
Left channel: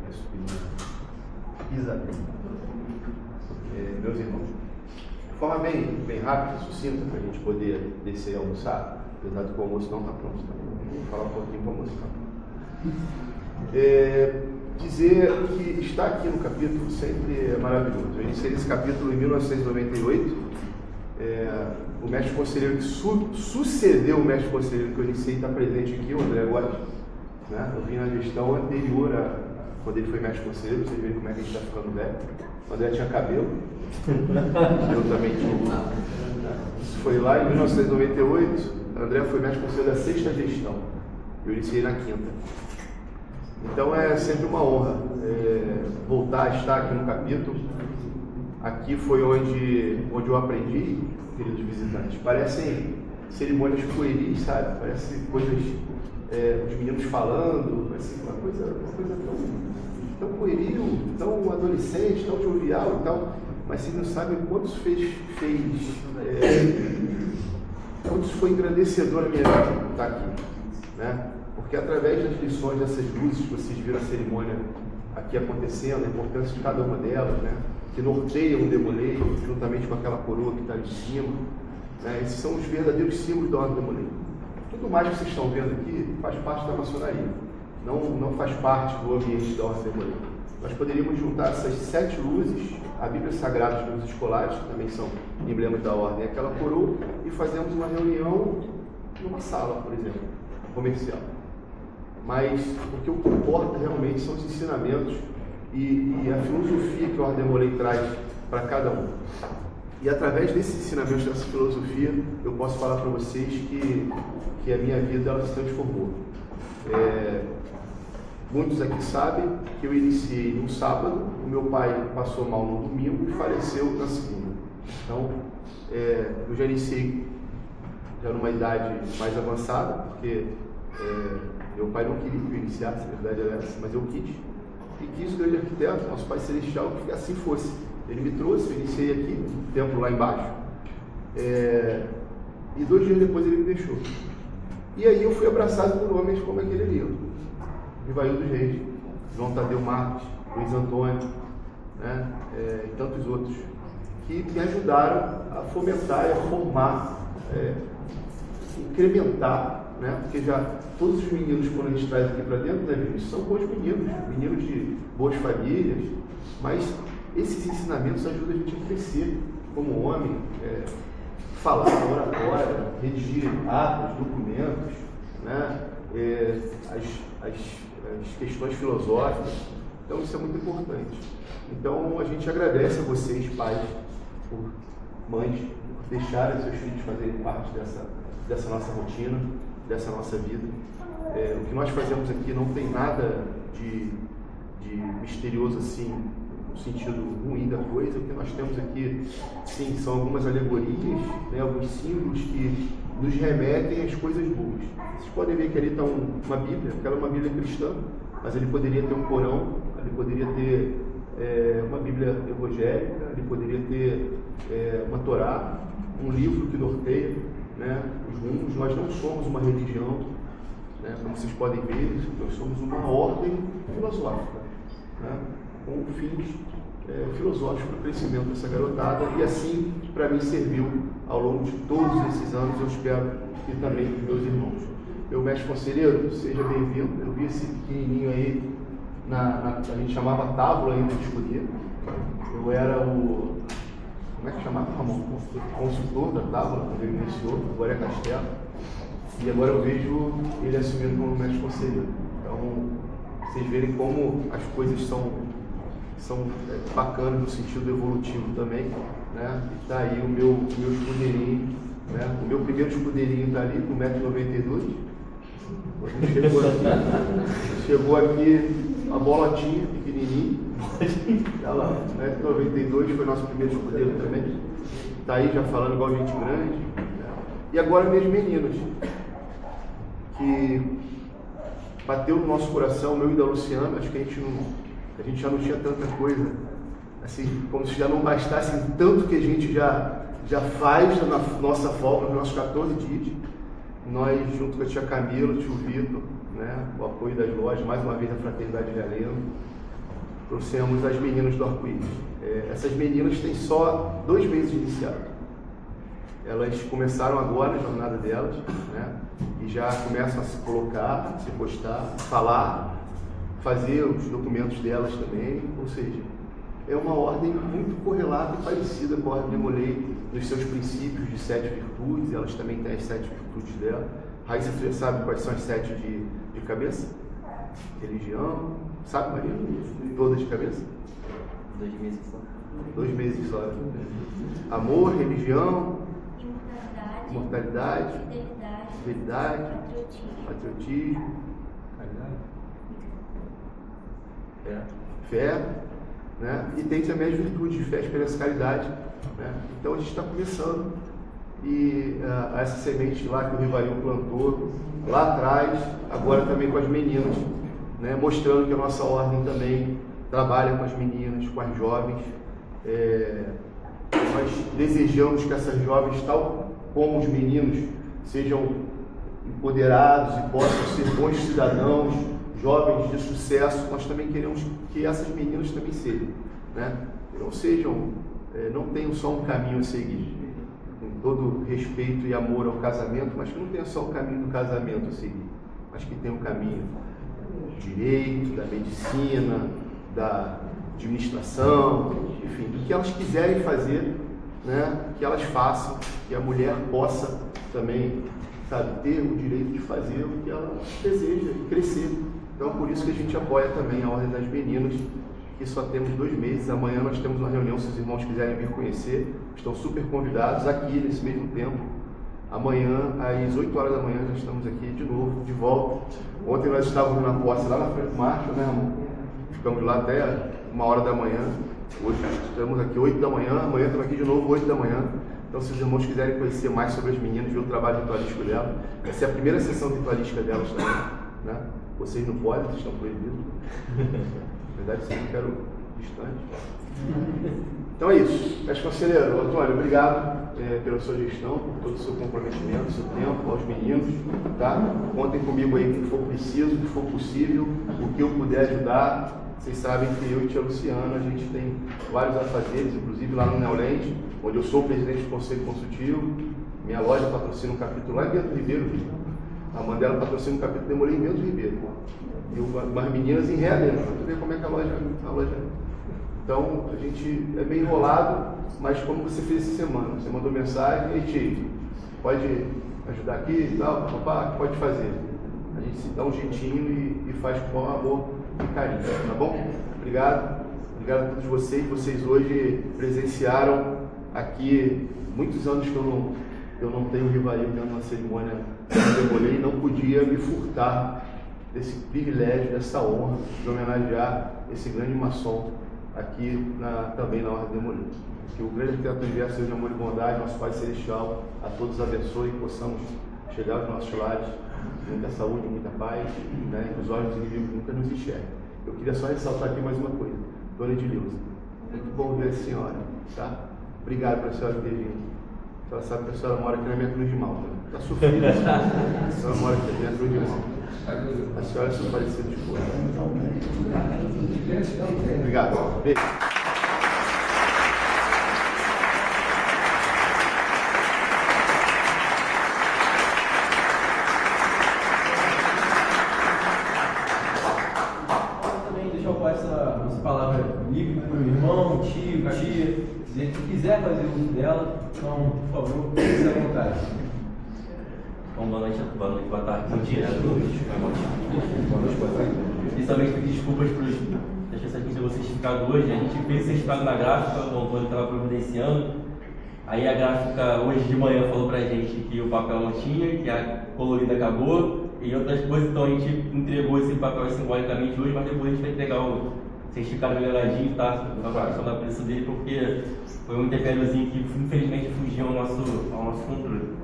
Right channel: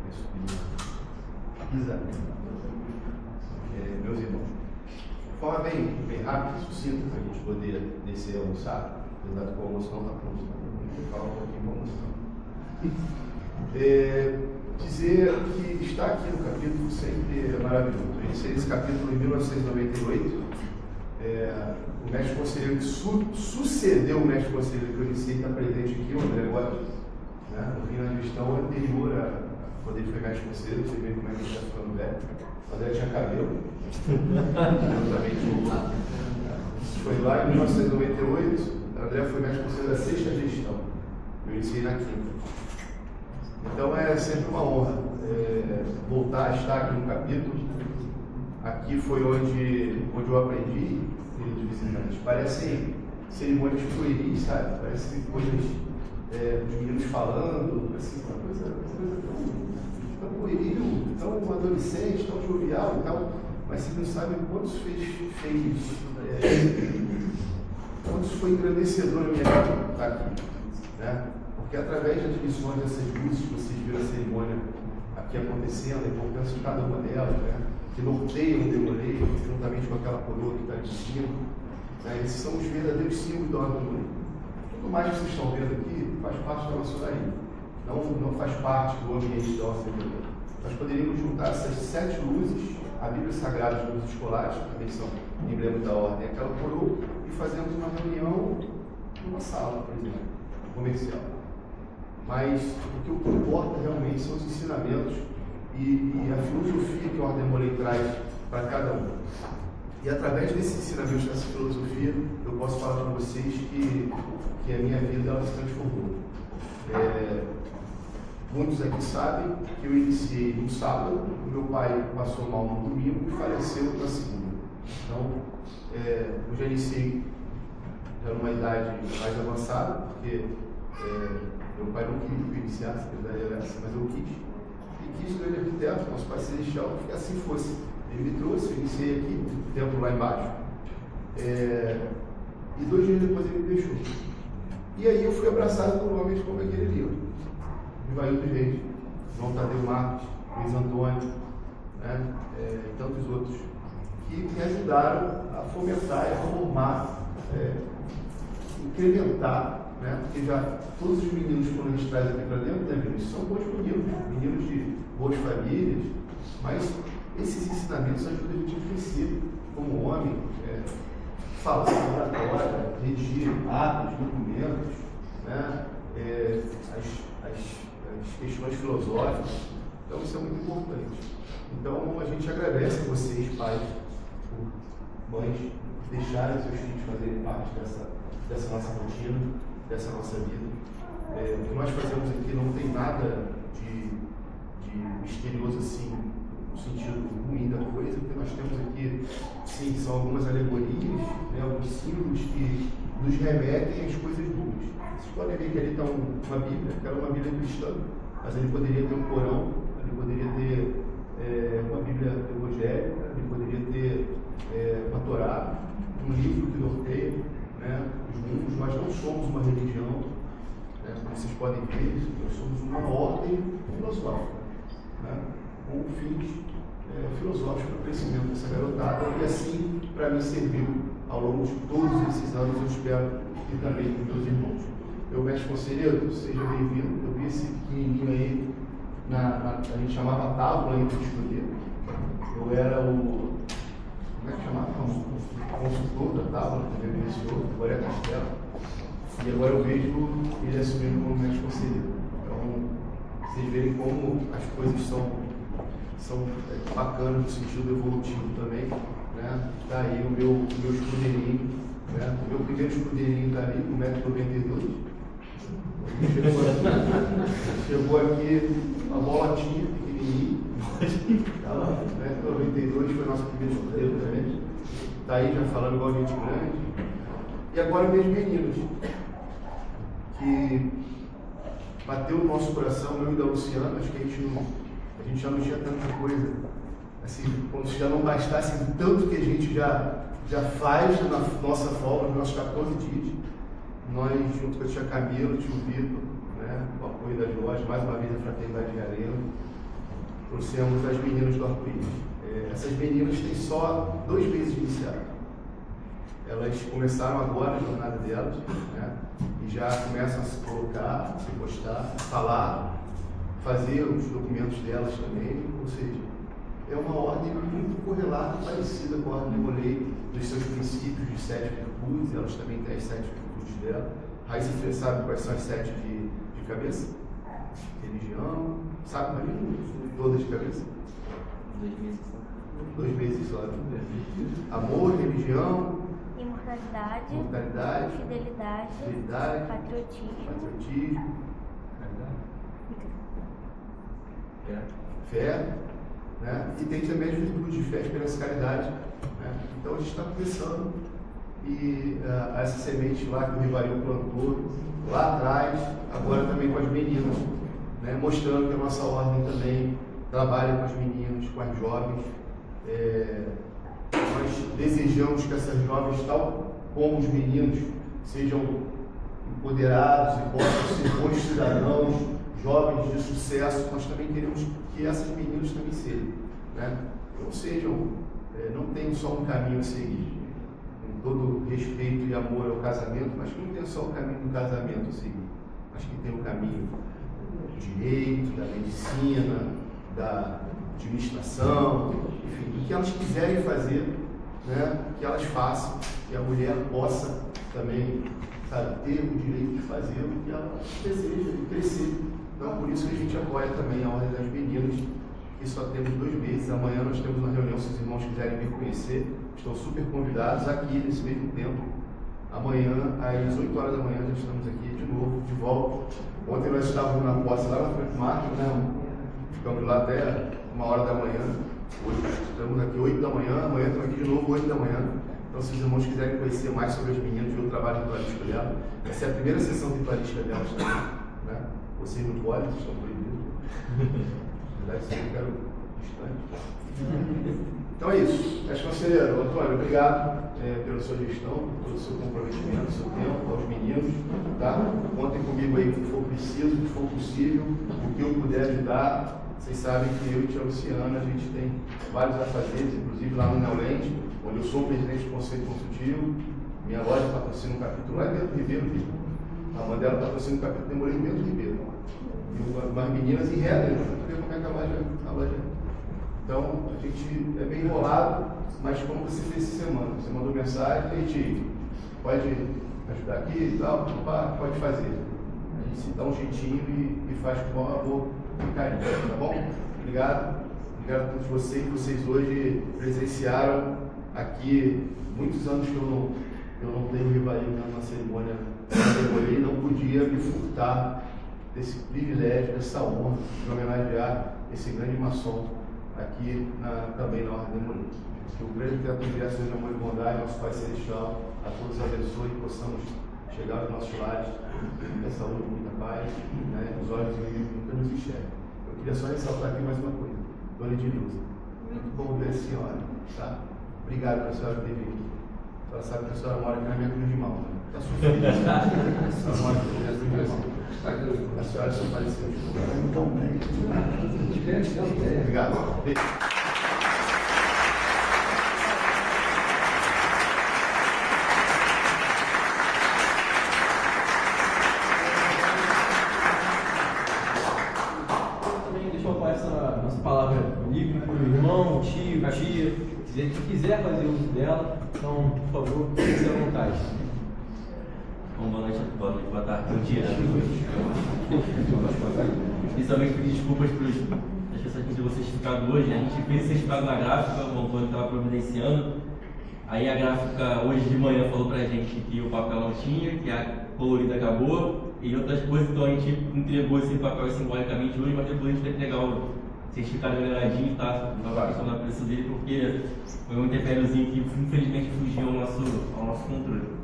minha sobrinha Isabel. Meus irmãos, de forma bem rápida, sucinta, para a gente poder descer e almoçar, apesar de que o almoço não está pronto, vou falar um pouquinho com você. Dizer que estar aqui no capítulo sempre é maravilhoso. Eu iniciei esse capítulo em 1998. O mestre conselheiro que sucedeu o mestre conselheiro que eu iniciei está presente aqui, o André agora. Né? Eu vim na gestão anterior a quando ele foi mestre conselheiro, você vê como é que a gente está ficando velho. O André tinha cabelo. Eu também tinha. Foi lá em 1998, o André foi mestre conselheiro da sexta gestão. Eu iniciei na quinta. Então é sempre uma honra voltar a estar aqui no capítulo. Aqui foi onde eu aprendi, queridos visitantes. Parecem cerimônias pueris, sabe? Parecem coisas de meninos falando, assim, uma coisa tão pueril, tão adolescente, tão jovial e tal. Mas vocês não sabem quantos quantos foi engrandecedor a minha vida estar aqui, né? Porque através das lições dessas luzes que vocês viram a cerimônia aqui acontecendo, a importância de cada uma delas, né? Que norteiam o demoleiro, juntamente com aquela coroa que está de cima, né? Esses são os verdadeiros símbolos da ordem do demoleiro. Tudo mais que vocês estão vendo aqui faz parte da maçonaria, não faz parte do ambiente da ordem do demoleiro. Nós poderíamos juntar essas 7 luzes a Bíblia Sagrada dos meus escolares, que também são emblemas da ordem, aquela coroa, e fazemos uma reunião numa sala, por exemplo, comercial. Mas o que importa realmente são os ensinamentos e a filosofia que o Ordem Morei traz para cada um. E através desses ensinamentos, dessa filosofia, eu posso falar para vocês que a minha vida ela se transformou. Muitos aqui sabem que eu iniciei no sábado, o meu pai passou mal no domingo e faleceu na segunda. Então, eu já iniciei já numa idade mais avançada, porque meu pai não queria que eu iniciasse, a verdade era essa, mas eu quis. E quis o grande arquiteto, nosso Pai Celestial, que assim fosse. Ele me trouxe, eu iniciei aqui, no templo lá embaixo, e 2 dias depois ele me deixou. E aí eu fui abraçado por homens como aquele ali, Ivaildo Reis, João Tadeu Marques, Luiz Antônio, né, e tantos outros, que me ajudaram a fomentar e a formar, incrementar, né, porque já todos os meninos, quando a gente traz aqui para dentro da igreja, são bons meninos de boas famílias, mas esses ensinamentos ajudam a gente a crescer como homem, falar oratória, redigir atos, documentos, né, as questões filosóficas. Então isso é muito importante. Então a gente agradece a vocês, pais, por mães, deixarem seus filhos fazerem parte dessa nossa rotina, dessa nossa vida. O que nós fazemos aqui não tem nada de misterioso assim, no sentido ruim da coisa. O que nós temos aqui, sim, são algumas alegorias, né, alguns símbolos que nos remetem às coisas boas. Vocês podem ver que ali está uma Bíblia, aquela é uma Bíblia cristã, mas ele poderia ter um Corão, ele poderia ter uma Bíblia evangélica, ele poderia ter uma Torá, um livro que norteia, né, os rumos. Nós não somos uma religião, né, como vocês podem ver, nós somos uma ordem filosófica, né, com fins filosóficos para o crescimento dessa garotada, e assim para mim serviu ao longo de todos esses anos, eu espero que também para meus irmãos. Meu mestre conselheiro, seja bem-vindo. Eu vi esse pequenininho aí, a gente chamava tábua aí no escurinho. Eu era o, como é que chamava? Consultor da tábua, que ele iniciou, agora é Castelo. E agora eu vejo ele assumindo como mestre conselheiro. Então, vocês verem como as coisas são bacanas no sentido evolutivo também, né? Tá aí o meu escudeirinho, né? O meu primeiro escudeirinho tá ali, 1,92 m. Chegou aqui uma bolotinha pequenininha, tá lá, 1,92 m, foi nosso primeiro escudeiro também. Tá aí já falando igual gente grande. E agora meus meninos, que bateu no nosso coração, eu e da Luciana, acho que a gente já não tinha tanta coisa, assim, como se já não bastasse tanto que a gente já faz na nossa folga, nos nossos 14 dias. Nós, junto com a tia Camila, o tio Vitor, né, o apoio da Jorge, mais uma vez a Fraternidade de Arena, trouxemos as meninas do Arco-Íris. Essas meninas têm só 2 meses de iniciado. Elas começaram agora a jornada delas, né, e já começam a se colocar, se postar, falar, fazer os documentos delas também, ou seja, é uma ordem muito correlata e parecida com a ordem de Morei, nos seus princípios de 7 virtudes. Elas também têm as 7 virtudes dela. Raíssa, você sabe quais são as 7 de cabeça? Religião, sabe, Maria? Todas de cabeça? 2 meses só. 2 meses só. Amor, religião, imortalidade, fidelidade, patriotismo, fé, né? E tem também as virtudes de fé, esperança e caridade, né? Então a gente está começando, e essa semente lá que o Rivarinho plantou lá atrás, agora também com as meninas, né? Mostrando que a nossa ordem também trabalha com as meninas, com as jovens. Nós desejamos que essas jovens, tal como os meninos, sejam empoderados e possam ser bons cidadãos, jovens de sucesso. Nós também queremos que essas meninas também sejam, né? Não sejam, não tenham só um caminho a seguir, com todo respeito e amor ao casamento, mas que não tenha só o caminho do casamento a seguir, mas que tenha um caminho do direito, da medicina, administração, enfim, o que elas quiserem fazer, né, que elas façam, e a mulher possa também, sabe, ter o direito de fazer o que ela deseja, de crescer. Então, por isso que a gente apoia também a Ordem das Meninas, que só temos 2 meses. Amanhã nós temos uma reunião, se os irmãos quiserem vir conhecer, estão super convidados aqui nesse mesmo tempo. Amanhã, às 8 horas da manhã, nós estamos aqui de novo, de volta. Ontem nós estávamos na posse lá na frente do Marco, né? Ficamos lá até 1h da manhã. Hoje estamos aqui 8 da manhã, amanhã estamos aqui de novo 8 da manhã. Então, se os irmãos quiserem conhecer mais sobre as meninas, ver o trabalho ritualístico dela, essa é a primeira sessão ritualística delas também, né? Vocês não podem, vocês estão proibidos. Na verdade, vocês ficaram distantes. Então é isso. Mestre Conselheiro, Antônio, obrigado pela sua gestão, por todo o seu comprometimento, o seu tempo, aos meninos. Tá? Contem comigo aí com o que for preciso, o que for possível, o que eu puder ajudar. Vocês sabem que eu e Tia Luciana, a gente tem vários afazeres, inclusive lá no Neolente, onde eu sou o presidente do Conselho Consultivo. Minha loja patrocina um capítulo lá em Bento Ribeiro. A Mandela patrocina um capítulo, demorei em Bento Ribeiro. E umas meninas em Realengo, para ver como é que a loja. Então, a gente é meio enrolado, mas como você fez essa semana, você mandou mensagem, e aí, pode ajudar aqui e tal, pode fazer. A gente se dá um jeitinho e faz com bom amor e carinho, tá bom? Obrigado. Obrigado a todos vocês. Vocês hoje presenciaram aqui muitos anos que eu não tenho rivalidade na cerimônia, e não podia me furtar desse privilégio, dessa honra de homenagear esse grande maçom aqui também na Ordem da Mulher. Que o grande teto do universo seja amor e bondade, nosso Pai Celestial, a todos abençoe e possamos chegar aos nossos lares com muita saúde, muita paz, né? Os olhos inimigos nunca nos enxergam. Eu queria só ressaltar aqui mais uma coisa. Dona Edileuza, muito bom ver a senhora, tá? Obrigado pela senhora ter vindo. A senhora sabe que a senhora mora aqui na minha cruz de mal, né? Está sofrendo. A senhora mora aqui na minha cruz de mal. A senhora só apareceu de boa. Obrigado. Beijo. Também deixar eu passar nossa palavra livre para o irmão, tio, tia, se quiser fazer uso dela, então, por favor, fique à vontade. Bom, boa noite, boa tarde, bom dia a todos. Principalmente pedir desculpas para as pessoas que tinham certificado hoje. A gente fez o certificado na gráfica, o Antônio estava providenciando. Aí a gráfica hoje de manhã falou para a gente que o papel não tinha, que a colorida acabou e outras coisas, então a gente entregou esse papel simbolicamente hoje, mas depois a gente vai entregar o certificado enganadinho, tá? Na questão da preço dele, porque foi um interpéliozinho que infelizmente fugiu ao nosso controle.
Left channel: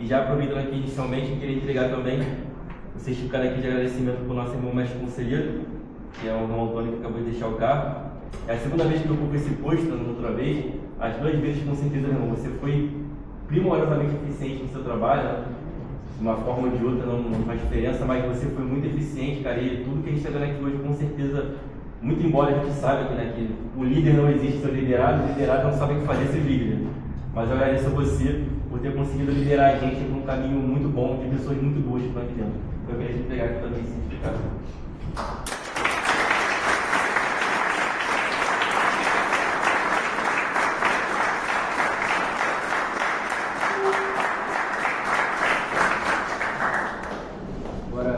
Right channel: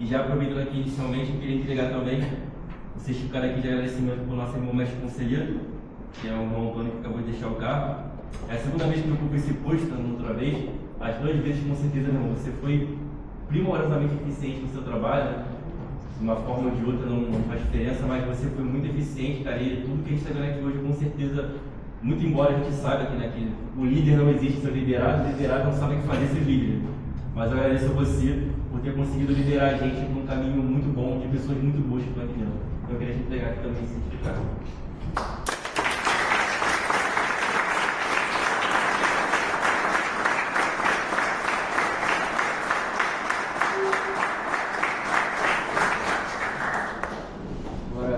E já aproveitando aqui inicialmente, eu queria entregar também o certificado aqui de agradecimento para o nosso irmão mestre conselheiro, que é o irmão Antônio que acabou de deixar o carro. É a segunda vez que eu ocupo esse posto, na outra vez. As 2 vezes, com certeza, irmão, você foi primorosamente eficiente no seu trabalho, né? De uma forma ou de outra não faz diferença, mas você foi muito eficiente, cara, e tudo que a gente está vendo aqui hoje, com certeza, muito embora a gente saiba aqui, né, que o líder não existe sem o liderado não sabe o que fazer sem o líder. Mas eu agradeço a você por ter conseguido liderar a gente num caminho muito bom, de pessoas muito boas que estão aqui dentro. Eu queria te entregar aqui também esse certificado. Agora,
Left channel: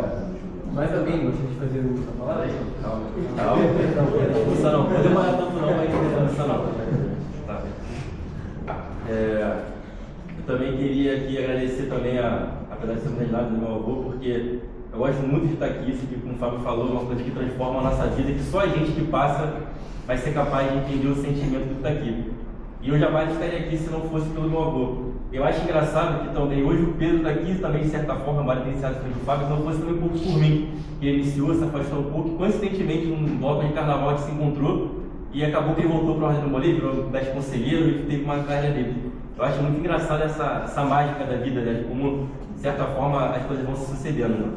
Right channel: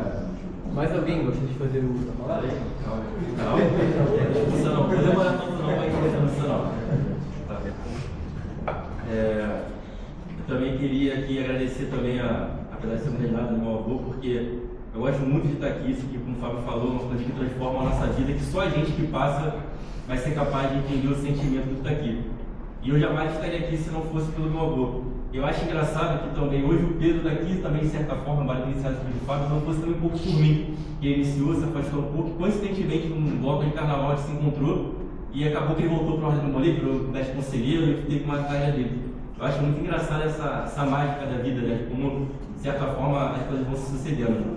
mais alguém gostaria de fazer o uso da palavra? Calma. Não vou demorar tanto não, mas não. Eu também queria aqui agradecer também a personalidade do meu avô, porque eu gosto muito de estar aqui, isso que, como o Fábio falou, uma coisa que transforma a nossa vida, que só a gente que passa vai ser capaz de entender o sentimento que está aqui. E eu jamais estaria aqui se não fosse pelo meu avô. Eu acho engraçado que também hoje o Pedro daqui também, de certa forma, vale iniciado pelo Fábio, se não fosse também um pouco por mim, que ele iniciou, se afastou um pouco, coincidentemente num bloco de carnaval a gente se encontrou e acabou que ele voltou para o Ordem do Moleque, para o mestre conselheiro, e teve uma carreira dele. Eu acho muito engraçado essa mágica da vida, né? Como, de certa forma, as coisas vão se sucedendo. Né?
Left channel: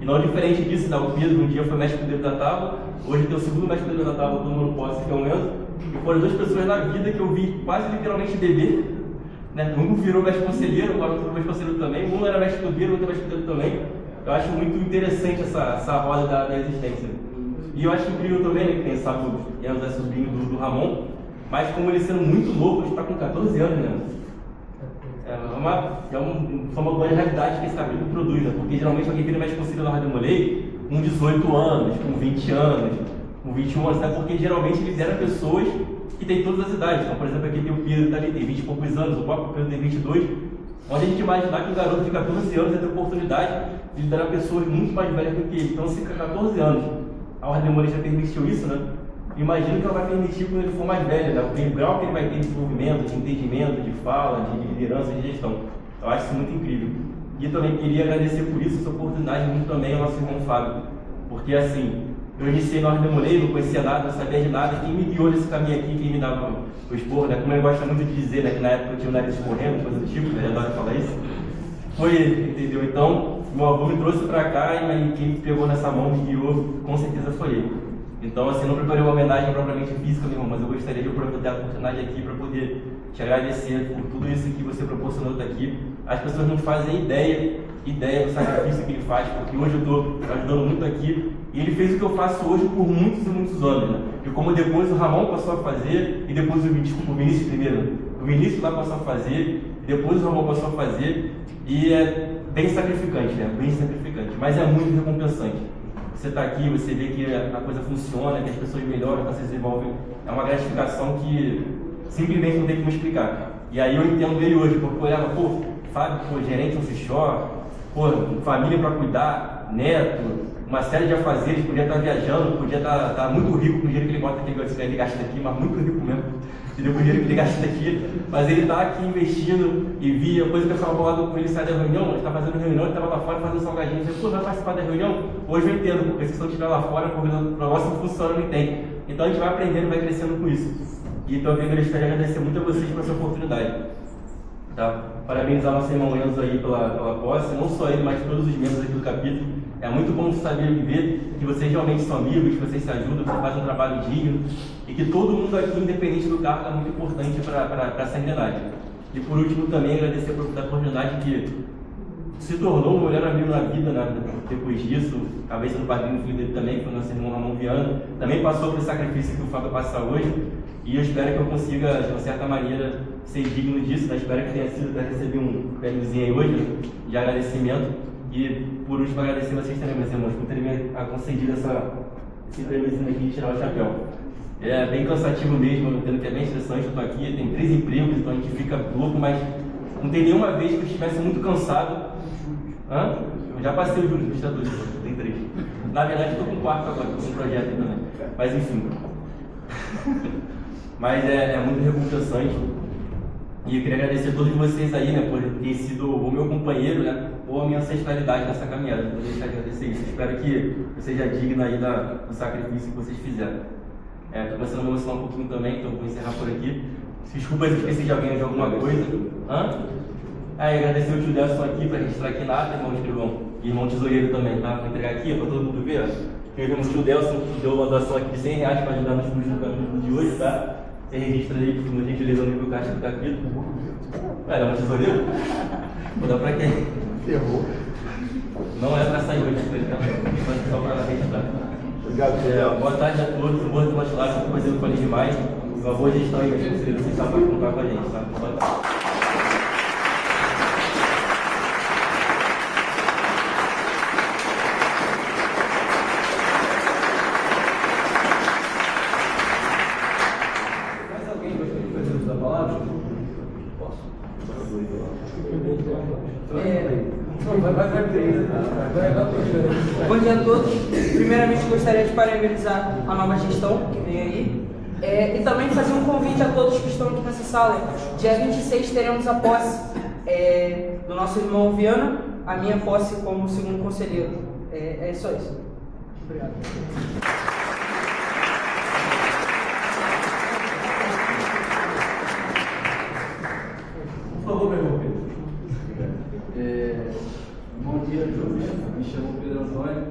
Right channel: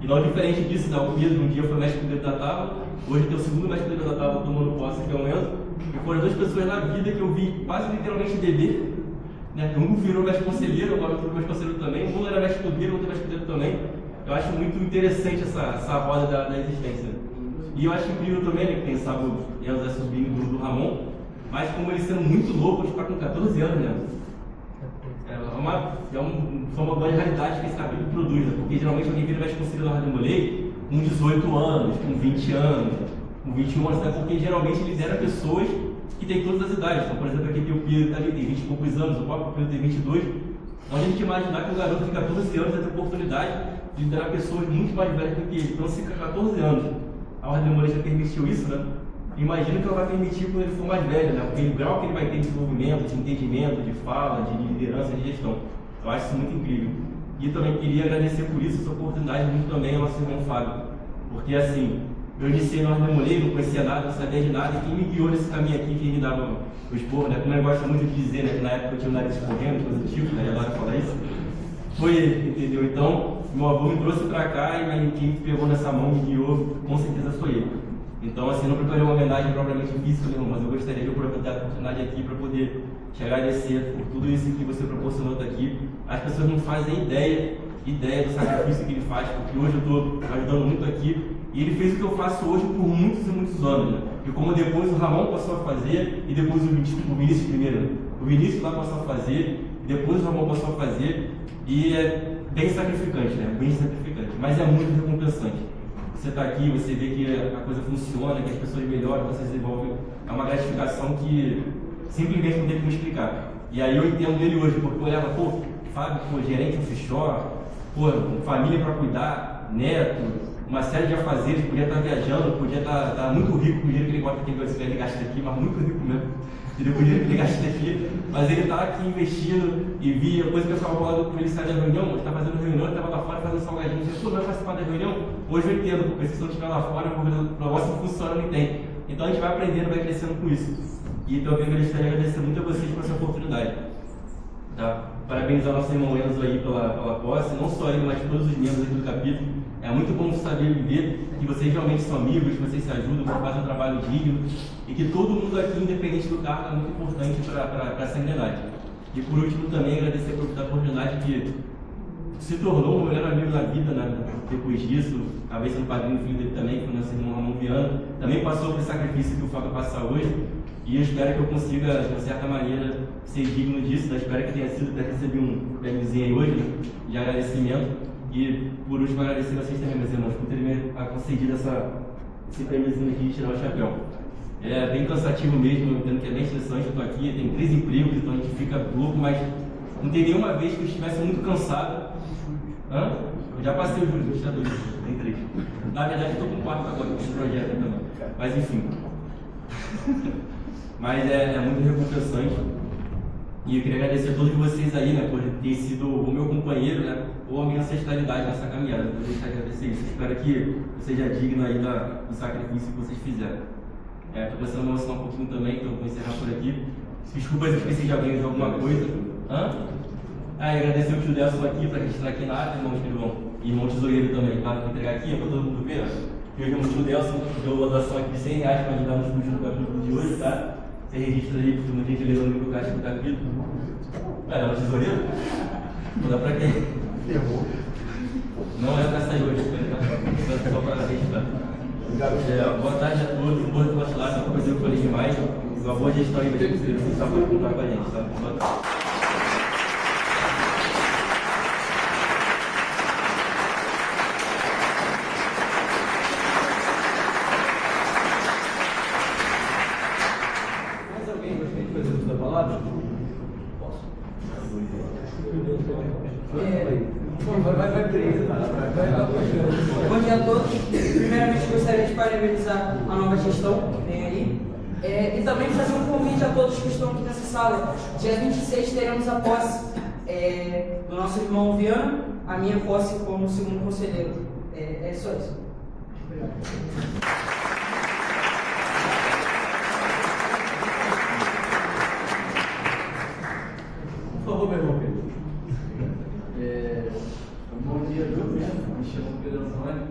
E não diferente disso, o Pedro um dia foi mestre pedreiro da tábua, hoje tem o segundo mestre pedreiro da tábua tomando posse, que é o Enzo, e foram 2 pessoas na vida que eu vi quase literalmente beber, né? Um virou mestre conselheiro, agora outro mestre conselheiro também, um era mestre pedreiro, outro mestre pedreiro também. Eu acho muito interessante essa roda da existência. E eu acho incrível também, né, que tem, sabe, o Enzo é sobrinho do Ramon, mas como ele sendo muito novo, ele está com 14 anos, né? Foi uma boa realidade que esse capítulo produz, né? Porque geralmente alguém vira mais conselheiro da Rádio Molei com 18 anos, com 20 anos, com 21 anos, né? Porque geralmente ele lidera pessoas que têm todas as idades. Então, por exemplo, aqui tem o Pedro que tá ali, tem 20 e poucos anos, o próprio Pedro tem 22. Onde a gente imaginar que um garoto de 14 anos vai ter oportunidade de liderar pessoas muito mais velhas do que ele. Então, se com 14 anos a Ordem Molei já permitiu isso, né? Imagino que ela vai permitir quando ele for mais velho, né? O grau que ele vai ter de desenvolvimento, de entendimento, de fala, de liderança, de gestão. Eu acho isso muito incrível. E também queria agradecer por isso, essa oportunidade, muito também ao nosso irmão Fábio. Porque assim, eu iniciei na Ordem Molei, não conhecia nada, não sabia de nada, e quem me guiou nesse caminho aqui, quem me dava o esporro, né? Como ele gosta muito de dizer, né? Que na época eu tinha um nariz escorrendo, coisa do tipo, né? Eu adoro falar isso. Foi ele, entendeu? Então, meu avô me trouxe pra cá e quem me pegou nessa mão, me guiou, com certeza foi ele. Então, assim, eu não preparei uma homenagem propriamente física, meu irmão, mas eu gostaria de aproveitar a oportunidade aqui para poder te agradecer por tudo isso que você proporcionou aqui. As pessoas não fazem ideia do sacrifício que ele faz, porque hoje eu estou ajudando muito aqui, e ele fez o que eu faço hoje por muitos e muitos anos, né? E como depois o Ramon passou a fazer, e depois o Vinícius primeiro, o Vinícius lá passou a fazer, e depois o Ramon passou a fazer, e é bem sacrificante, né? Bem sacrificante, mas é muito recompensante. Você está aqui, você vê que a coisa funciona, que as pessoas melhoram, que você desenvolve, é uma gratificação que simplesmente não tem que me explicar. E aí eu entendo ele hoje, porque eu olhava, pô, Fábio, pô, gerente offshore, pô, família para cuidar, neto, uma série de afazeres, podia estar viajando, podia estar muito rico com o dinheiro que ele gosta aqui, ele gasta aqui, mas muito rico mesmo, entendeu? Com o dinheiro que ele gasta aqui, mas ele está aqui investindo e via, coisa que eu estava falando com ele, sai da reunião, ele estava fazendo reunião, ele estava lá fora fazendo salgadinho, ele disse, pô, vai participar da reunião? Hoje eu entendo, porque se eu estiver lá fora, o negócio não funciona, não tem. Então a gente vai aprendendo, vai crescendo com isso. E então eu gostaria de agradecer muito a vocês por essa oportunidade. Tá? Parabenizar nosso irmão Enzo aí pela posse, não só ele, mas todos os membros aqui do capítulo. É muito bom saber ver que vocês realmente são amigos, que vocês se ajudam, que vocês fazem um trabalho digno e que todo mundo aqui, independente do cargo, é muito importante para essa unidade. E por último também agradecer por essa oportunidade que se tornou um melhor amigo na vida, né? Depois disso, acabei sendo padrinho do filho dele também, que foi o nosso irmão Ramon Viana, também passou por esse sacrifício que o Fábio passa hoje, e eu espero que eu consiga, de uma certa maneira, ser digno disso, né? Espero que tenha recebido um prêmiozinho aí hoje, de agradecimento, e por último agradecer vocês também, meus irmãos, por terem me concedido esse prêmiozinho aqui de tirar o chapéu. É bem cansativo mesmo, eu entendo que é bem estressante, eu estou aqui, tem 3 empregos, então a gente fica louco, mas não tem nenhuma vez que eu estivesse muito cansado. Hã? Eu já passei o júri, já 2, tem 3. Na verdade eu estou com 4 agora, com um projeto também. Mas enfim. Mas é muito recompensante. E eu queria agradecer a todos vocês aí, né, por ter sido o meu companheiro, né, ou a minha ancestralidade nessa caminhada. Eu queria agradecer isso. Espero que eu seja digno aí do sacrifício que vocês fizeram. Estou pensando em me emocionar um pouquinho também, então vou encerrar por aqui. Desculpa se eu esqueci de alguém de alguma coisa. Hã? E agradecer o Judelson aqui para registrar aqui na ata, irmão Escrivão. E irmão Tesoureiro também, tá? Para entregar aqui para todo mundo ver. Que o irmão Judelson deu uma doação aqui de R$100 para ajudar nos filmes de hoje, tá? Você registra aí, por uma gentileza no meu caixa que está aqui. Vai dar uma tesoureiro? Vou dar para quem? Ferrou. Não é para sair hoje, tá? Só para registrar. Obrigado, boa tarde a todos, boa tarde, claro, uma coisa que eu falei demais. Uma boa gestão aí, vocês sabem contar com a gente, tá? Boa tarde. Bom dia a todos. Primeiramente, gostaria de parabenizar a nova gestão que vem aí e também fazer um convite a todos que estão aqui nessa sala. Dia 26 teremos a posse do nosso irmão Viana, a minha posse como segundo conselheiro. É só isso. Obrigado. Por favor, meu irmão Pedro. Bom dia a todos, me chamo Pedro Antônio,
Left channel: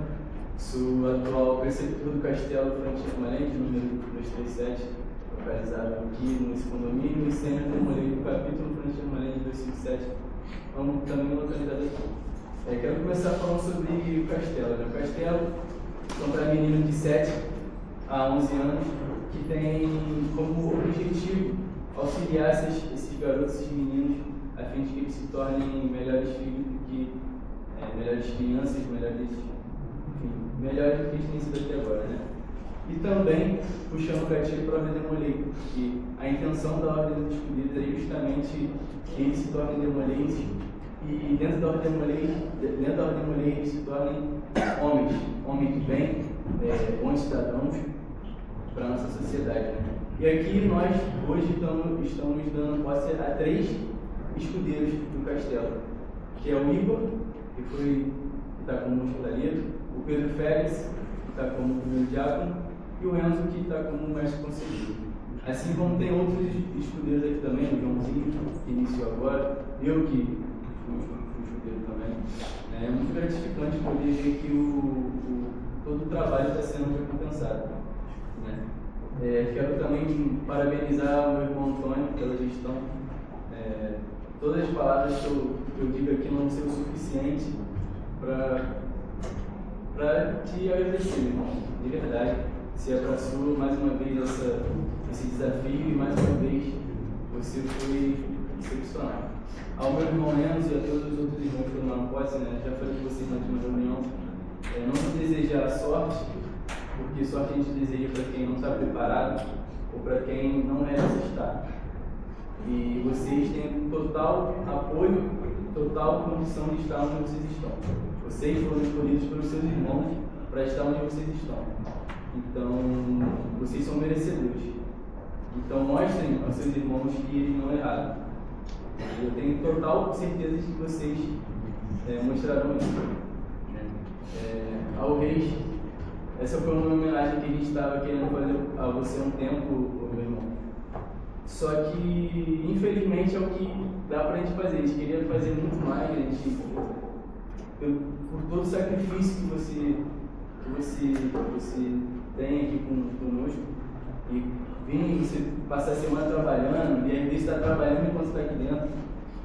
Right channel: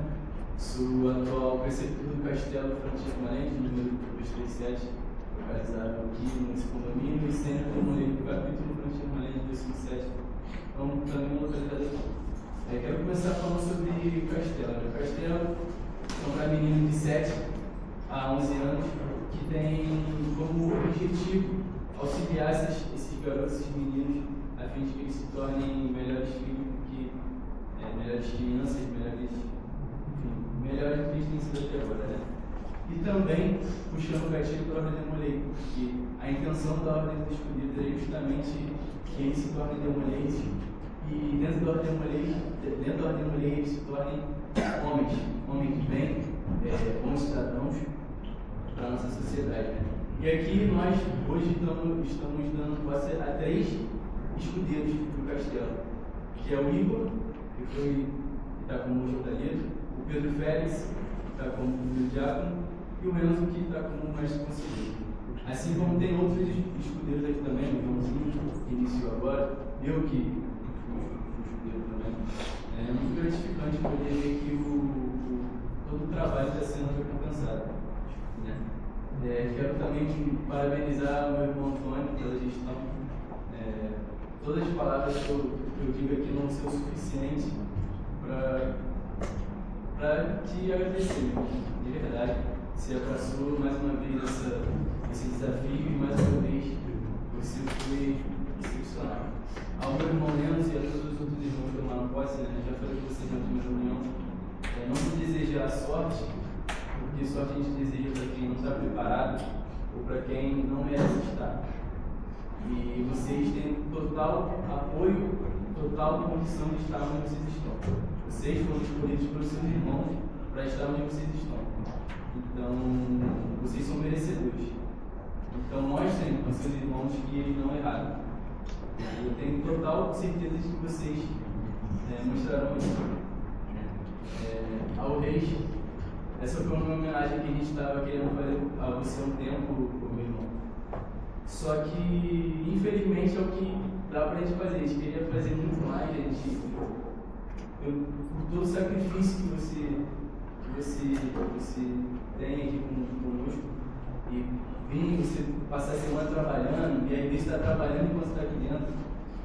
sou atual preceptor do Castelo Frontier Permanente, número 237, localizado aqui nesse condomínio, e sendo termolei do capítulo Frontier Permanente 257, também localizado aqui. Quero começar falando sobre o Castelo. O Castelo, então, para menino de 7 há 11 anos, que tem como objetivo auxiliar esses garotos, esses meninos, a fim de que eles se tornem melhores filhos, melhores crianças, melhores do que eles têm sido até agora, né? E também puxando o gatilho para a Ordem Demolei, que a intenção da Ordem dos Escolhidos é justamente que eles se tornem demolês e dentro da Ordem Demolei eles se tornem homens de bem, bons cidadãos para a nossa sociedade, né? E aqui nós hoje estamos dando posse a 3 escudeiros do castelo, que é o Igor, que está como hospitaleiro, o Pedro Félix, que está como primeiro diácono, e o Enzo, que está como mestre conselheiro. Assim como tem outros escudeiros aqui também, o Joãozinho, que iniciou agora, eu que fui escudeiro também. É muito gratificante poder ver que todo o trabalho está sendo recompensado, né? Quero também parabenizar o meu irmão Antônio pela gestão. Todas as palavras que eu digo aqui não vão ser o suficiente para te agradecer, de verdade. Você abraçou mais uma vez esse desafio e mais uma vez você foi excepcional. Ao meu irmão Enzo e a todos os outros irmãos que tomaram posse, né? Já falei com vocês na última reunião, não se desejar sorte, porque sorte a gente deseja para quem não está preparado ou para quem não merece estar. E vocês têm total apoio, total condição de estar onde vocês estão. Vocês foram escolhidos pelos seus irmãos para estar onde vocês estão. Então, vocês são merecedores. Então, mostrem aos seus irmãos que eles não erraram. Eu tenho total certeza de que vocês mostrarão isso. Ao Reis, essa foi uma homenagem que a gente estava querendo fazer a você há um tempo, meu irmão. Só que, infelizmente, é o que dá pra gente fazer. A gente queria fazer muito mais, por todo o sacrifício que você tem aqui conosco. E você passar a semana trabalhando, e às vezes está trabalhando enquanto está aqui dentro.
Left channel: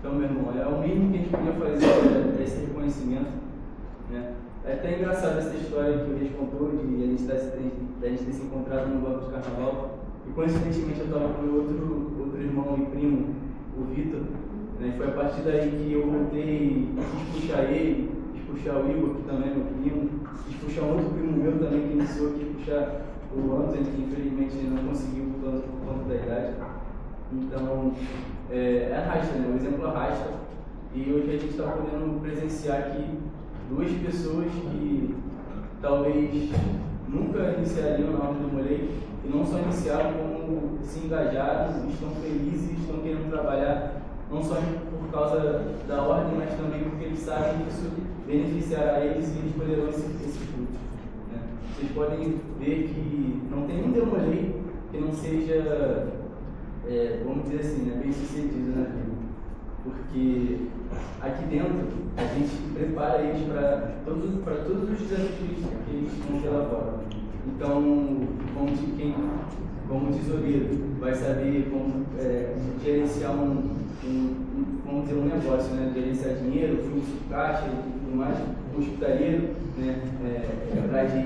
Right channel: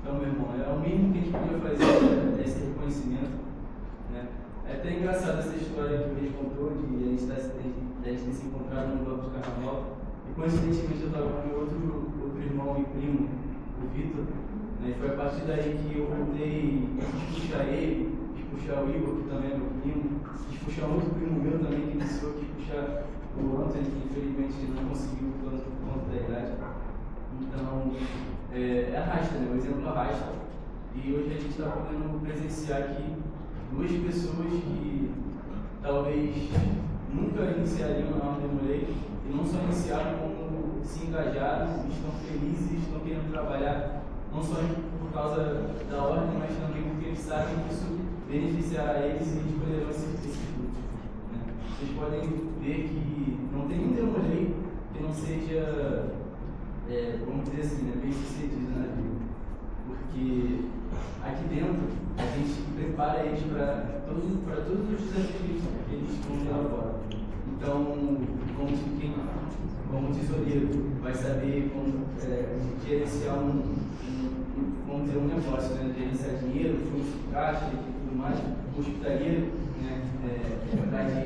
Então, meu irmão, é o mínimo que a gente podia fazer, esse reconhecimento, né? É até engraçado essa história que o Reis contou, de a gente ter se encontrado no banco de carnaval. E coincidentemente eu estava com meu outro irmão e primo, o Vitor, né? E foi a partir daí que eu voltei, quis puxar ele, quis puxar o Igor, que também é meu primo, quis puxar um outro primo meu também que iniciou, quis puxar o Antônio, que infelizmente não conseguiu por conta da idade. Então, arrasta, né? O exemplo arrasta. E hoje a gente está podendo presenciar aqui 2 pessoas que talvez nunca iniciariam na Ordem Demolei, e não só iniciaram, como se engajaram, estão felizes, estão querendo trabalhar, não só por causa da ordem, mas também porque eles sabem que isso beneficiará eles e eles poderão esses frutos, né? Vocês podem ver que não tem um Demolei que não seja, vamos dizer assim, né, bem sucedido na vida. Porque aqui dentro a gente prepara eles para todos os desafios que eles vão ter lá fora. Então, como tesoureiro, vai saber como gerenciar vamos dizer, um negócio, né? Gerenciar dinheiro, fluxo de caixa e tudo mais. O hospitaleiro, né? Atrás de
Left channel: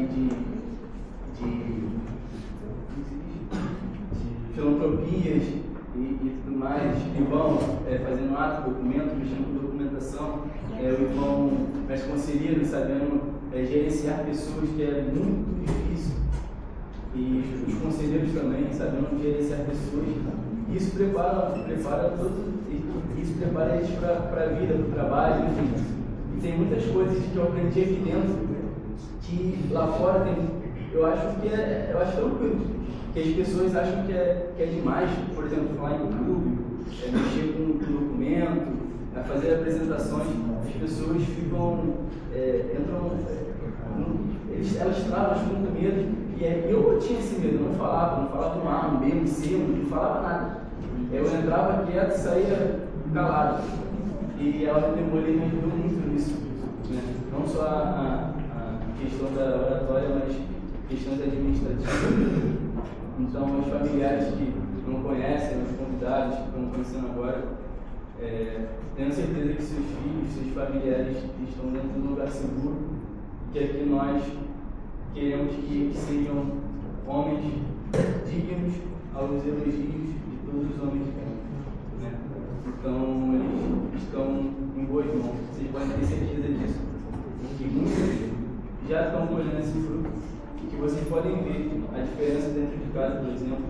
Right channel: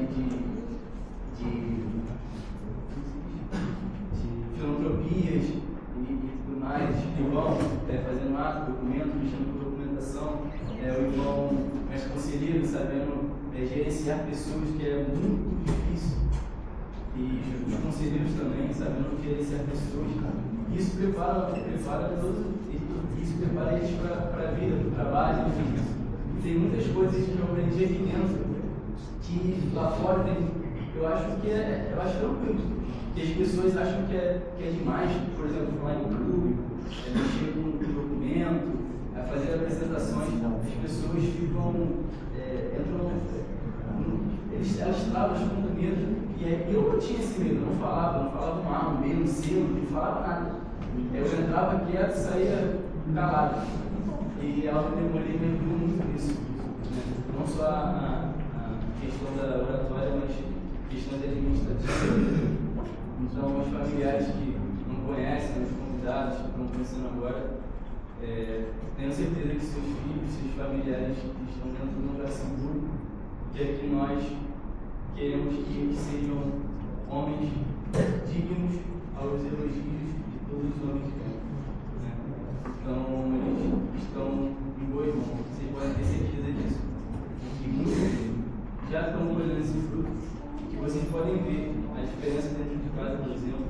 filantropias e tudo mais, escrivão, fazendo ato, documento, mexendo com documentação, o irmão mais conselheiro, sabendo gerenciar pessoas, que é muito difícil, e os conselheiros também, sabendo gerenciar pessoas. Isso prepara eles para a vida, para o trabalho, enfim. E tem muitas coisas que eu aprendi aqui dentro, que lá fora tem, eu acho tranquilo. Que as pessoas acham que é demais, por exemplo, falar em público, mexer com documento, fazer apresentações. As pessoas ficam, elas travam, ficam com medo. E eu tinha esse medo, eu não falava um A, um B, um C, não falava nada. Eu entrava quieto e saía calado. E a Ordem Demolei me ajudou muito nisso, né? Não só a questão da oratória, mas questões administrativas. Então, os familiares que não conhecem, os convidados que estão conhecendo agora, tenho certeza que seus filhos, seus familiares estão dentro de um lugar seguro, que aqui nós queremos que eles sejam homens dignos aos elogios de todos os homens de bem. Né? Então, eles estão em boas mãos, vocês podem ter certeza disso. E muitos já estão colhendo esse fruto e que vocês podem ver a diferença dentro de casa, por exemplo.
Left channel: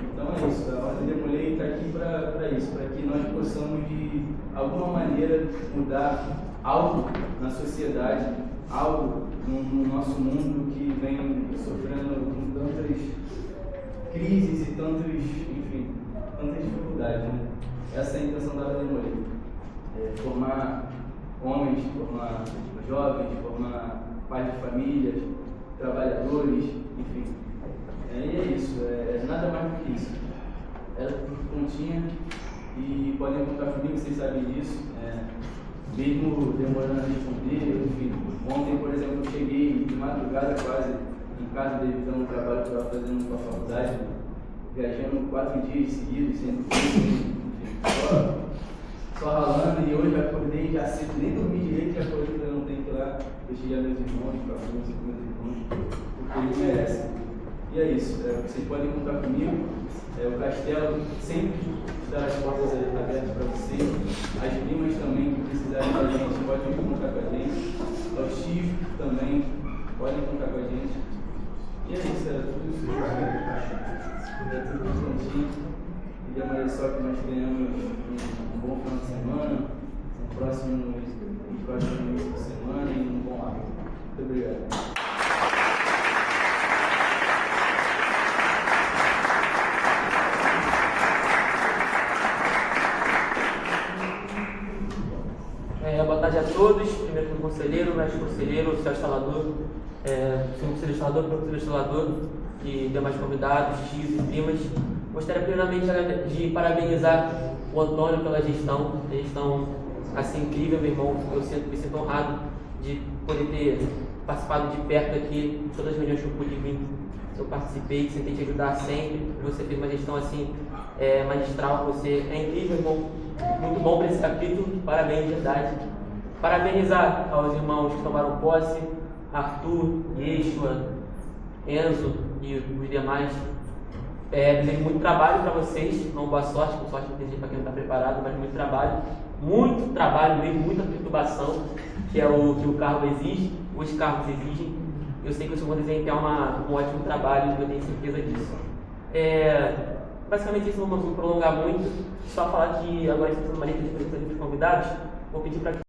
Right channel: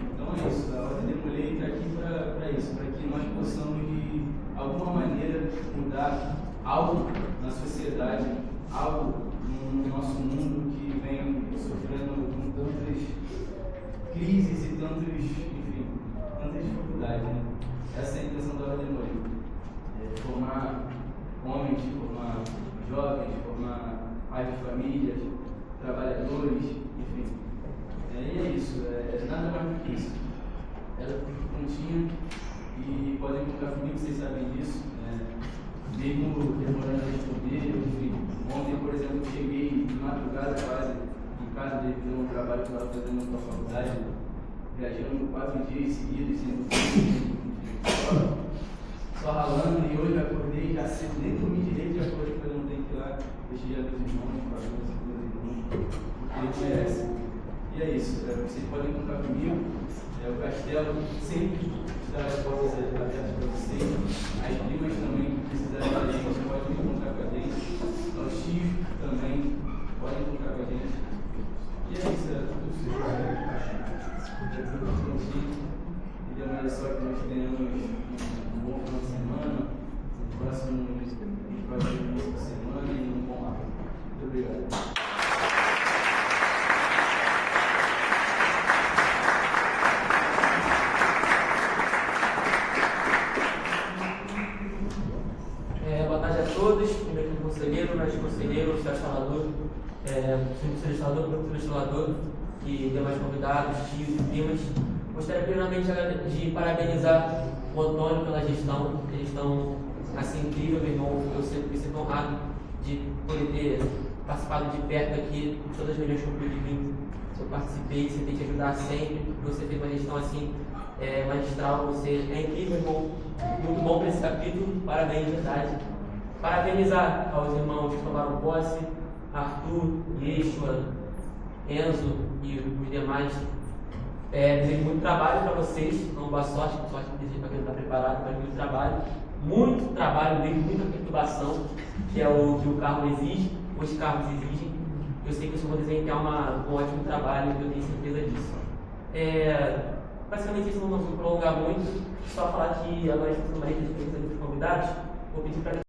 Então é isso, a Ordem Demolei está aqui para isso, para que nós possamos de alguma maneira mudar algo na sociedade, algo no nosso mundo que vem sofrendo com tantas crises e tantas dificuldades. Né? Essa é a intenção da Ordem Demolei. Formar homens, formar jovens, formar pais de famílias, trabalhadores, enfim. E é isso, nada mais do que isso. Era tudo que continha e podem contar comigo, vocês sabem disso. Mesmo demorando a responder, enfim. Ontem, por exemplo, eu cheguei de madrugada quase em casa devido a um trabalho que eu estava fazendo na faculdade, viajando 4 dias seguidos, sem dormir, enfim, só ralando, e hoje eu acordei já cedo, nem dormi direito, já acordei que eu não tenho que ir lá, deixei a meus irmãos, para alguns meus irmãos, porque eles merecem. E é isso, vocês podem contar comigo, o castelo sempre estará as portas abertas para vocês, as primas também que precisarem da gente podem contar com a gente, os tios também podem contar com a gente. E é isso, era tudo isso. É tudo prontinho. E demora só que nós tenhamos um bom final de semana, um próximo início de semana e um bom hábito. Muito obrigado. Boa tarde a todos. Primeiro o conselheiro, mestre conselheiro, oficial instalador, conselheiro instalador, professor instalador e demais convidados, tios e primas. Gostaria primeiramente de parabenizar o Antônio pela gestão. Eles estão assim incrível, meu irmão. Eu me sinto honrado de poder ter participado de perto aqui de todas as reuniões que eu pude vir. Eu participei, tentei te ajudar sempre. Você fez uma gestão assim magistral. Você é incrível, irmão. Muito bom para esse capítulo. Parabéns, de verdade. Parabenizar aos irmãos que tomaram posse, Arthur, Yeshua, Enzo e os demais. Desejo muito trabalho para vocês, não boa sorte, com sorte desejo para quem não está preparado, mas muito trabalho mesmo, muita perturbação, que é o que o cargo exige, os cargos exigem. Eu sei que vocês vão desempenhar um ótimo trabalho, eu tenho certeza disso. Basicamente isso, não vou prolongar muito, só falar que agora estamos mais de convidados, vou pedir para